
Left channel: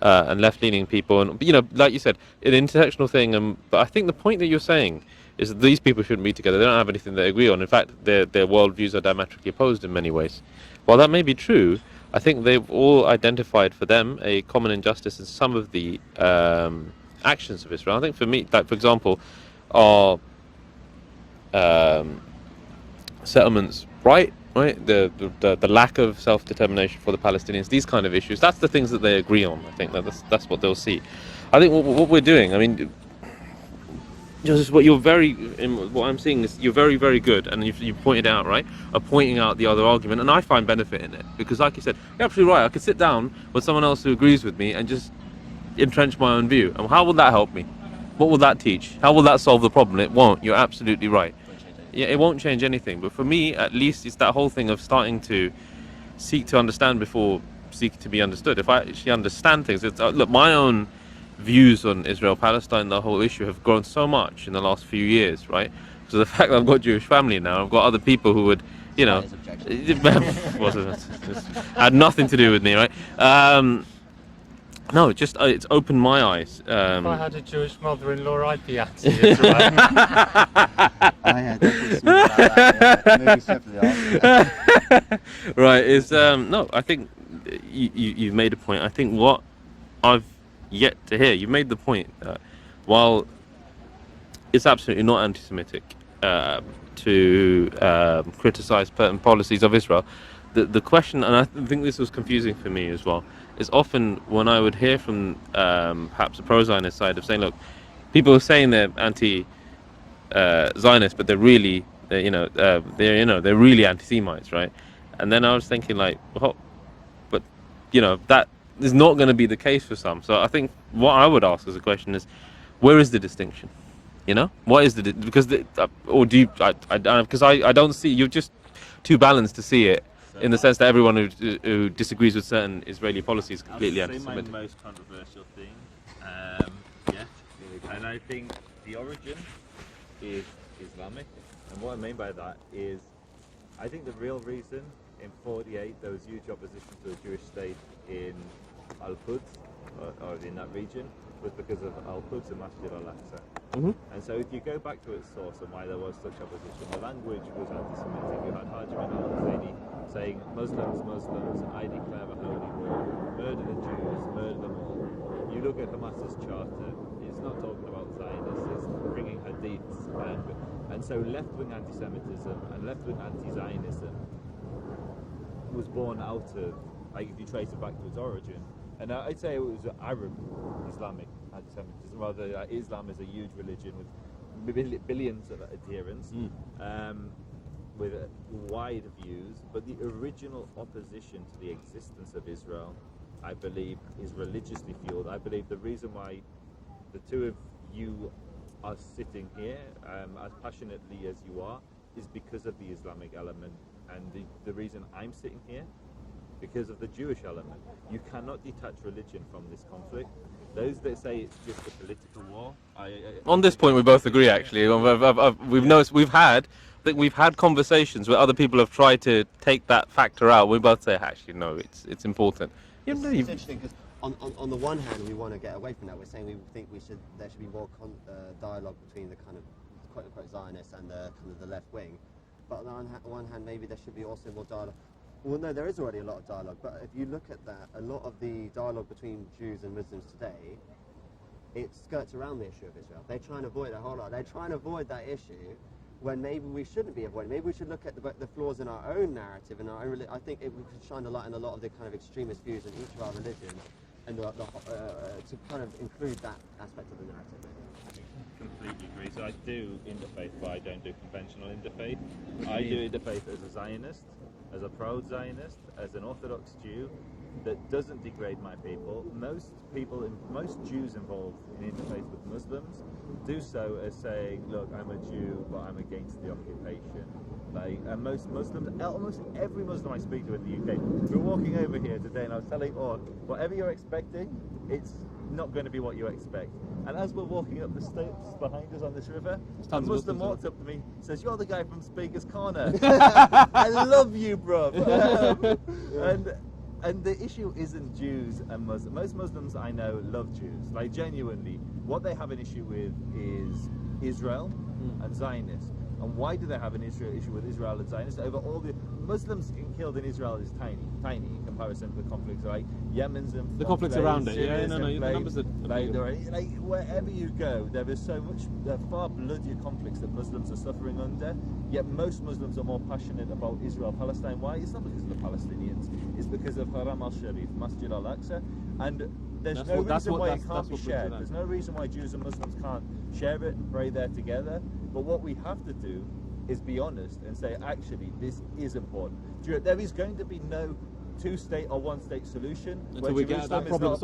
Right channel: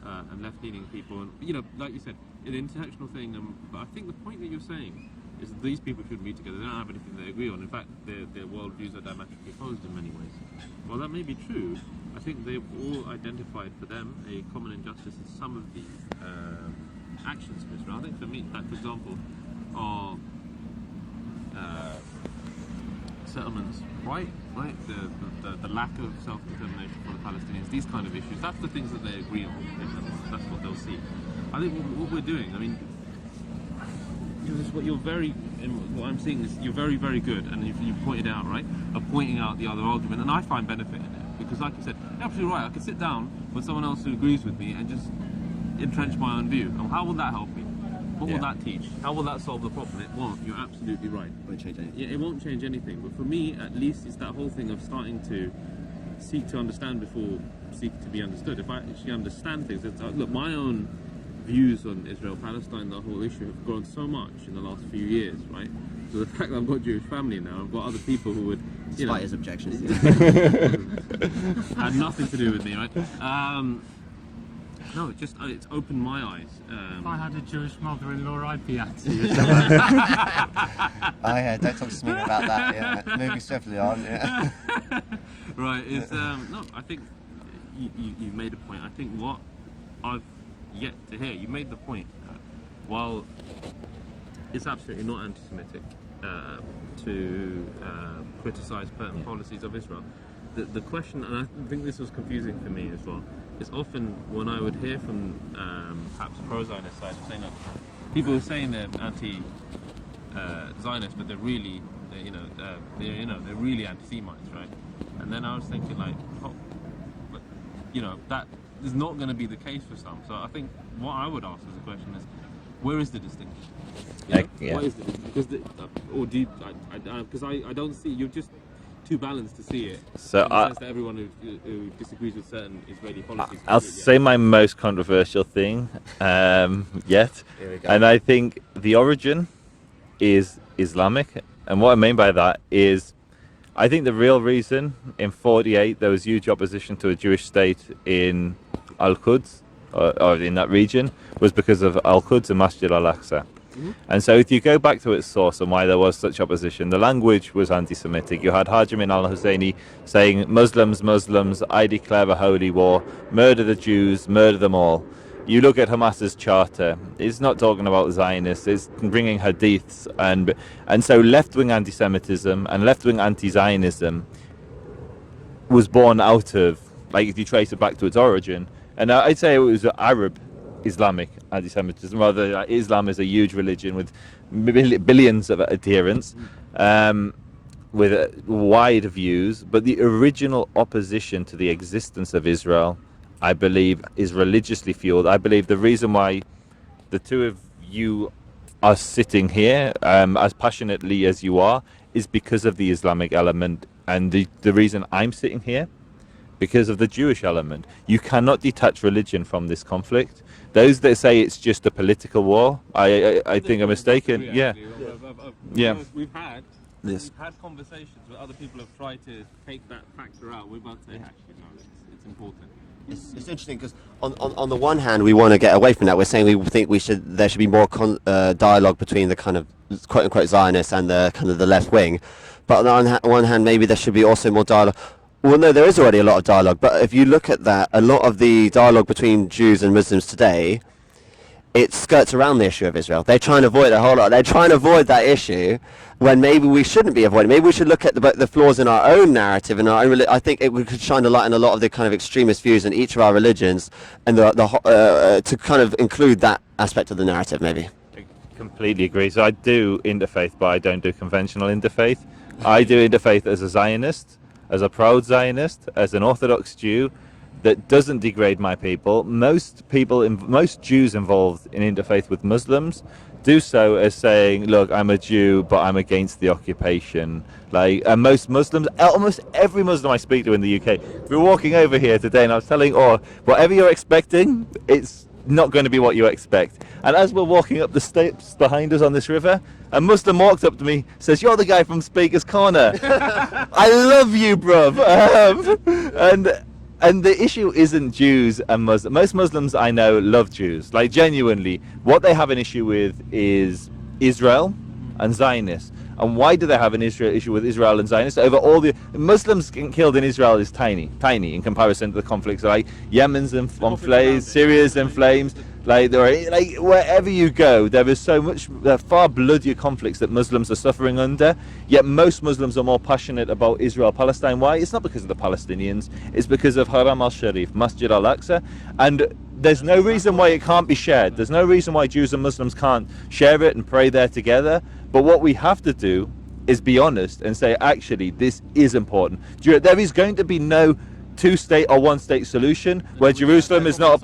and left-leaning people, and like you said, an intersectional thing. But I think the point that you're saying is that these people shouldn't be together. They don't have anything they agree on. In fact, their worldviews are diametrically opposed in many ways. While that may be true, I think they've all identified for them a common injustice in some of the actions of Israel. I think for me, like for example, our settlements right? The lack of self-determination for the Palestinians, these kind of issues, that's the things that they agree on. I think that's what they'll see. I think what we're doing, I mean, just what I'm seeing is you're very, very good, and you pointed out, right, of pointing out the other argument, and I find benefit in it, because like you said, you're absolutely right, I could sit down with someone else who agrees with me and just entrench my own view, and how will that help me? What will that teach? How will that solve the problem? It won't. You're absolutely right. Yeah, it won't change anything. But for me, at least, it's that whole thing of starting to seek to understand before seeking to be understood. If I actually understand things, look, my own views on Israel-Palestine, the whole issue, have grown so much in the last few years, right? So the fact that I've got a Jewish family now, I've got other people who would, His objection. had nothing to do with me, right? No, just it's opened my eyes. If I had a Jewish mother-in-law, I'd be at you. Don't talk to me about that. Yeah. Maybe separately. Right, it's no, I think you've made a point. I think what I've yet to hear, you made the point that while it's absolutely not anti-Semitic to criticize certain policies of Israel, the question, and I think this was confusing for me as well, is often when I would hear from perhaps the pro-Zionist side of saying, look, people are saying they're anti-Zionist, but they're really anti-Semites, right? And then I was thinking like, well, but that is not going to be the case for some. So I think what I would ask as a question is, where is the distinction? Yeah. What is because I don't see, you're just too balanced to see it, So in the sense that everyone who disagrees with certain Israeli policies I'll completely say my most controversial thing yet, and I think the origin is Islamic, and what I mean by that is I think the real reason in 48 there was huge opposition to a Jewish state in Al-Quds or in that region was because of Al-Quds and Masjid Al-Aqsa. And so if you go back to its source and why there was such opposition, the language was anti-Semitic. You had Hajj al-Husseini saying, Muslims, I declare a holy war, murder the Jews, murder them all. You look at Hamas's charter, it's not talking about Zionists, it's bringing hadiths, and so left-wing anti-Semitism and left-wing anti-Zionism was born out of, like if you trace it back to its origin, and I'd say it was Arab Islamic anti-Semitism, rather Islam is a huge religion with billions of adherents, with wide views, but the original opposition to the existence of Israel, I believe, is religiously fueled. I believe the reason why the two of you are sitting here as passionately as you are is because of the Islamic element, and the reason I'm sitting here because of the Jewish element. You cannot detach religion from this conflict. Those that say it's just a political war, I on this think point are we both mistaken. agree. Yeah. Actually, we've Yeah. noticed we've had conversations where other people have tried to take that factor out. We both say, actually, no, it's important. It's interesting because on the one hand we want to get away from that. We're saying we think there should be more dialogue between the kind of quote unquote Zionists and the kind of the left wing, but on the one hand maybe there should be also more dialogue. Well, no, there is already a lot of dialogue, but if you look at that, a lot of the dialogue between Jews and Muslims today, it skirts around the issue of Israel. They're trying to avoid a whole lot. They're trying to avoid that issue when maybe we shouldn't be avoiding. Maybe we should look at the flaws in our own narrative and our own. I think we could shine a light on a lot of the kind of extremist views in each of our religions, and to kind of include that aspect of the narrative, maybe. I completely agree. So I do interfaith, but I don't do conventional interfaith. I do interfaith as a Zionist, as a proud Zionist, as an Orthodox Jew that doesn't degrade my people. Most Jews involved in interfaith with Muslims do so as saying, look, I'm a Jew, but I'm against the occupation. And most Muslims, almost every Muslim I speak to in the UK, we're walking over here today and I was telling, whatever you're expecting, it's not going to be what you expect. And as we're walking up the steps behind us on this river, a Muslim walks up to me, says, you're the guy from Speaker's Corner. I love you, bruv. And the issue isn't Jews and Muslims. Most Muslims I know love Jews, like genuinely. What they have an issue with is Israel and Zionists. And why do they have an issue with Israel and Zionists? Over all the Muslims getting killed in Israel is tiny in comparison to the conflicts like Yemen's in flames, Syria's in flames. Like wherever you go, there is so much far bloodier conflicts that Muslims are suffering under. Yet most Muslims are more passionate about Israel-Palestine. Why? It's not because of the Palestinians. It's because of Haram al-Sharif, Masjid al-Aqsa, and there's no reason why it can't be shared. There's no reason why Jews and Muslims can't share it and pray there together. But what we have to do is be honest and say, actually, this is important. There is going to be no two-state or one-state solution where Jerusalem is not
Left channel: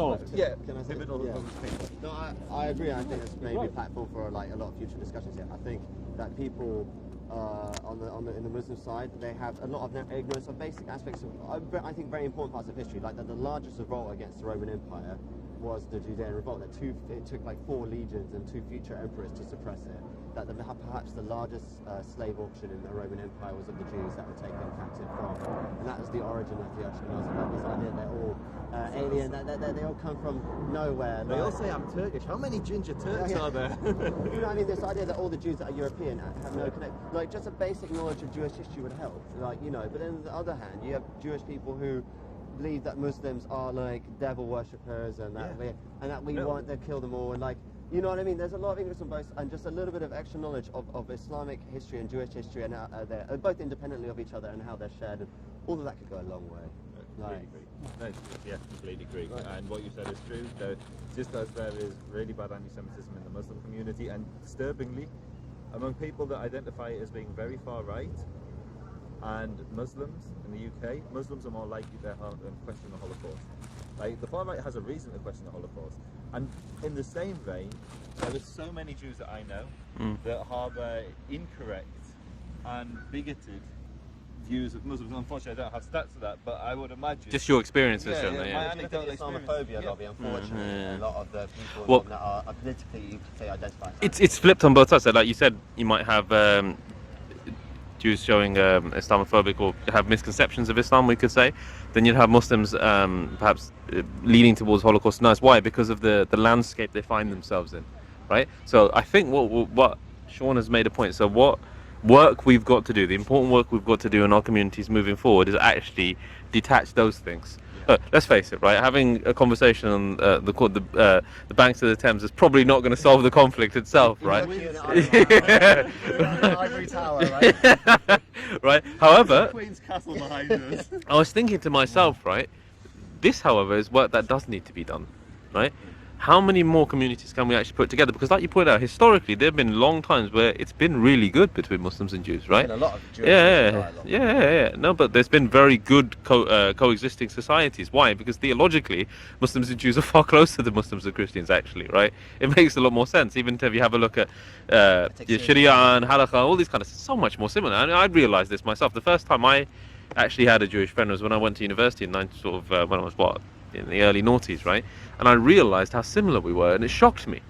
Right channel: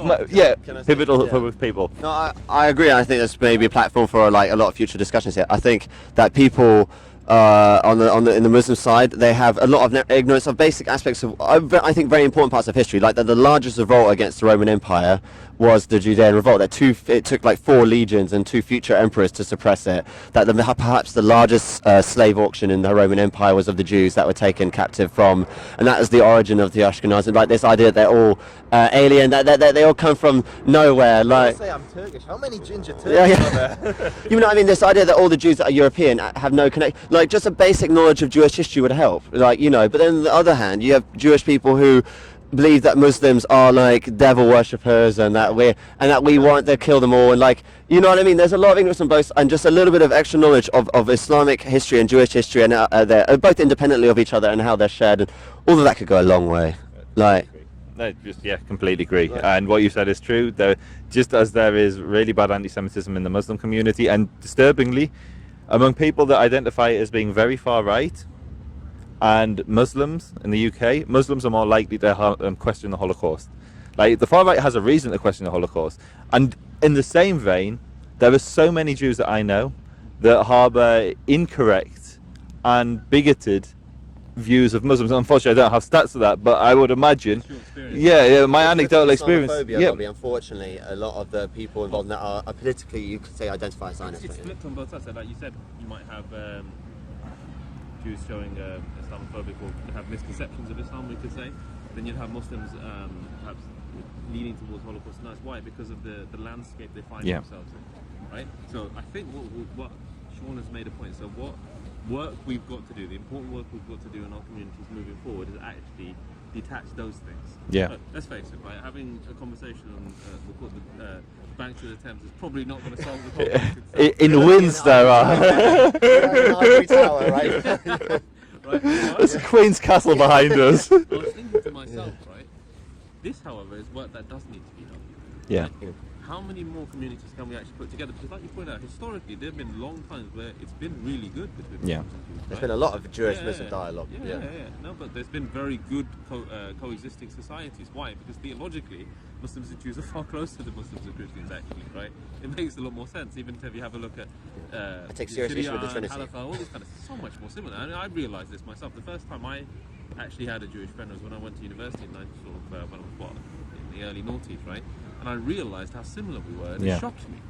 pivotal for people. No, I agree. I think there's maybe a platform for like a lot of future discussions here. I think that people in the Muslim side, they have a lot of ignorance of basic aspects of, I think, very important parts of history. Like that the largest revolt against the Roman Empire was the Judean revolt. It took like 4 legions and 2 future emperors to suppress it. That perhaps the largest slave auction in the Roman Empire was of the Jews that were taken captive from, and that is the origin of the Ashkenazim. Like this idea that they're all alien, that they all come from nowhere. Like, say I'm Turkish. How many ginger Turks are there? You know what I mean? This idea that all the Jews that are European have no connection. Like just a basic knowledge of Jewish history would help. Like, you know. But then on the other hand, you have Jewish people who believe that Muslims are like devil worshippers and that we want to kill them all, and like, you know what I mean? There's a lot of ignorance on both, and just a little bit of extra knowledge of Islamic history and Jewish history, and they're both independently of each other and how they're shared, and all of that could go a long way. Like, no, completely agree. And what you said is true. Just as there is really bad anti-Semitism in the Muslim community, and disturbingly, among people that identify as being very far right, and Muslims in the UK, Muslims are more likely to question the Holocaust. Like, the far right has a reason to question the Holocaust. And in the same vein, there are so many Jews that I know that harbour incorrect and bigoted views of Muslims. Unfortunately, I don't have stats of that, but I would imagine... It's your experience. Yeah, my anecdotal experience. Unfortunately, a lot of the people involved that are politically, you could say, identify as it's flipped on both sides. So like you said, you might have Jews showing Islamophobic or have misconceptions of Islam, we could say. Then you'd have Muslims perhaps leaning towards Holocaust deniers. Why? Because of the landscape they find themselves in, right? So I think what Sean has made a point. So what work we've got to do, the important work we've got to do in our communities moving forward, is actually detach those things. Let's face it, right? Having a conversation on the banks of the Thames is probably not going to solve the conflict itself. In Windsor, right? However, there's a Queen's Castle behind us. I was thinking to myself, right? This, however, is work that does need to be done, right? How many more communities can we actually put together? Because like you pointed out, historically, there have been long times where it's been really good between Muslims and Jews, right? There's been a lot of Jewish dialogue. No, but there's been very good coexisting societies. Why? Because theologically, Muslims and Jews are far closer than Muslims and Christians, actually, right? It makes a lot more sense. Even if you have a look at Sharia and Halakha, all these kind of, so much more similar. And I realised this myself. The first time I actually had a Jewish friend was when I went to university in when I was in the early noughties, right? And I realised how similar we were, and it shocked me,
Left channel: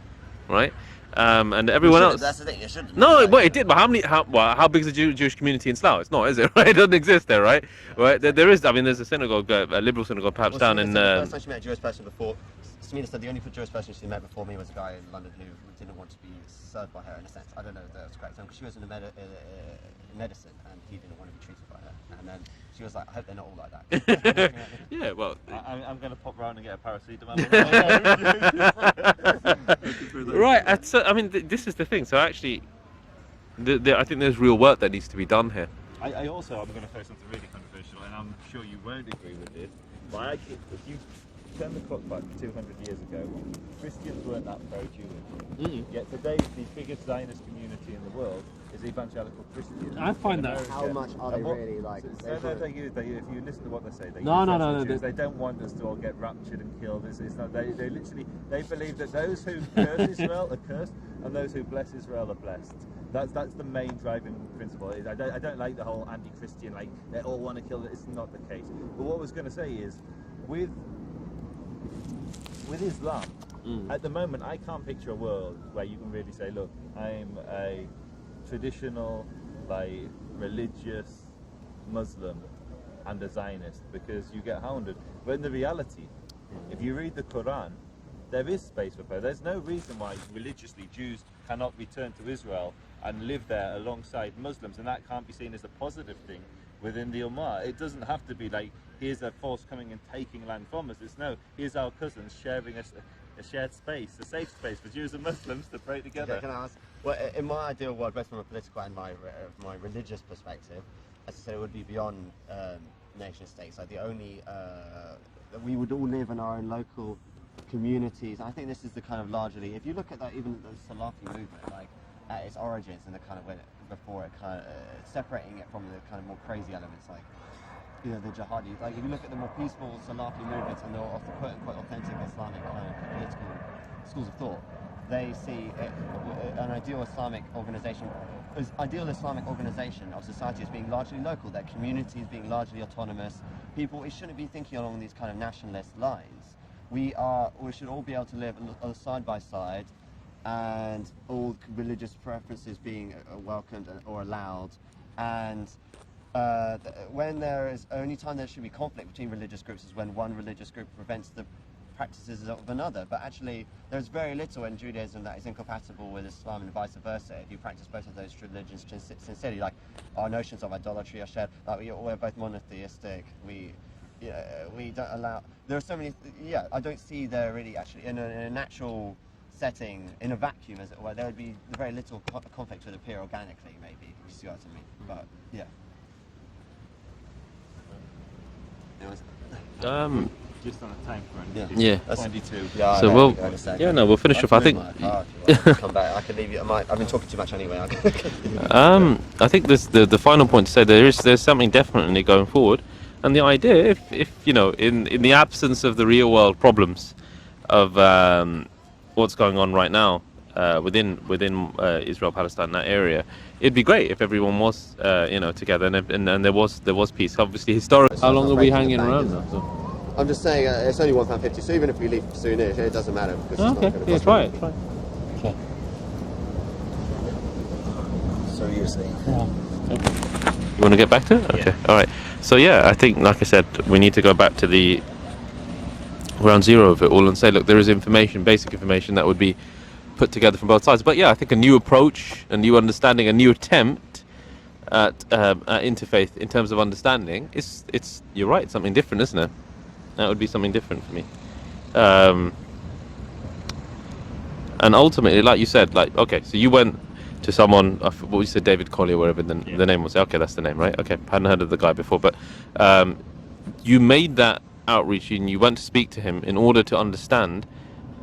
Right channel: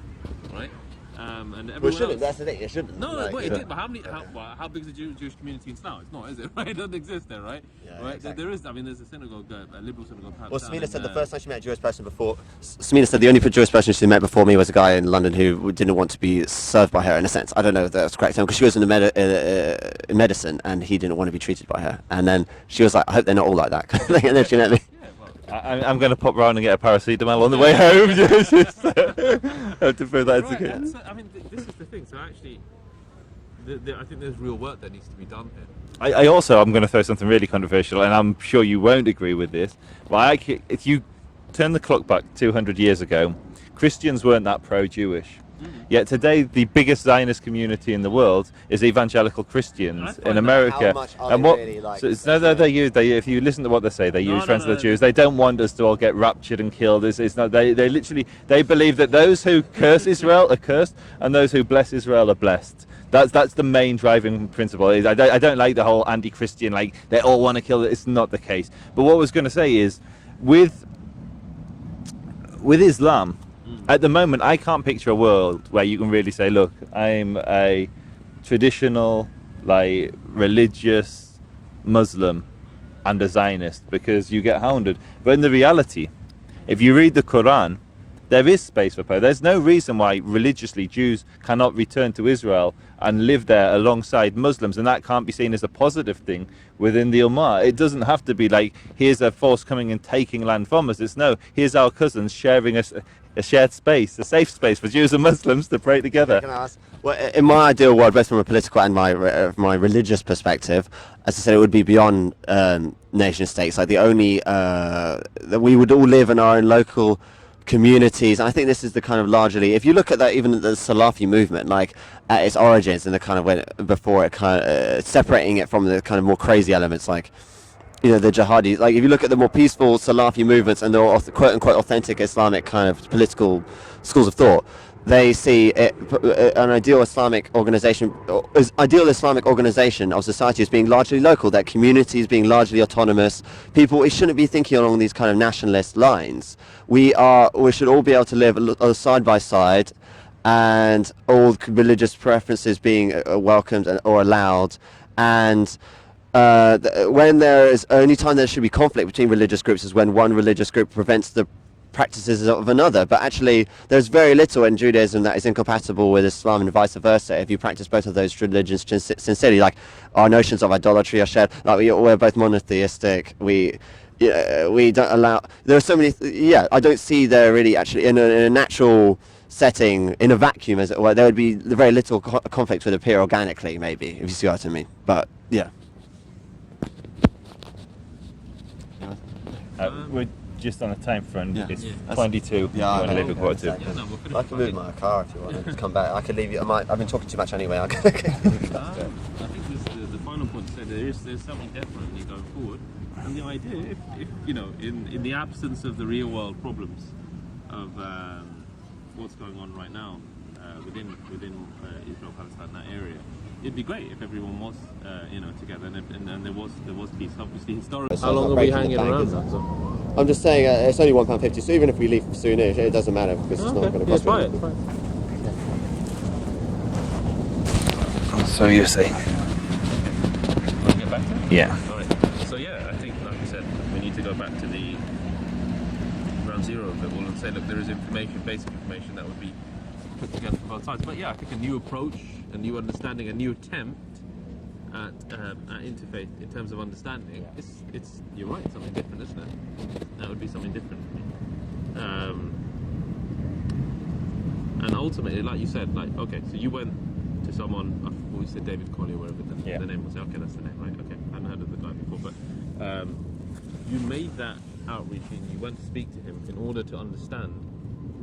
right? And everyone else. That's the thing. It shouldn't. No, but it did. But how big is the Jewish community in Slough? It's not, is it? Right? It doesn't exist there, right? Right? There is. I mean, there's a synagogue, a liberal synagogue, perhaps down in. The first time she met a Jewish person before. Samina said the only Jewish person she met before me was a guy in London who didn't want to be served by her. In a sense, I don't know if that's correct, because she was in medicine, and he didn't want to be treated by her. And then she was like, "I hope they're not all like that." And then she met me. Yeah, well, I'm going to pop round and get a paracetamol on the way home. To prove that right. So, I mean, this is the thing. So actually, I think there's real work that needs to be done here. I'm going to throw something really controversial, and I'm sure you won't agree with this. But if you turn the clock back 200 years ago, Christians weren't that pro-Jewish. Yet today, the biggest Zionist community in the world is evangelical Christians in America. If you listen to what they say, they use friends of the Jews. They don't want us to all get raptured and killed. It's not. They believe that those who curse Israel are cursed, and those who bless Israel are blessed. That's the main driving principle. I don't like the whole anti-Christian, like they all want to kill it. It's not the case. But what I was going to say is, with Islam, at the moment, I can't picture a world where you can really say, look, I'm a traditional, like, religious Muslim and a Zionist, because you get hounded. But in the reality, if you read the Quran, there is space for power. There's no reason why religiously Jews cannot return to Israel and live there alongside Muslims, and that can't be seen as a positive thing within the Ummah. It doesn't have to be like, here's a force coming and taking land from us. It's no, here's our cousins sharing a shared space, a safe space for Jews and Muslims to pray together. Can I ask? Well, in my ideal world, both from a political and my religious perspective, as I said, it would be beyond nation states. Like the only that we would all live in our own local communities. And I think this is the kind of largely, if you look at that, even the Salafi movement, like at its origins and the kind of when before it kind of separating it from the kind of more crazy elements, like the jihadi. Like if you look at the more peaceful Salafi movements and the quote unquote authentic Islamic kind of political schools of thought, they see it, an ideal Islamic organization of society as being largely local, that communities being largely autonomous. We shouldn't be thinking along these kind of nationalist lines. We should all be able to live side by side, and all religious preferences being welcomed or allowed. And when there is only time there should be conflict between religious groups is when one religious group prevents the practices of another. But actually there's very little in Judaism that is incompatible with Islam and vice versa if you practice both of those religions sincerely. Like our notions of idolatry are shared. Like we're both monotheistic. We don't allow, there are so many I don't see there really actually in a natural setting, in a vacuum as it were, there would be very little conflict would appear organically, maybe, if you see what I mean. But yeah. We're just on a time front. Yeah. 22. Yeah. So we'll finish off. I think. Come back. I can leave you. I've been talking too much anyway. I think the final point to say there's something definitely going forward, and the idea, if in the absence of the real world problems of what's going on right now within Israel, Palestine, that area, it'd be great if everyone was together and there was peace. Obviously, historically. How long are we hanging around? I'm just saying it's only £1.50, so even if we leave soonish, it doesn't matter because it's not going to cost. Try it. Okay. So you're saying? You want to get back to it? Okay. Yeah. All right. So I think, like I said, we need to go back to the ground zero of it all and say, look, there is basic information that would be put together from both sides. But I think a new approach, a new understanding, a new attempt at interfaith in terms of understanding it's you're right, something different, isn't it? That would be something different for me. And ultimately, like you said, okay, so you went to someone, what you said, David Collier, wherever the name was. Okay, that's the name, right? Okay, I hadn't heard of the guy before, but you made that outreach and you went to speak to him in order to understand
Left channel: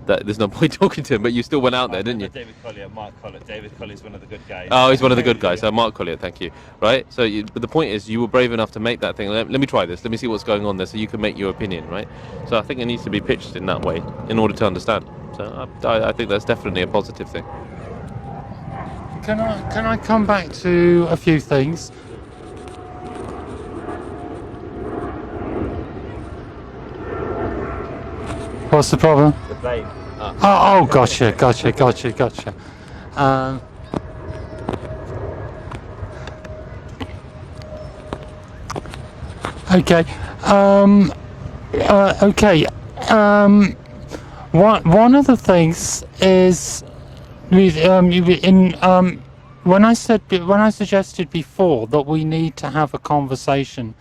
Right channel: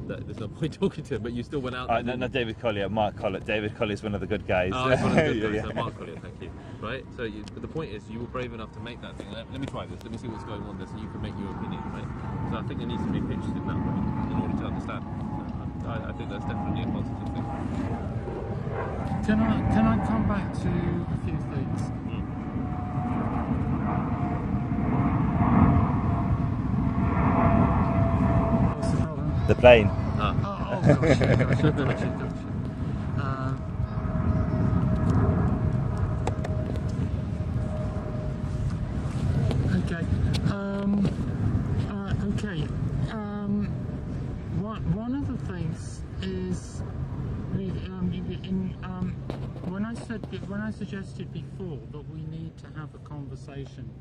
that there's no point talking to him, but you still went out there, didn't you? David Collier, Mark Collett. David Collier's one of the good guys. Oh, he's one of the good guys. So Mark Collier, thank you. Right? So, but the point is, you were brave enough to make that thing. Let me try this. Let me see what's going on there, so you can make your opinion, right? So I think it needs to be pitched in that way in order to understand. So I think that's definitely a positive thing. Can I come back to a few things? What's the problem? The plane. Oh, gotcha. Okay. Okay. One of the things is when I suggested before that we need to have a conversation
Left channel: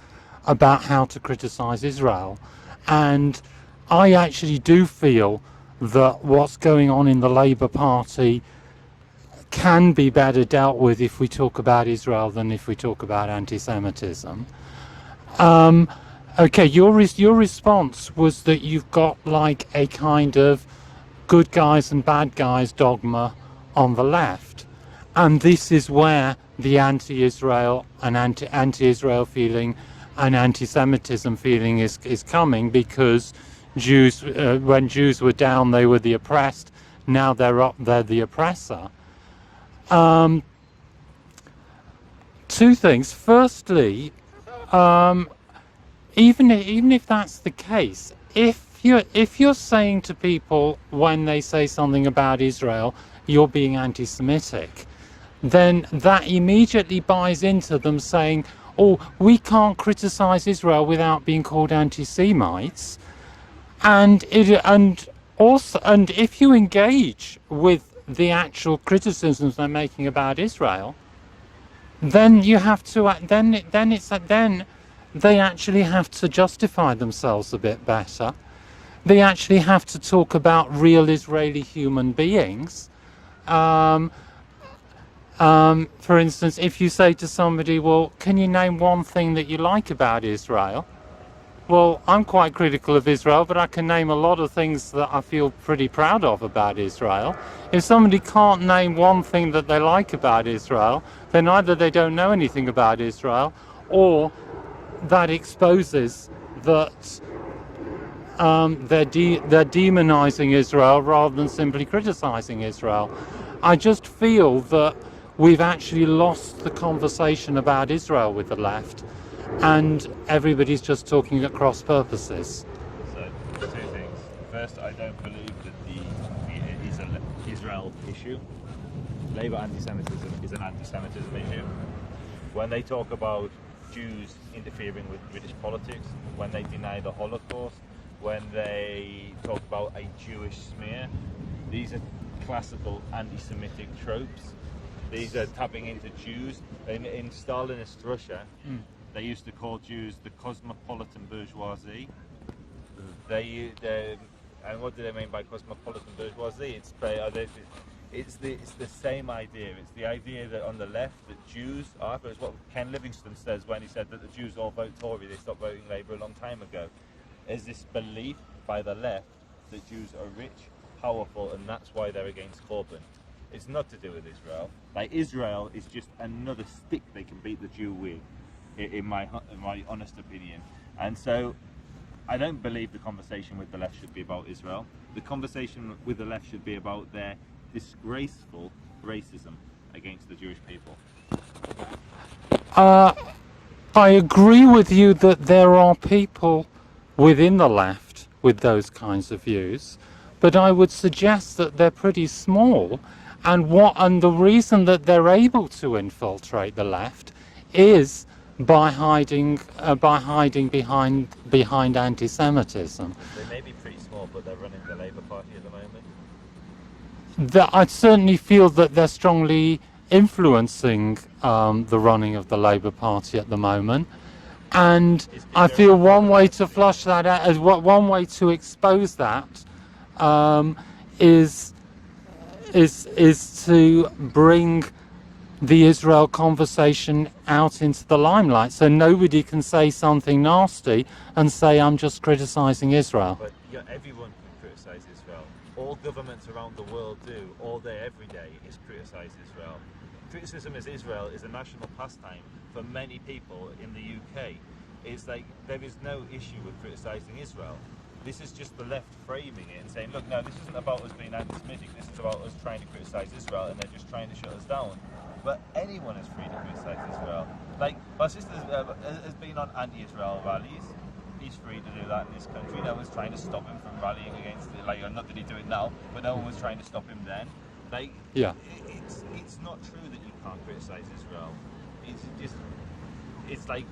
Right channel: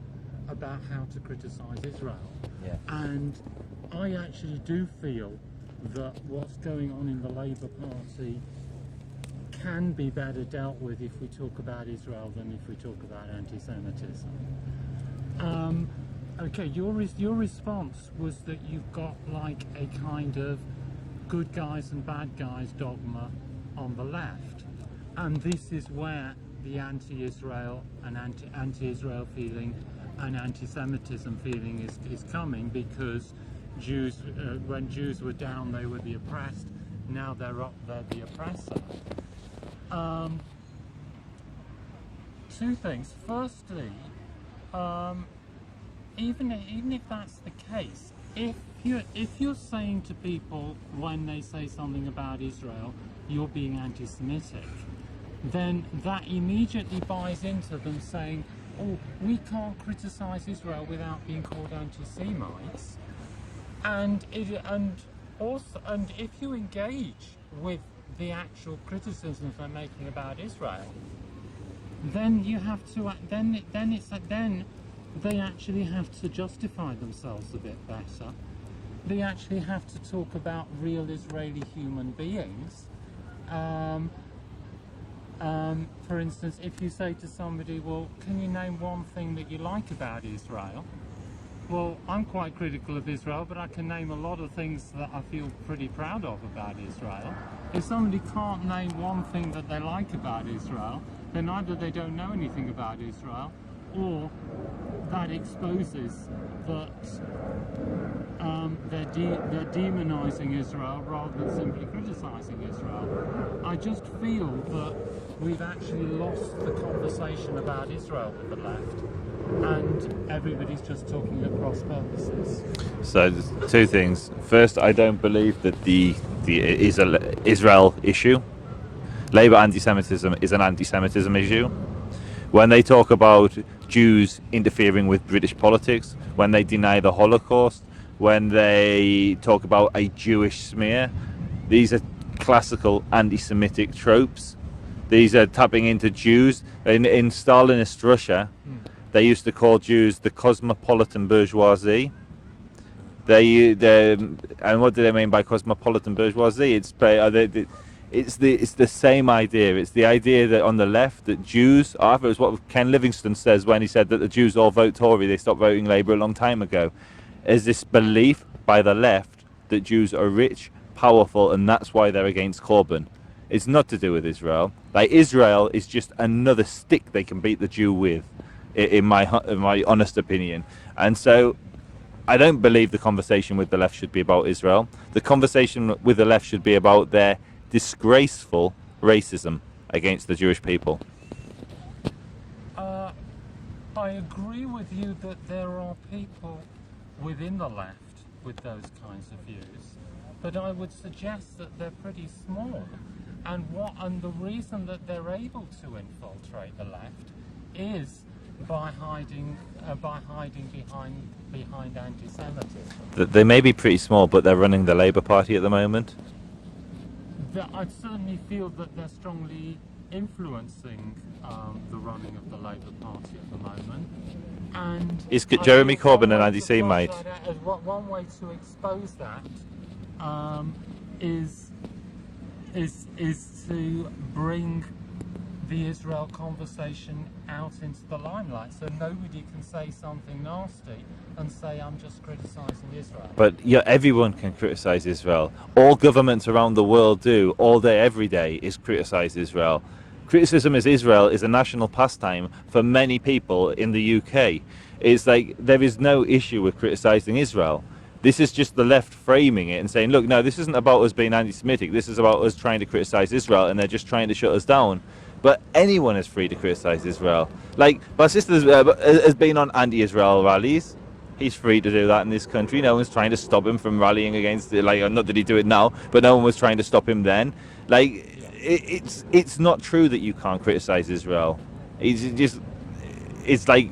about how to criticize Israel, and I actually do feel that what's going on in the Labour Party can be better dealt with if we talk about Israel than if we talk about anti-Semitism. Okay, your response was that you've got like a kind of good guys and bad guys dogma on the left, and this is where the anti-Israel and anti-Israel feeling and anti-Semitism feeling is coming, because Jews, when Jews were down, they were the oppressed. Now they're up, they're the oppressor. Two things. Firstly, even if that's the case, if you're saying to people when they say something about Israel, you're being anti-Semitic, then that immediately buys into them saying, "Oh, we can't criticize Israel without being called anti-Semites." And if you engage with the actual criticisms they're making about Israel, then you have to then they actually have to justify themselves a bit better. They actually have to talk about real Israeli human beings. For instance, if you say to somebody, well, can you name one thing that you like about Israel? Well, I'm quite critical of Israel, but I can name a lot of things that I feel pretty proud of about Israel. If somebody can't name one thing that they like about Israel, then either they don't know anything about Israel, or that exposes that they're demonizing Israel rather than simply criticizing Israel. I just feel that we've actually lost the conversation about Israel with the left, and everybody's just talking at cross purposes. So, two things. First, I don't believe that the Israel issue, Labour anti-Semitism, is an anti-Semitism issue. When they talk about Jews interfering with British politics, when they deny the Holocaust, when they talk about a Jewish smear, these are classical anti-Semitic tropes. These are tapping into Jews. In Stalinist Russia, they used to call Jews the cosmopolitan bourgeoisie. And what do they mean by cosmopolitan bourgeoisie? It's the same idea. It's the idea that on the left, that Jews, it was what Ken Livingstone says when he said that the Jews all vote Tory, they stopped voting Labour a long time ago. Is this belief by the left that Jews are rich, powerful, and that's why they're against Corbyn. It's not to do with Israel. Like, Israel is just another stick they can beat the Jew with, in my honest opinion. And so I don't believe the conversation with the left should be about Israel. The conversation with the left should be about their disgraceful racism against the Jewish people. I agree with you that there are people within the left with those kinds of views, but I would suggest that they're pretty small, and the reason that they're able to infiltrate the left is by hiding behind anti-Semitism. They may be pretty small, but they're running the Labour Party at the moment. I certainly feel that they're strongly influencing the running of the Labour Party at the moment, and I feel one way to flush that out, one way to expose that is to bring the Israel conversation out into the limelight, so nobody can say something nasty and say I'm just criticizing Israel. But everyone can criticize Israel. All governments around the world do, all day, every day, is criticize Israel. Criticism of Israel is a national pastime for many people in the UK. It's like there is no issue with criticizing Israel. This is just the left framing it and saying, look, no, this isn't about us being anti-Semitic. This is about us trying to criticize Israel, and they're just trying to shut us down. But anyone is free to criticize Israel. Like, Basith has been on anti-Israel rallies. He's free to do that in this country. No one's trying to stop him from rallying against it. Like, not that he do it now, but no one was trying to stop him then. Like, yeah. It's not true that you can't criticize Israel. It's like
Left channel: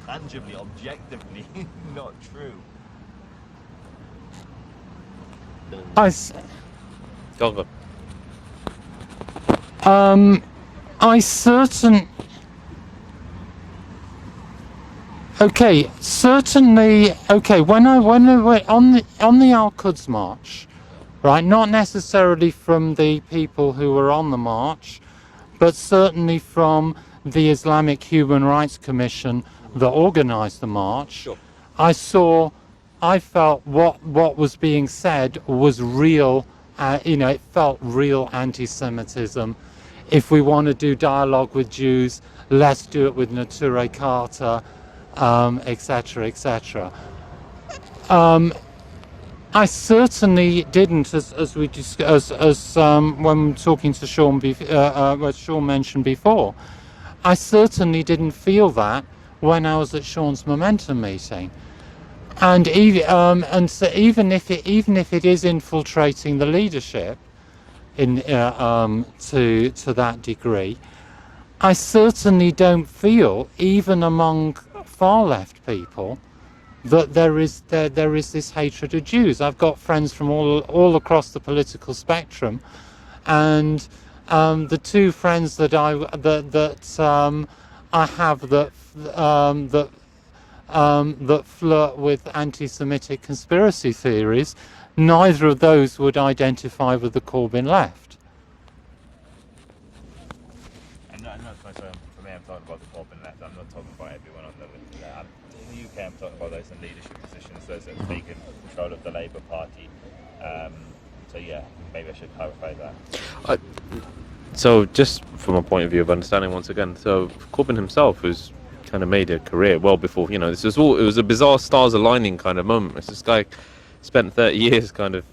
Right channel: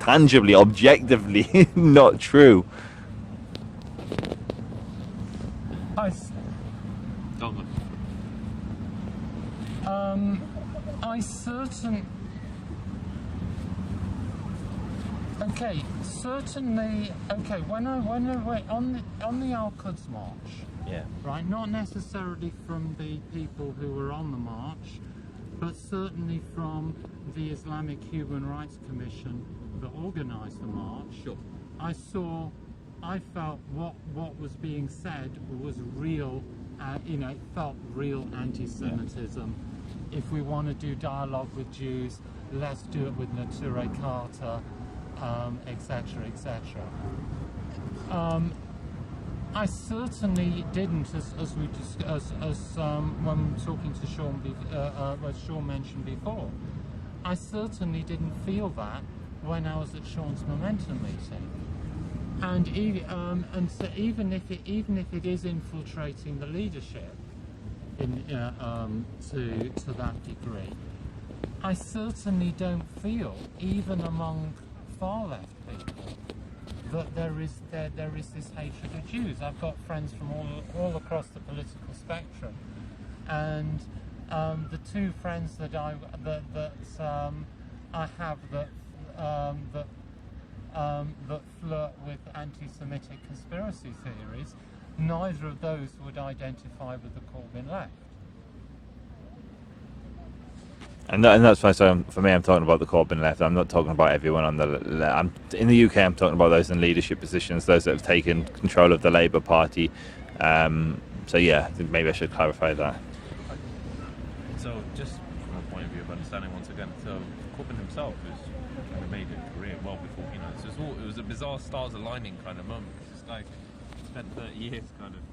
tangibly, objectively not true. Certainly, when I went on the Al-Quds March, yeah, right, not necessarily from the people who were on the march, but certainly from the Islamic Human Rights Commission that organized the march. Sure. I felt what was being said was real. It felt real anti-Semitism. If we want to do dialogue with Jews, let's do it with Neturei Karta, etc., etc. I certainly didn't, as we discussed, when talking to Sean, what Sean mentioned before. I certainly didn't feel that when I was at Sean's Momentum meeting. And so even if it is infiltrating the leadership to that degree, I certainly don't feel, even among far left people, that there is this hatred of Jews. I've got friends from all across the political spectrum, and the two friends that I have that flirt with anti-Semitic conspiracy theories, neither of those would identify with the Corbyn left. And that's why, so for me, I'm talking about the Corbyn left. I'm not talking about everyone on the left. In the UK, I'm talking about those in leadership positions, those that have taken control of the Labour Party. So yeah, I think maybe I should clarify that. So just from a point of view of understanding, once again, so Corbyn himself has kind of made a career well before, it was a bizarre stars aligning kind of moment. This guy spent 30 years kind of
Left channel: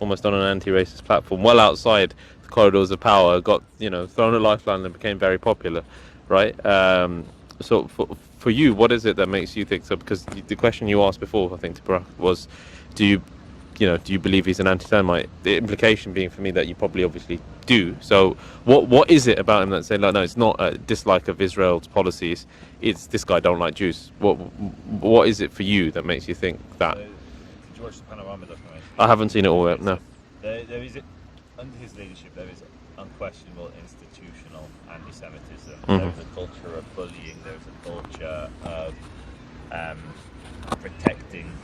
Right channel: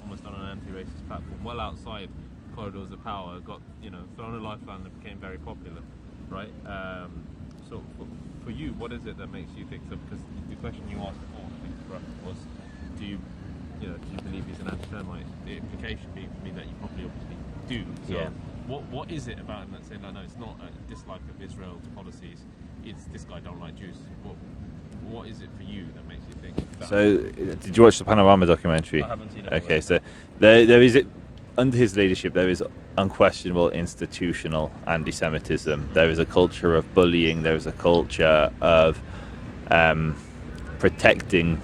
almost on an anti-racist platform, well outside the corridors of power, got thrown a lifeline and became very popular, right? So for you, what is it that makes you think so? Because the question you asked before, I think, to Barack was, do you believe he's an anti-Semite? The implication being for me that you probably obviously do. So what is it about him that's saying, like, no, it's not a dislike of Israel's policies, it's this guy don't like Jews? What is it for you that makes you think that? So, did you watch the Panorama documentary? I haven't seen it all Okay, yet, so no. there is, under his leadership, there is unquestionable institutional anti-Semitism. There is a culture of bullying. There is a culture of protecting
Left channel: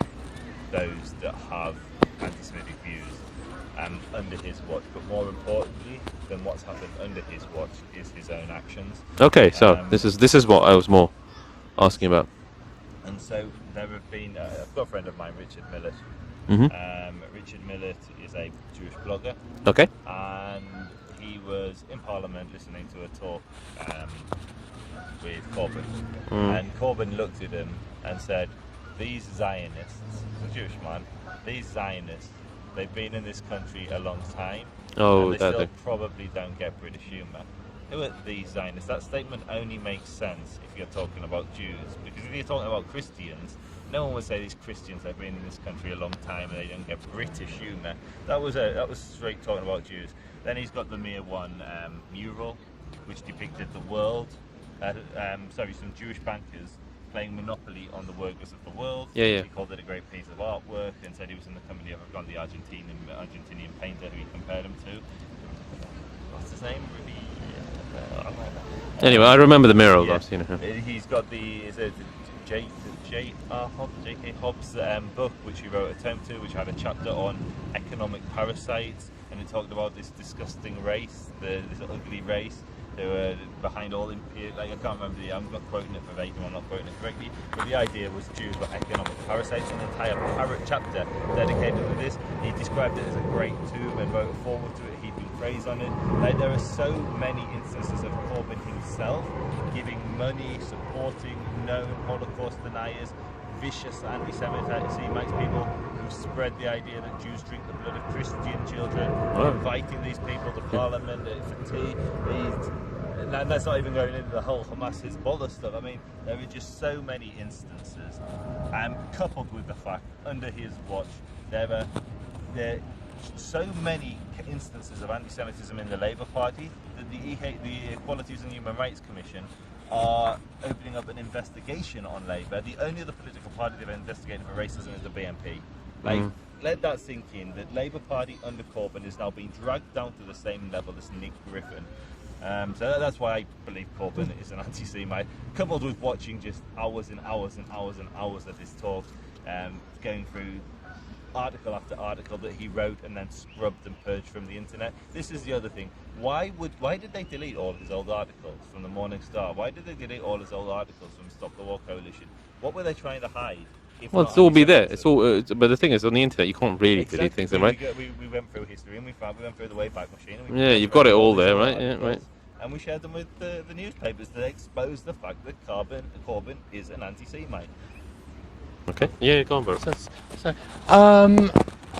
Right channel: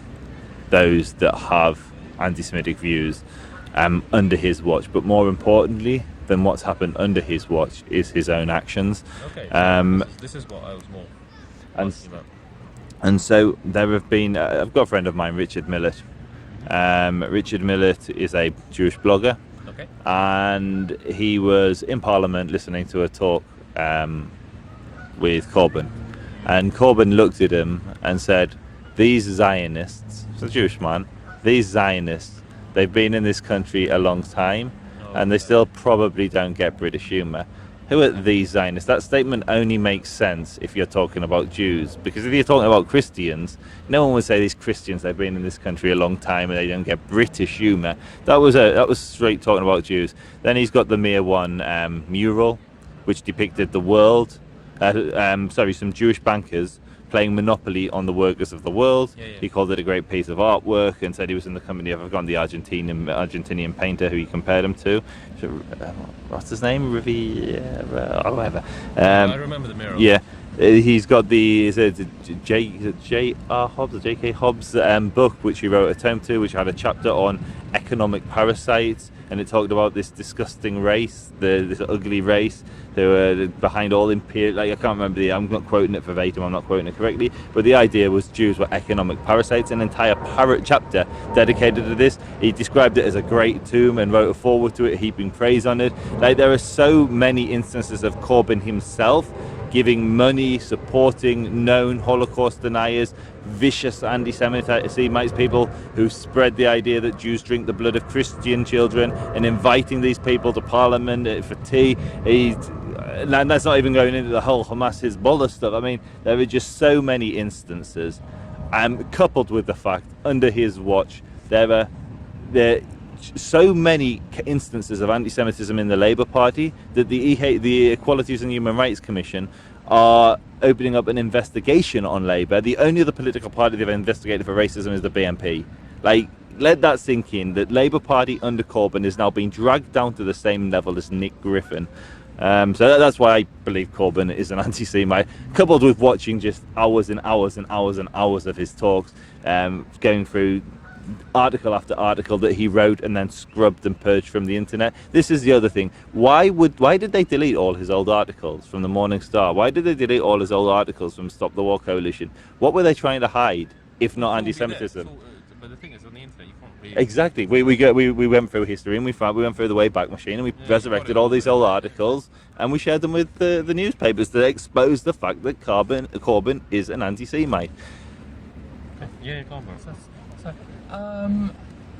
those that have anti-Semitic views under his watch. But more importantly than what's happened under his watch is his own actions. Okay, so this is what I was more asking about. And so there have been, I've got a friend of mine, Richard Millett. Richard Millett is a Jewish blogger. Okay. And he was in Parliament listening to a talk with Corbyn. And Corbyn looked at him and said, these Zionists, it's a Jewish man, these Zionists, they've been in this country a long time, and they still probably don't get British humour. Who are these Zionists? That statement only makes sense if you're talking about Jews, because if you're talking about Christians, no one would say these Christians, they've been in this country a long time and they don't get British humour. That was straight talking about Jews. Then he's got the Mere One mural, which depicted the world, some Jewish bankers playing Monopoly on the workers of the world. He called it a great piece of artwork and said he was in the company of, I've forgotten the Argentinian painter who he compared him to. What's his name? Whatever. I remember the mural. Yeah, he's got the J.R. Hobbs, J.K. Hobbs book, which he wrote a tome to, which had a chapter on economic parasites, and it talked about this disgusting race, this ugly race, who are behind all imperial. I can't remember I'm not quoting it verbatim. I'm not quoting it correctly, but the idea was Jews were economic parasites. An entire chapter dedicated to this. He described it as a great tomb and wrote a foreword to it, heaping praise on it. There are so many instances of Corbyn himself giving money, supporting known Holocaust deniers, vicious anti-Semites, people who spread the idea that Jews drink the blood of Christian children, and inviting these people to Parliament for tea. And that's not even going into the whole Hamas Hezbollah stuff. I mean, there are just so many instances, coupled with the fact under his watch there are so many instances of anti-Semitism in the Labour Party that the Equalities and Human Rights Commission are opening up an investigation on Labour. The only other political party they've investigated for racism is the BNP. Let that sink in, that Labour Party under Corbyn is now being dragged down to the same level as Nick Griffin. So that's why I believe Corbyn is an anti-Semite, coupled with watching just hours and hours and hours and hours of his talks, going through article after article that he wrote and then scrubbed and purged from the internet. This is the other thing. Why did they delete all his old articles from the Morning Star? Why did they delete all his old articles from Stop the War Coalition? What were they trying to hide? If not, it's all be there. It's all, but the thing is, on the internet, you can't really exactly. We went through history and we went through the Wayback Machine and we you've got it all these there, old right? articles and we shared them with the newspapers to expose the fact that Corbyn is an anti-Semite. Okay. Yeah, go on, bro.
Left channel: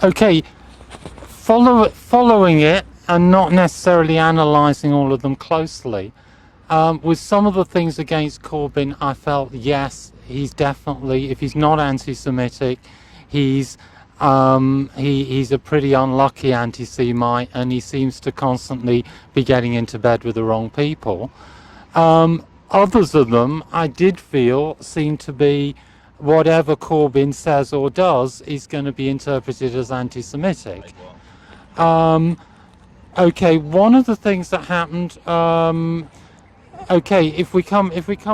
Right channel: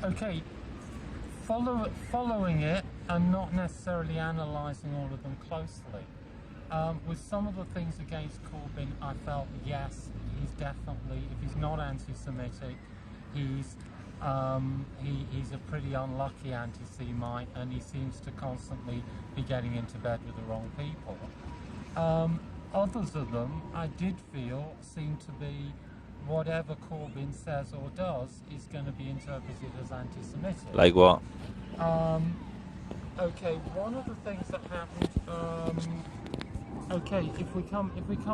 Okay, following it and not necessarily analysing all of them closely. With some of the things against Corbyn, I felt, yes, he's definitely, if he's not anti-Semitic, he's a pretty unlucky anti-Semite, and he seems to constantly be getting into bed with the wrong people. Others of them, I did feel, seem to be whatever Corbyn says or does is going to be interpreted as anti-Semitic. Like what? Okay, one of the things that happened. Okay, if we come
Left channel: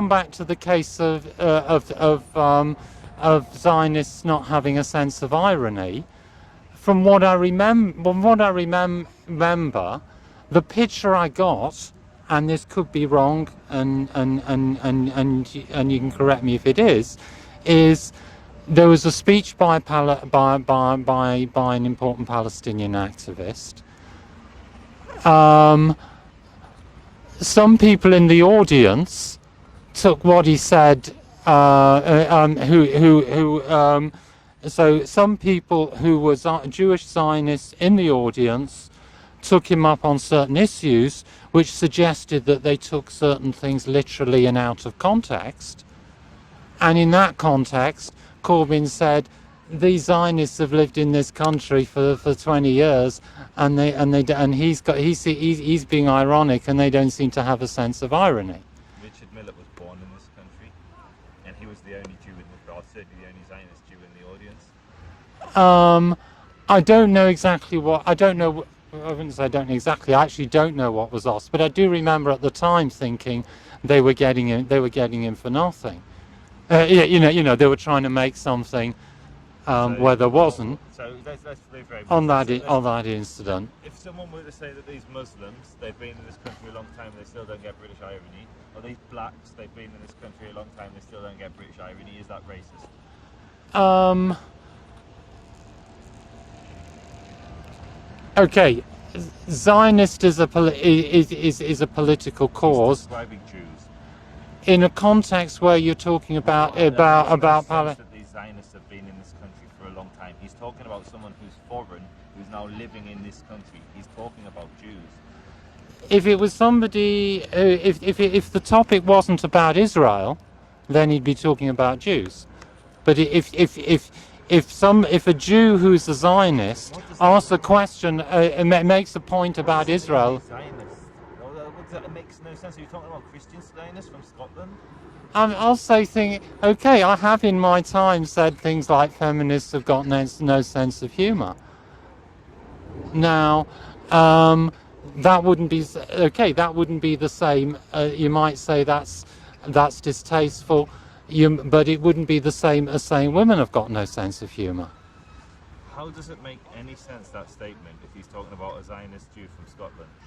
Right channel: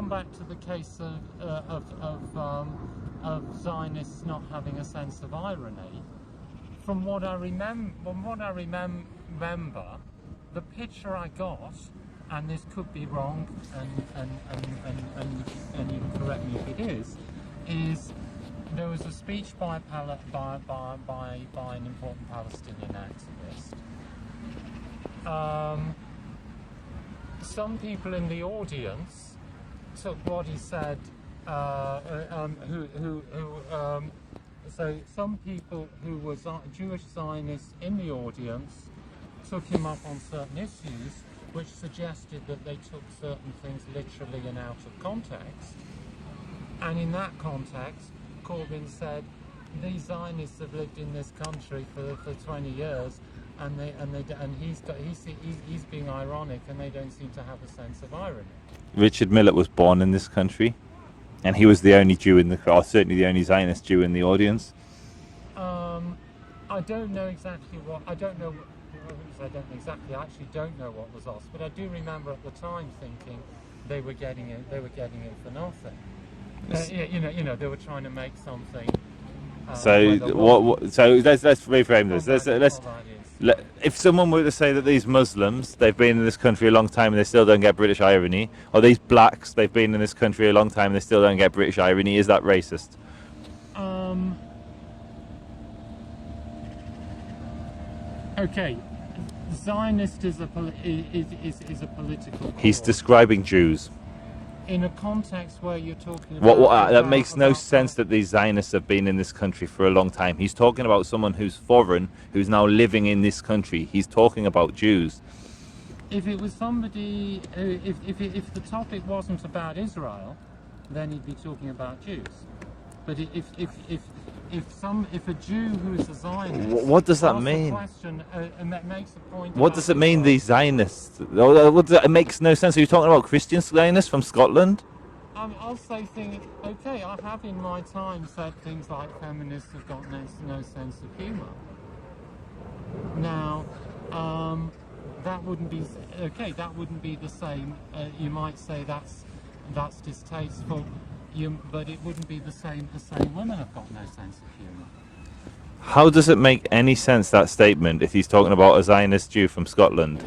back to the case of Zionists not having a sense of irony, from what I remember, the picture I got, and this could be wrong, and you can correct me if it is there was a speech by an important Palestinian activist. Some people in the audience took what he said. So some people who were Jewish Zionists in the audience took him up on certain issues, which suggested that they took certain things literally and out of context. And in that context, Corbyn said, "These Zionists have lived in this country for 20 years." And he's being ironic, and they don't seem to have a sense of irony. Richard Millett was born in this country, and he was the only Jew in the, or certainly the only Zionist Jew in the audience. I don't know exactly what. I wouldn't say I don't know exactly. I actually don't know what was asked, but I do remember at the time thinking they were getting him for nothing. You know, they were trying to make something. Where there wasn't. So let's reframe this. On that incident. If someone were to say that these Muslims, they've been in this country a long time and they still don't get British irony, or these blacks, they've been in this country a long time and they still don't get British irony, is that racist? Okay, Zionist is a political cause. He's describing Jews. In a context where you're talking about... That makes no sense that these Zionists have been in this country for a long time. He's talking about someone who's foreign, who's now living in this country. He's talking about Jews. If it was somebody... If the topic wasn't about Israel, then he'd be talking about Jews. But if a Jew who's a Zionist asks a question, makes a point about Israel... What does it mean, these Zionists? It makes no sense. Are you talking about Christian Zionists from Scotland? I'll say things... Okay, I have in my time said things like feminists have got no sense of humour. Now, that wouldn't be... Okay, that wouldn't be the same. You might say that's distasteful. But it wouldn't be the same as saying women have got no sense of humour. How does it make any sense, that statement, if he's talking about a Zionist Jew from Scotland?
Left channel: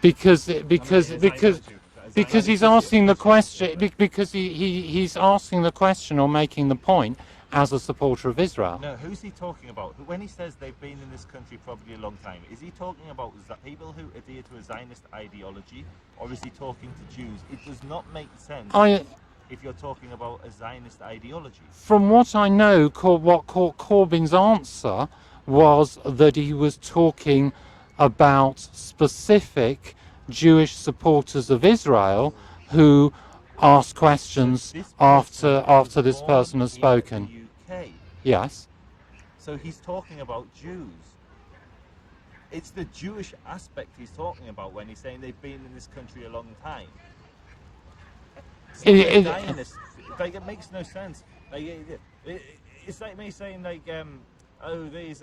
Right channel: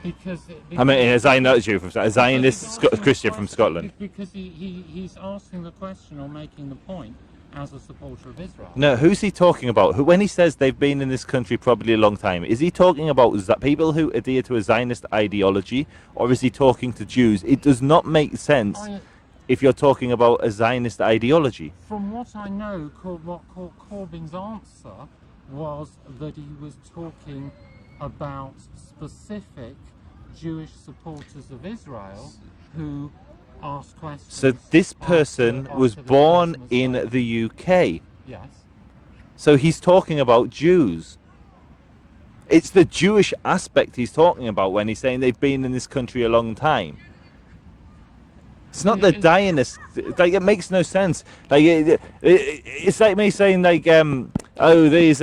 Because a Zionist Jew from Scotland. Because he's asking the question. From because he's asking the question or making the point as a supporter of Israel. No, who's he talking about? When he says they've been in this country probably a long time, is he talking about people who adhere to a Zionist ideology, or is he talking to Jews? It does not make sense. If you're talking about a Zionist ideology. From what I know, what Corbyn's answer was that he was talking about specific Jewish supporters of Israel who asked questions. So this person was born in spoken. the UK. Yes. So he's talking about Jews. It's the Jewish aspect he's talking about when he's saying they've been in this country a long time. It's not the Zionists. Like, it makes no sense. Like, it's like me saying, like, these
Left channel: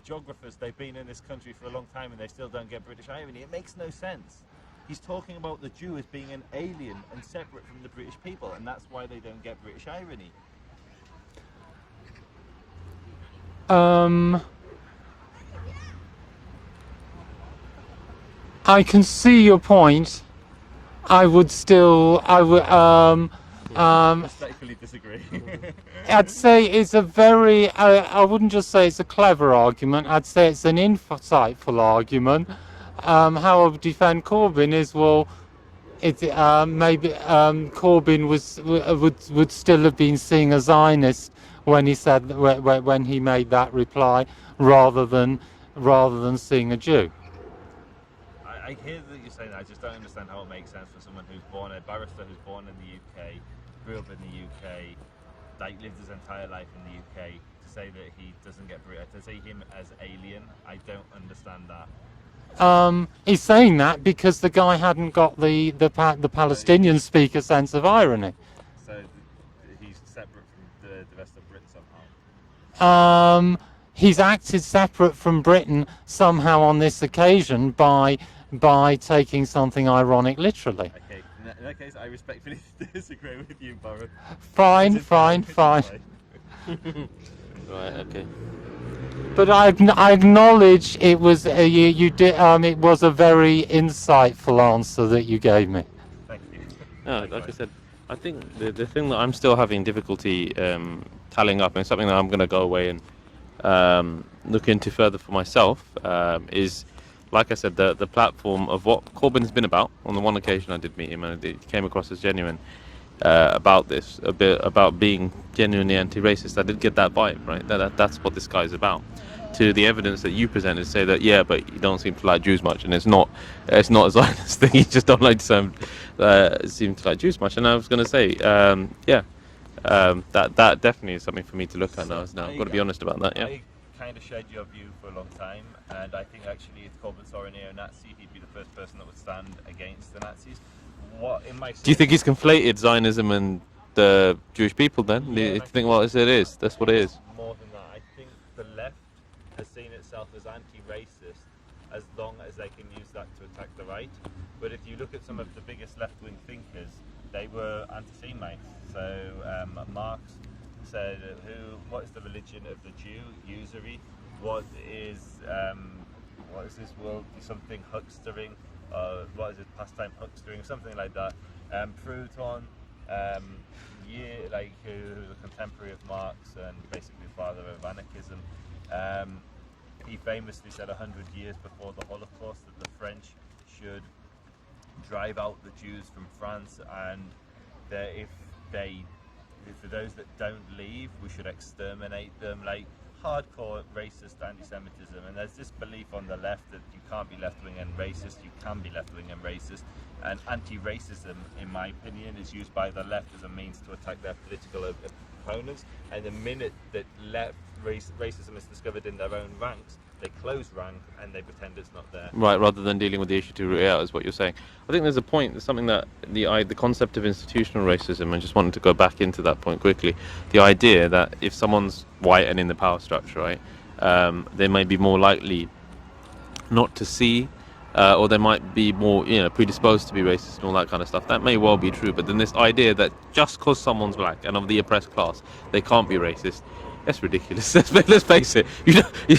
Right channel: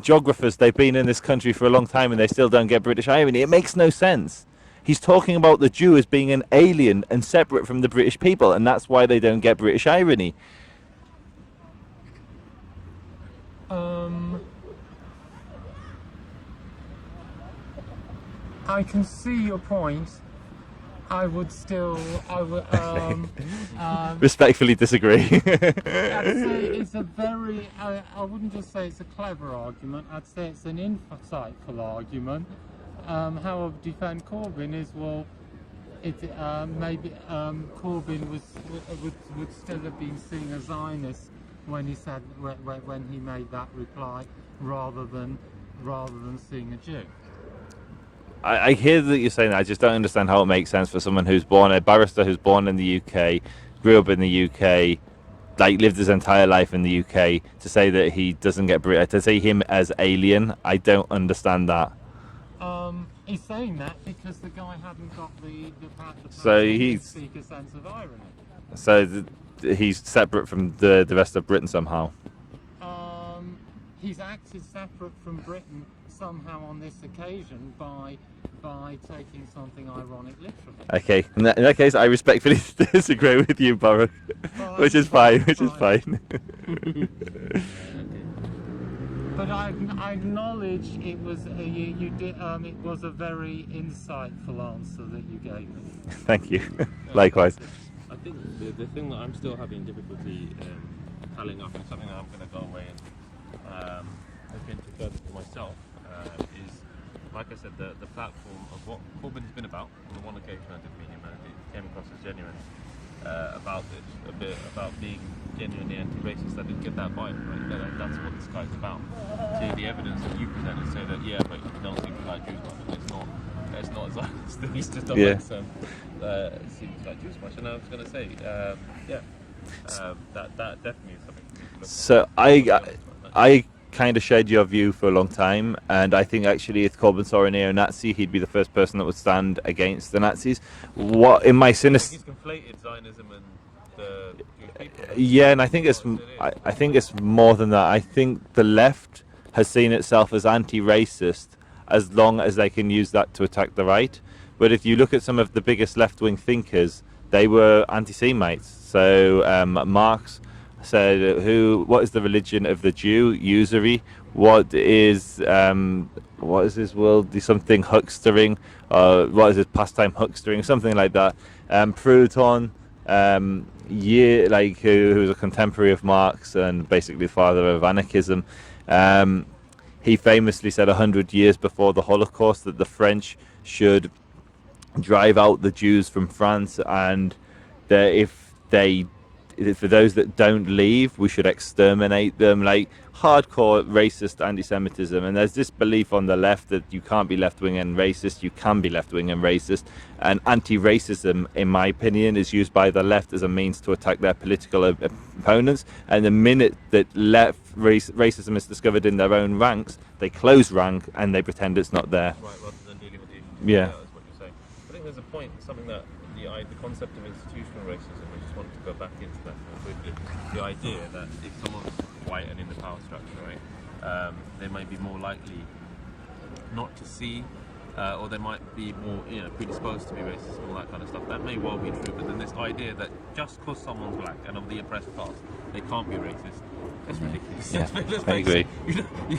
geographers, they've been in this country for a long time and they still don't get British irony. It makes no sense. He's talking about the Jew as being an alien and separate from the British people, and that's why they don't get British irony. I can see your point. I would respectfully disagree. I'd say it's a very, I wouldn't just say it's a clever argument, I'd say it's an insightful argument. How I would defend Corbyn is, well, maybe Corbyn would still have been seeing a Zionist when he said, when he made that reply, rather than seeing a Jew. I hear that you're saying that. I just don't understand how it makes sense for someone who's a barrister who's born in the UK, grew up in the UK, like lived his entire life in the UK, to say that he doesn't get British, to say him as alien. I don't understand that. He's saying that because the guy hadn't got the Palestinian speaker sense of irony. So he's separate from the rest of Britain somehow. he's acted separate from Britain somehow on this occasion by taking something ironic literally. Okay, in that case, I respectfully disagree with you, Baron. Fine, Which is fine. Which is fine. Right. Okay. But I acknowledge it was you did. It was a very insightful answer that you gave me. Thank you. No, Likewise. I think the thing that I'm still having difficulty tallying up, and something that I'm going to go away and look into further for myself, is, like I said, the platform of what Corbyn's been about. On the one occasion I did meet him, and it came across as genuine about this, a bit about being genuinely anti-racist. I did get that vibe, right? That's what this guy's about. To the evidence that you presented, say that but you don't seem to like Jews much, and it's not a Zionist thing. You just don't like seem to like Jews much. And I was going to say, that definitely is something for me to look at. So I've got to be honest about that. I kind of shared your view for a long time, and I think actually if Corbyn saw a neo-Nazi, he'd be the first person that would stand against the Nazis. What in my Do you think he's conflated Zionism and the Jewish people then? Yeah, and I think I think it's more than that. I think the left has seen itself as anti-racist as long as they can use that to attack the right. But if you look at some of the biggest left-wing thinkers, they were anti-Semites. So Marx said, what is the religion of the Jew? Usury. What is his world? Something huckstering. What is his pastime? Huckstering, something like that. Proudhon, who was a contemporary of Marx and basically the father of anarchism. He famously said 100 years before the Holocaust that the French should drive out the Jews from France, and that for those that don't leave, we should exterminate them. Like hardcore racist anti-Semitism. And there's this belief on the left that you can't be left-wing and racist. You can be left-wing and racist. And anti-racism, in my opinion, is used by the left as a means to attack their political opponents. And the minute that racism is discovered in their own ranks, they close rank and they pretend it's not there. Right, rather than dealing with the issue to root it out, is what you're saying. I think there's a point, something that the concept of institutional racism, I just wanted to go back into that point quickly. The idea that if someone's white and in the power structure, right, they may be more likely not to see, or they might be more, predisposed to be racist and all that kind of stuff. That may well be true, but then this idea that just because someone's black and of the oppressed class, they can't be racist. That's ridiculous. Let's face it.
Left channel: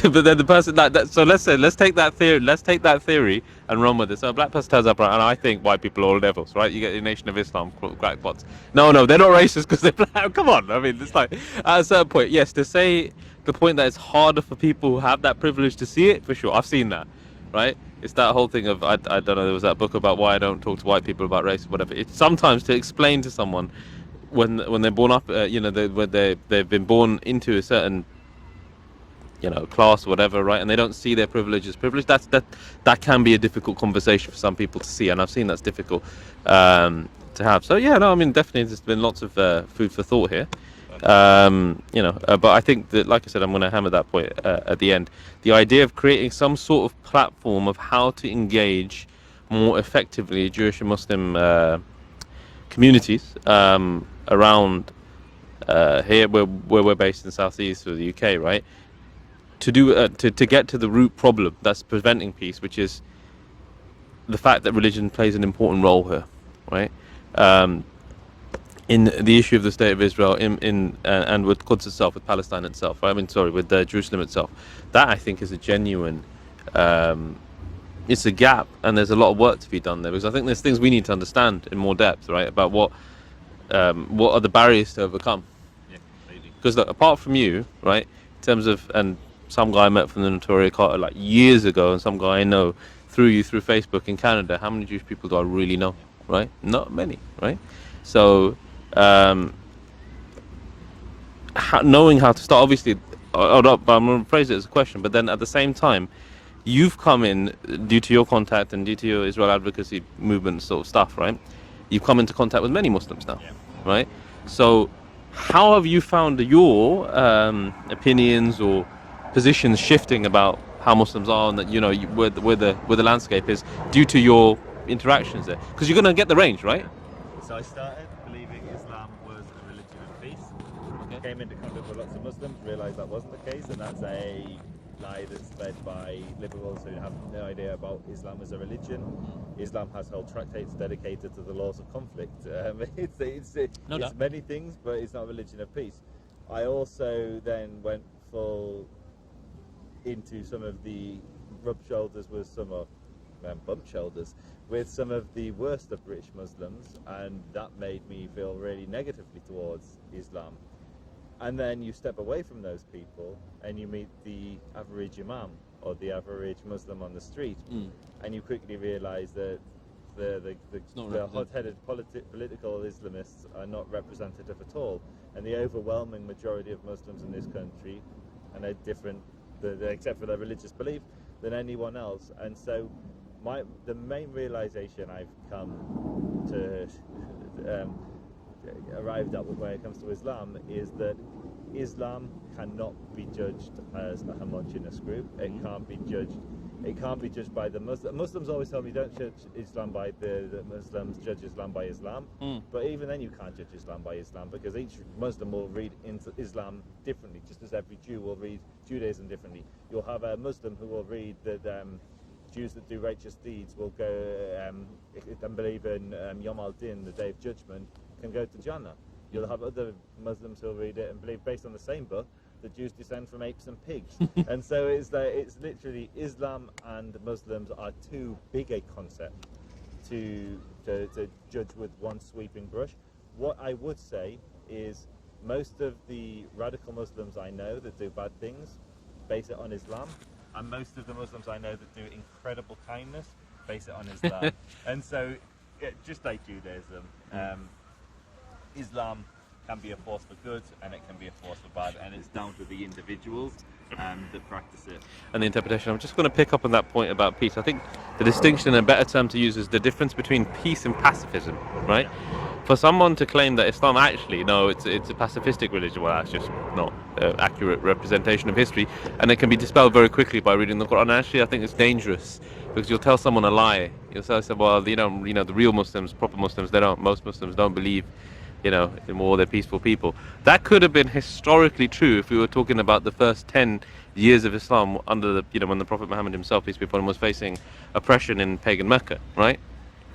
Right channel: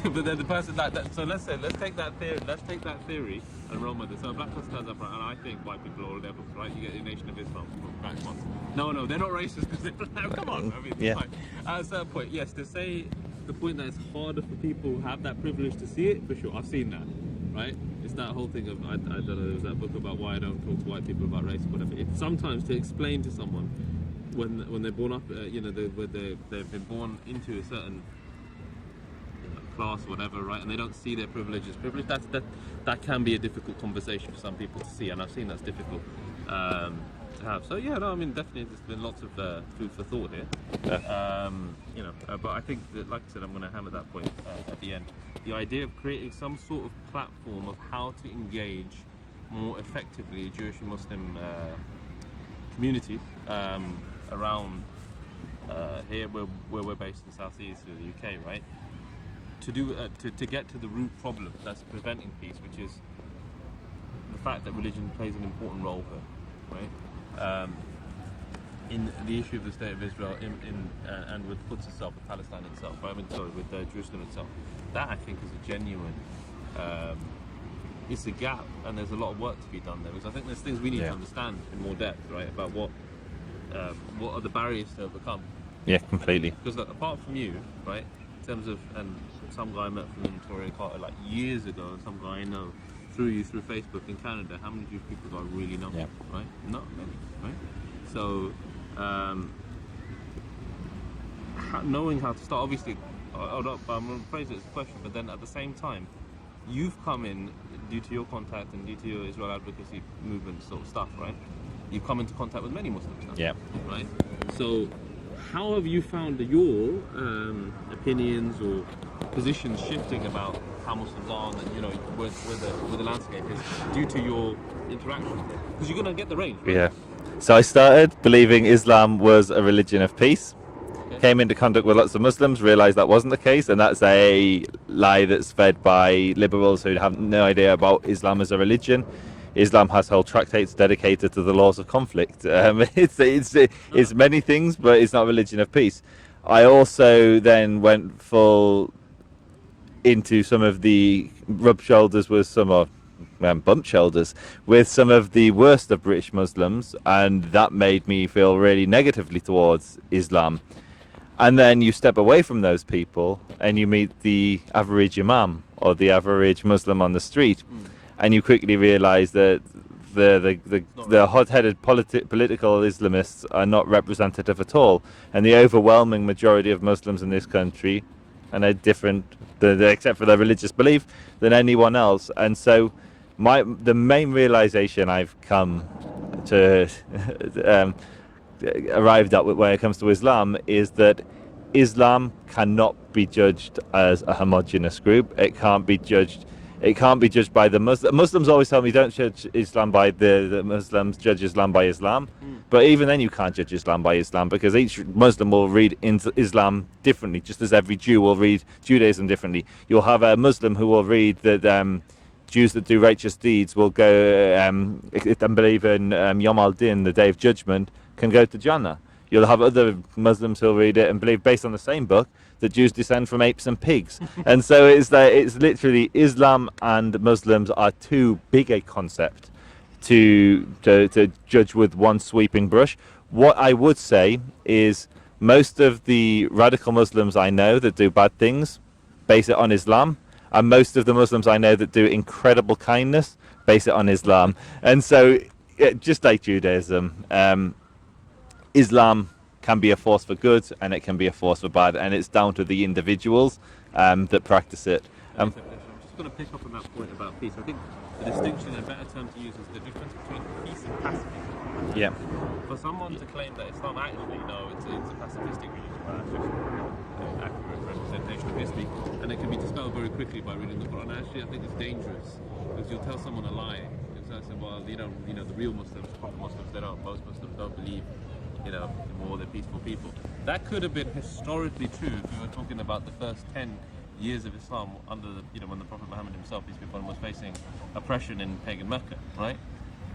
But then the person so let's take that theory and run with it. So a black person turns up, and I think white people are all devils, right? You get the Nation of Islam crackpots. No, they're not racist because they're black. Come on, I mean, it's like at a certain point, yes, to say the point that it's harder for people who have that privilege to see it, for sure. I've seen that, right? It's that whole thing of I don't know. There was that book about why I don't talk to white people about race or whatever. It's sometimes to explain to someone. When they're born up, when they've been born into a certain, class or whatever, right, and they don't see their privilege as privilege. That can be a difficult conversation for some people to see, and I've seen that's difficult to have. So definitely there's been lots of food for thought here. But I think that, like I said, I'm going to hammer that point at the end. The idea of creating some sort of platform of how to engage more effectively Jewish and Muslim communities around here where we're based in Southeast or the UK, right? To do to get to the root problem that's preventing peace, which is the fact that religion plays an important role here, right? In the issue of the state of Israel, and with Quds itself, with Palestine itself, with Jerusalem itself, that I think is a genuine. It's a gap, and there's a lot of work to be done there, because I think there's things we need to understand in more depth, right, about what are the barriers to overcome. Yeah, completely. Because apart from you, right, in terms of, and some guy I met from the Notorious Carter like years ago, and some guy I know through Facebook in Canada, how many Jewish people do I really know, right? Not many, right? So knowing how to start, obviously, I'm going to phrase it as a question, but then at the same time, you've come in, due to your contact and due to your Israel advocacy movement sort of stuff, right? You've come into contact with many Muslims now, right? So how have you found your opinions or positions shifting about how Muslims are, and that where the landscape is due to your interactions there? Because you're going to get the range, right? Yeah. So I started believing Islam was a religion of peace, came into contact with lots of Muslims, realised that wasn't the case, and that's a lie that's fed by liberals who have no idea about Islam as a religion. Islam has whole tractates dedicated to the laws of conflict. It's many things, but it's not a religion of peace. I also then went full into some of the rub shoulders with some of bump shoulders with some of the worst of British Muslims, and that made me feel really negatively towards Islam. And then you step away from those people and you meet the average Imam or the average Muslim on the street, and you quickly realise that the hot-headed political Islamists are not representative at all, and the overwhelming majority of Muslims in this country and are different, except for their religious belief, than anyone else. And so the main realization I've come to arrived at when it comes to Islam is that Islam cannot be judged as a homogenous group. It can't be judged by the Muslims. Muslims always tell me don't judge Islam by the Muslims, judge Islam by Islam. But even then you can't judge Islam by Islam, because each Muslim will read into Islam differently, just as every Jew will read Judaism differently. You'll have a Muslim who will read that Jews that do righteous deeds will go and believe in Yom al-Din, the Day of Judgment, can go to Jannah. You'll have other Muslims who'll read it and believe, based on the same book, that Jews descend from apes and pigs. And so it's literally Islam and Muslims are too big a concept to judge with one sweeping brush. What I would say is most of the radical Muslims I know that do bad things base it on Islam, and most of the Muslims I know that do incredible kindness base it on Islam. And so, just like Judaism, Islam can be a force for good and it can be a force for bad, and it's down to the individuals that practice it. And the interpretation. I'm just going to pick up on that point about peace. I think the distinction, a better term to use, is the difference between peace and pacifism, right? Yeah. For someone to claim that Islam actually, no, it's a pacifistic religion, well, that's just not an accurate representation of history, and it can be dispelled very quickly by reading the Quran. And actually, I think it's dangerous, because you'll tell someone a lie. You'll tell someone, well, the real Muslims, proper Muslims, most Muslims don't believe, in war, they're peaceful people. That could have been historically true if we were talking about the first 10 years of Islam under when the Prophet Mohammed himself, peace be upon him, was facing oppression in pagan Mecca, right?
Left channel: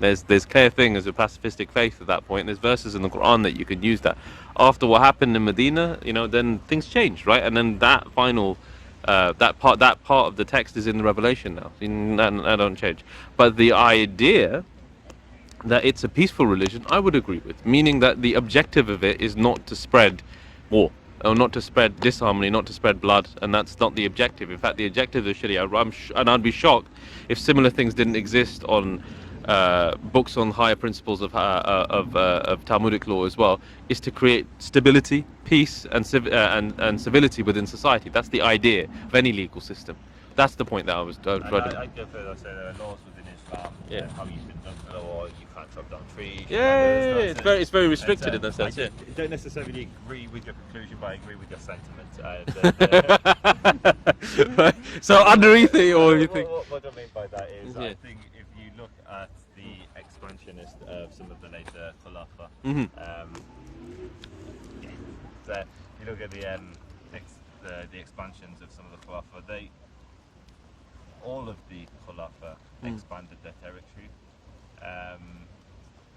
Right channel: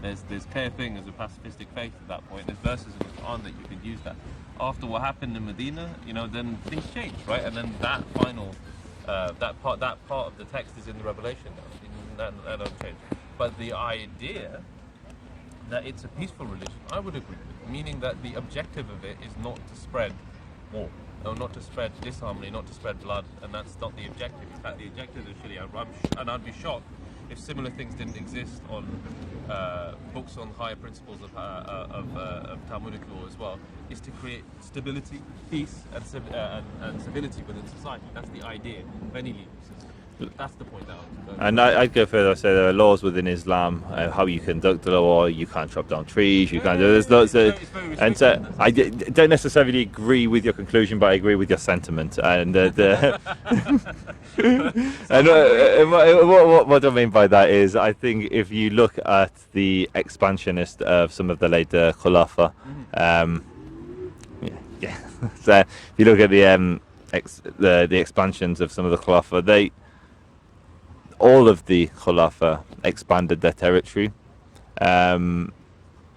There's clear thing as a pacifistic faith at that point. There's verses in the Quran that you could use that. After what happened in Medina, then things changed, right? And then that final, that part of the text is in the Revelation now. That don't change. But the idea that it's a peaceful religion, I would agree with, meaning that the objective of it is not to spread war, or not to spread disharmony, not to spread blood, and that's not the objective. In fact, the objective of Sharia, and I'd be shocked if similar things didn't exist on books on higher principles of Talmudic law as well, is to create stability, peace, and civility within society. That's the idea of any legal system. That's the point that I was. I'd go further. Say there are laws within Islam, how you conduct the law. You can't chop down trees. It's very restricted. And I don't necessarily agree with your conclusion, but I agree with your sentiment. And so underneath what I mean by that is, I think if you look at the expansionist of some of the later Khulafa, so if you look at the expansions of some of the Khulafa, all of the Khulafa expanded their territory, and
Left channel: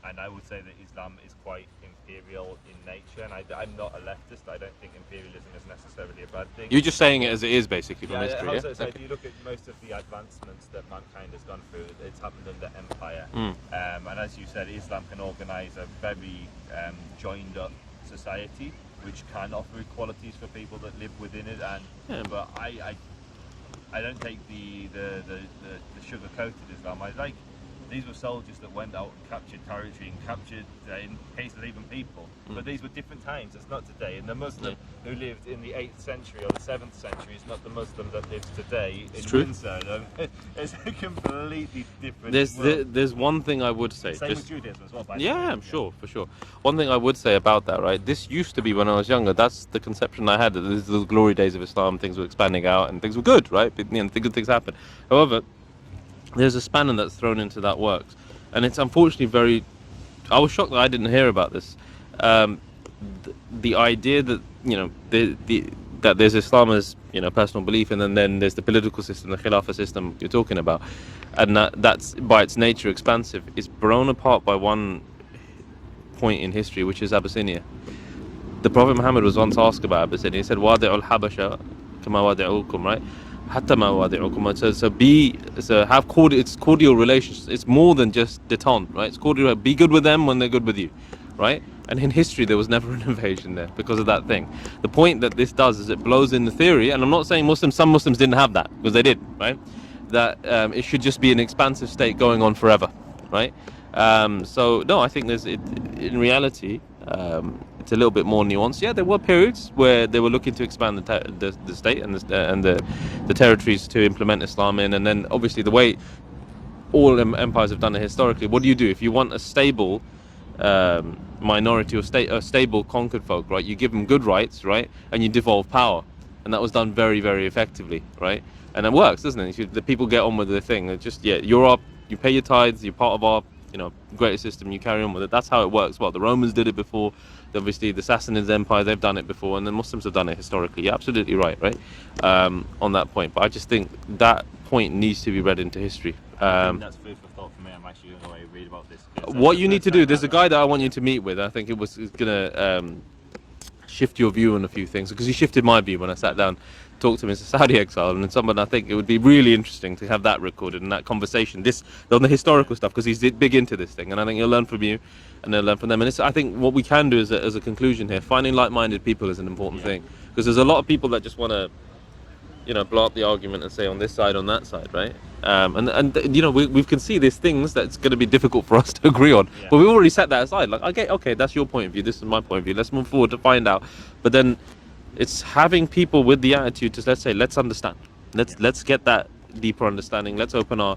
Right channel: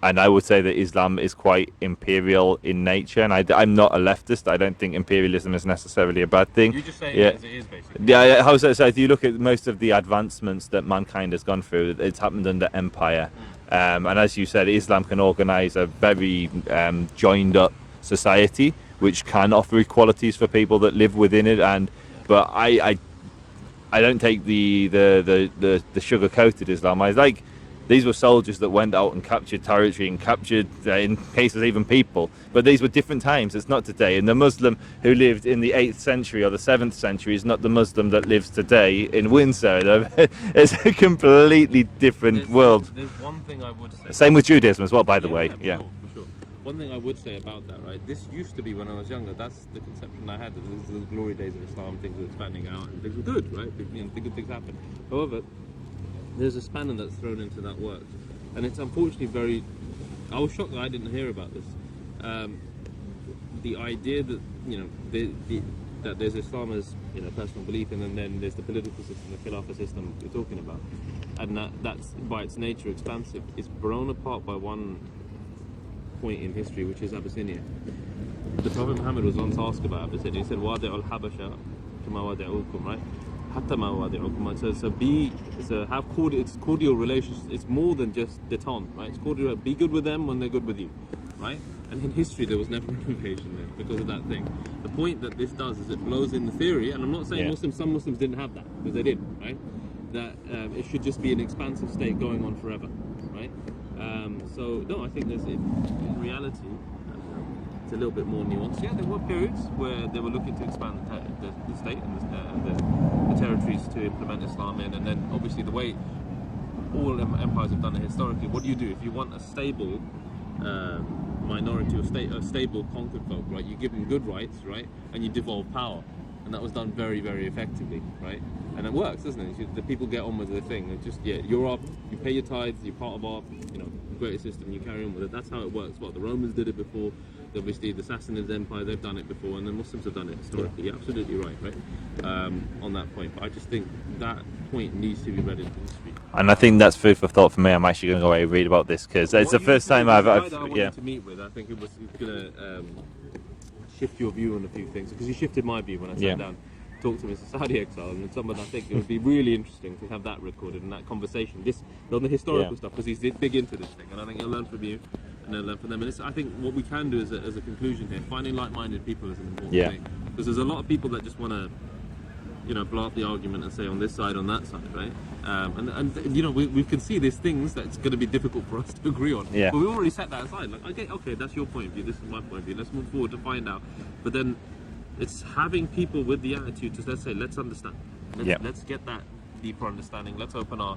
I would say that Islam is quite imperial in nature, and I'm not a leftist. I don't think imperialism is necessarily a bad thing. You're just saying it as it is, basically. Yeah. So if you look at most of the advancements that mankind has gone through, it's happened under empire, and as you said, Islam can organise a very joined up society, which can offer equalities for people that live within it. But I don't take the sugar-coated Islam. I like, these were soldiers that went out and captured territory and captured, in cases, even people. But these were different times. It's not today. And the Muslim who lived in the 8th century or the 7th century is not the Muslim that lives today in Windsor. It's a completely different world. There's one thing I would say. Same with Judaism as well, by the way. Yeah, for sure. One thing I would say about that, right? This used to be when I was younger. That's the conception I had. That this is the glory days of Islam. Things were expanding out and things were good, right? Good things happen. However, there's a spanner that's thrown into that works, and it's unfortunately I was shocked that I didn't hear about this. The idea that that there's Islam as personal belief, and then there's the political system, the Khilafah system you're talking about, and that's by its nature expansive, is blown apart by one point in history, which is Abyssinia. The Prophet Muhammad was once asked about Abyssinia. He said, "Wadi'ul Habasha kama wadi'ukum," right? Hatta ma wadi'ukum. So have cordial relations. It's more than just detente, right? It's cordial. Be good with them when they're good with you, right? And in history, there was never an invasion there because of that thing. The point that this does is it blows in the theory, and I'm not saying some Muslims didn't have that, because they did, right? That it should just be an expansive state going on forever, right? So no, I think in reality, it's a little bit more nuanced. Yeah, there were periods where they were looking to expand the state and the territories to implement Islam in, and then obviously the way all empires have done it historically. What do you do if you want a stable minority or stable conquered folk, right? You give them good rights, right, and you devolve power, and that was done very, very effectively, right? And it works, doesn't it? The people get on with the thing. It's just you pay your tithes, you're part of our greater system. You carry on with it. That's how it works. Well, the Romans did it before. Obviously, the Sassanid Empire, they've done it before, and the Muslims have done it historically. You're absolutely right, on that point. But I just think that point needs to be read into history. And I think that's food for thought for me. I'm actually going to go away and read about this, because what you need to do, there's a guy that I want you to meet with. I think it's going to shift your view on a few things, because he shifted my view when I sat down, talked to him as a Saudi exile, and someone I think it would be really interesting to have that recorded and that conversation, on the historical stuff, because he's big into this thing, and I think he'll learn from you and they'll learn from them. And I think what we can do as a conclusion here, finding like-minded people is an important thing, because there's a lot of people that just want to blow up the argument and say on this side, on that side, right? And we can see these things that's going to be difficult for us to agree on, but we've already set that aside. Like, okay, that's your point of view, this is my point of view, let's move forward to find out. But then it's having people with the attitude to let's understand, let's get that deeper understanding, let's open our